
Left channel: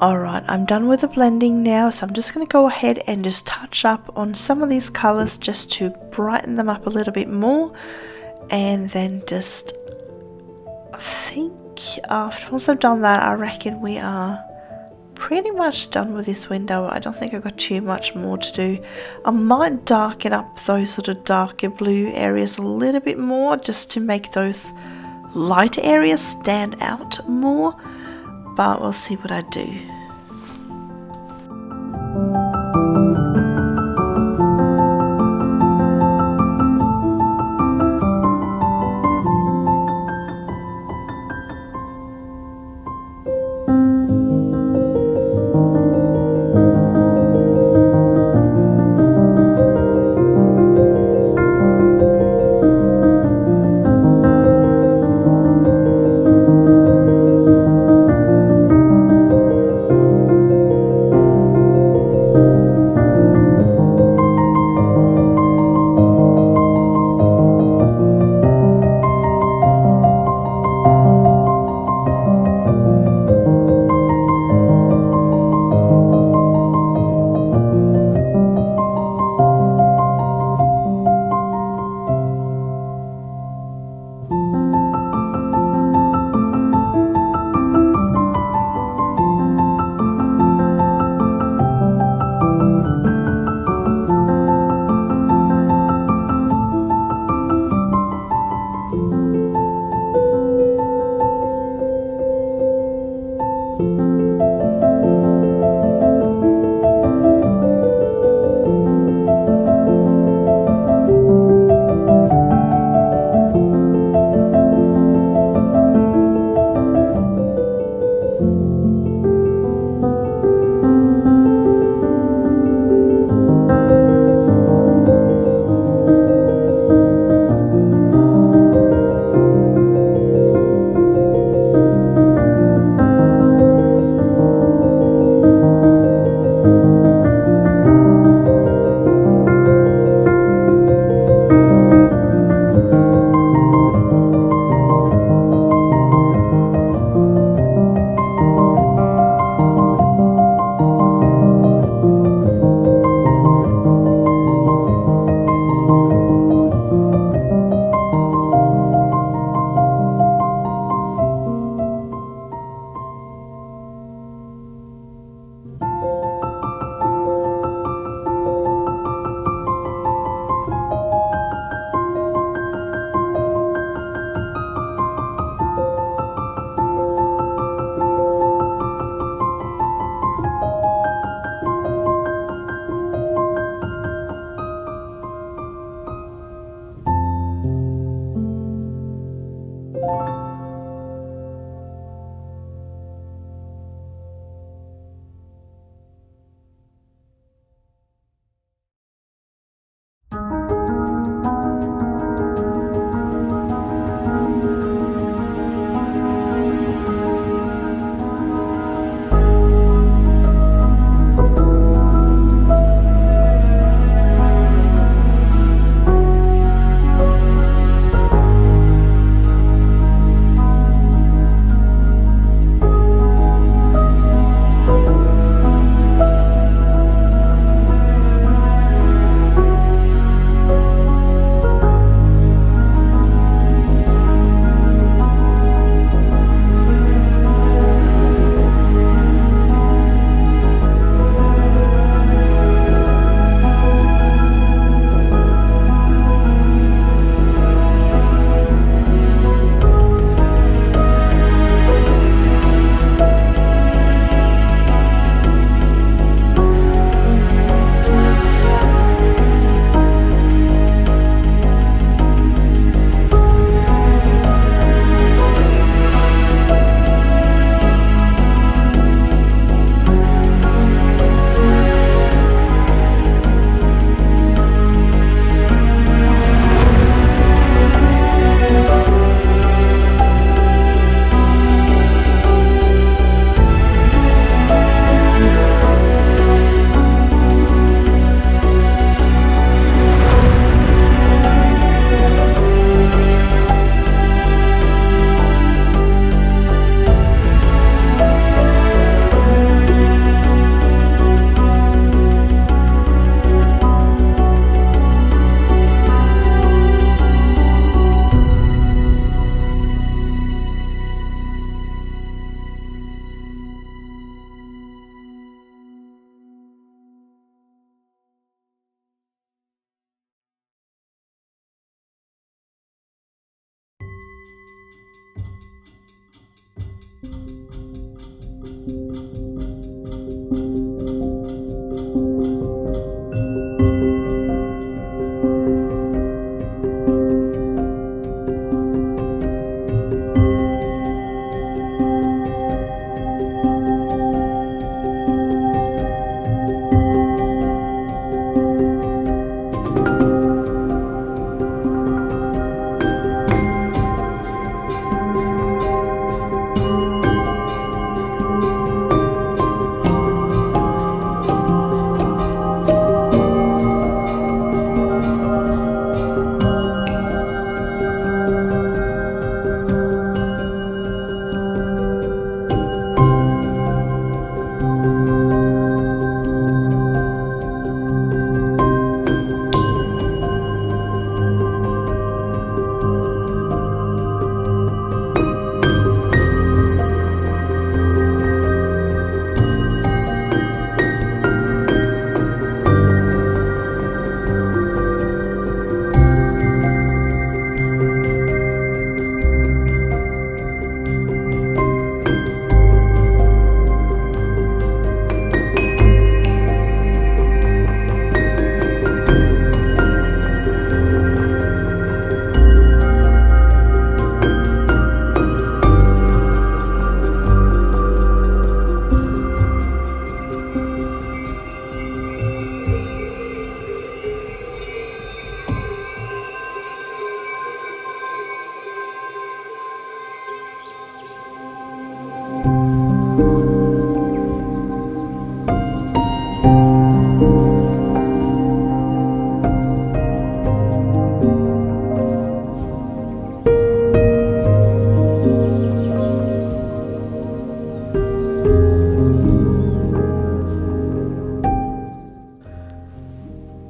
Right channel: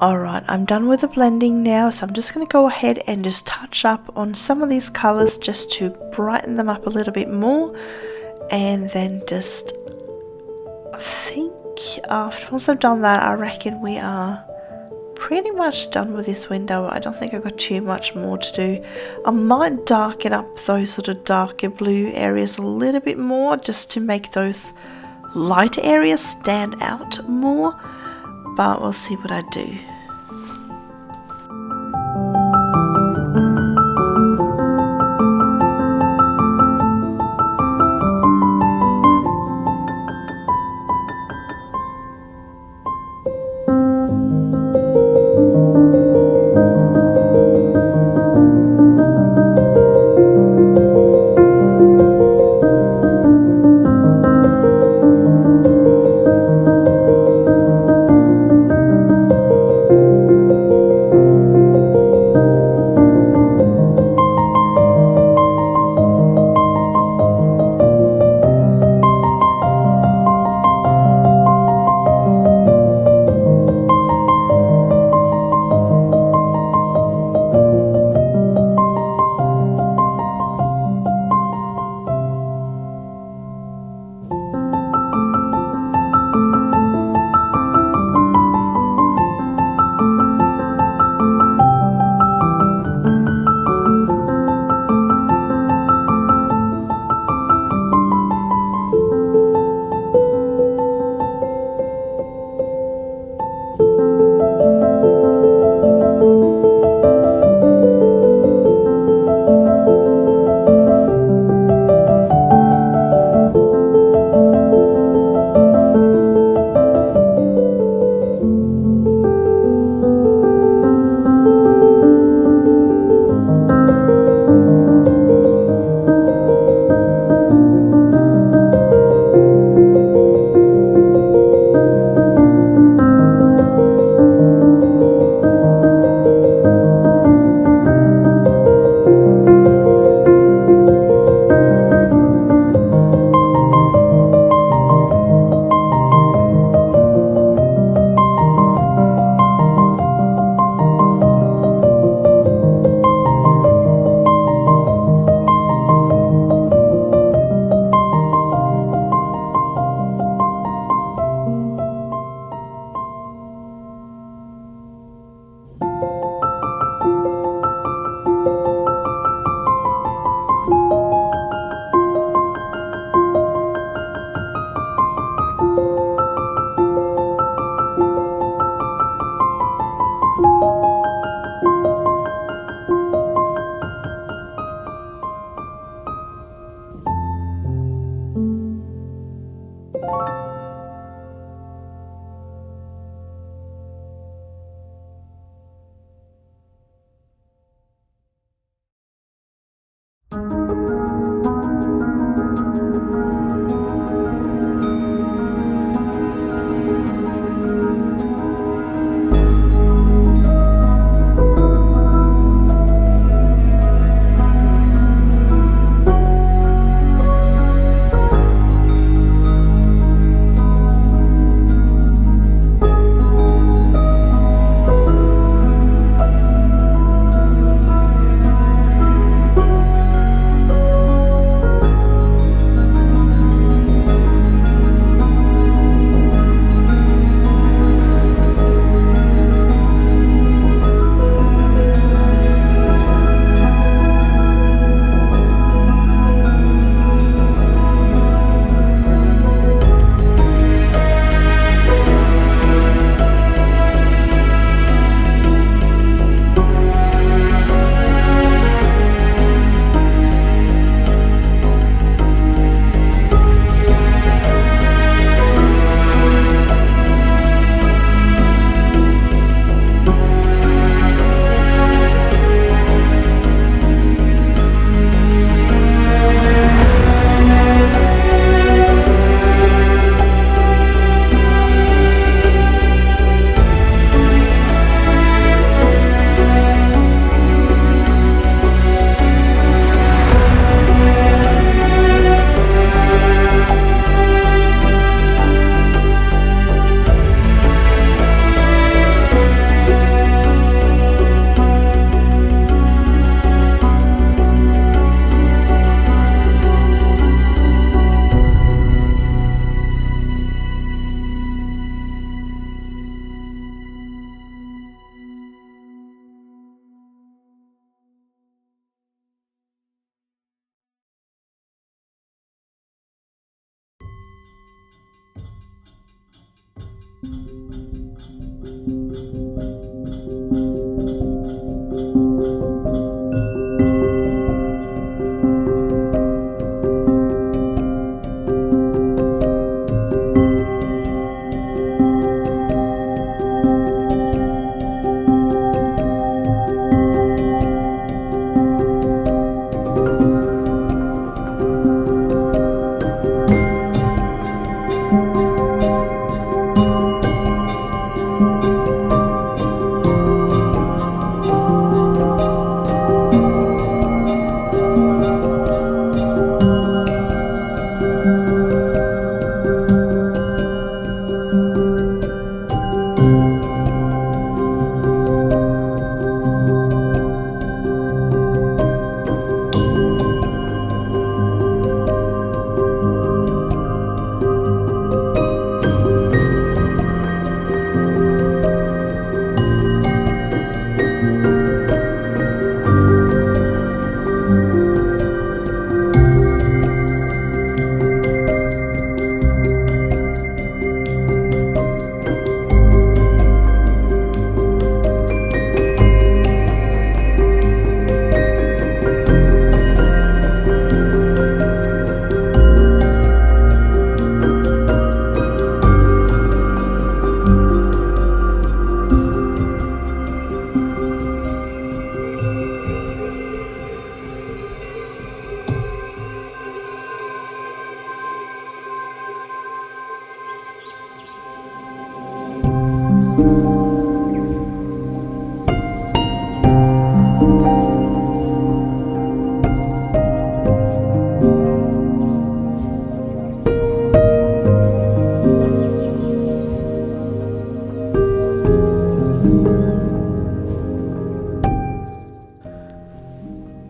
Alright, I'm done with the blending now, so I'm just going to go ahead and just touch up on some of these colours just to brighten them up a little bit more. And then just, I think once I've done that, I reckon we are pretty much done with this window. I don't think I've got too much more to do. I might darken up those sort of darker blue areas a little bit more just to make those lighter areas stand out more, but we'll see what I do.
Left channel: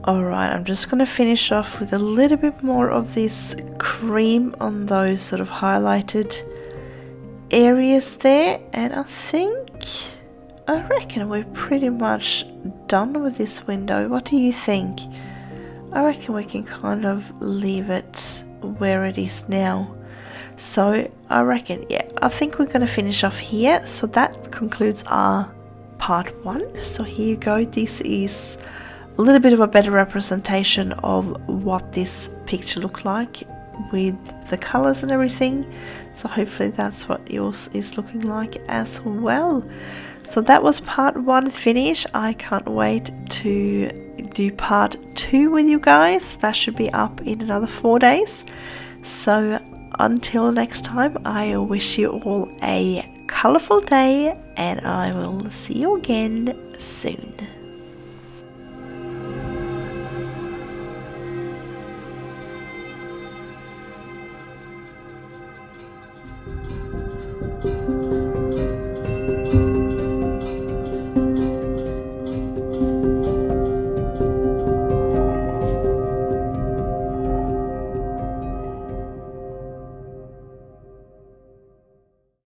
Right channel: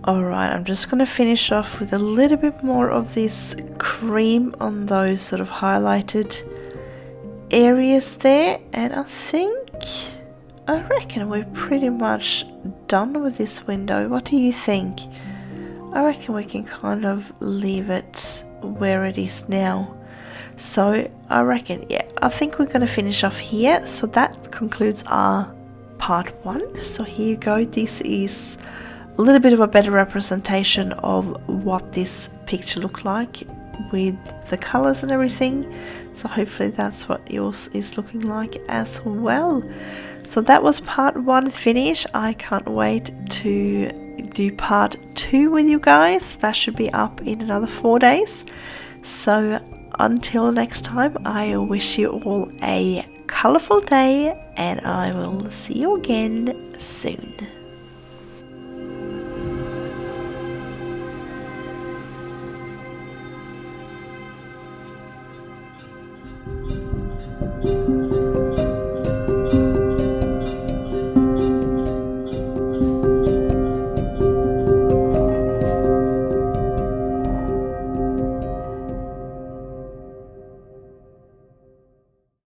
Alright, I'm just going to finish off with a little bit more of this cream on those sort of highlighted areas there, and I reckon we're pretty much done with this window. What do you think? I reckon we can kind of leave it where it is now. So I reckon, yeah, I think we're going to finish off here. So that concludes our part 1. So here you go. This is a little bit of a better representation of what this picture looked like with the colors and everything. So hopefully that's what yours is looking like as well. So that was part 1 finish. I can't wait to do part 2 with you guys. That should be up in another 4 days. So until next time, I wish you all a colorful day, and I will see you again soon.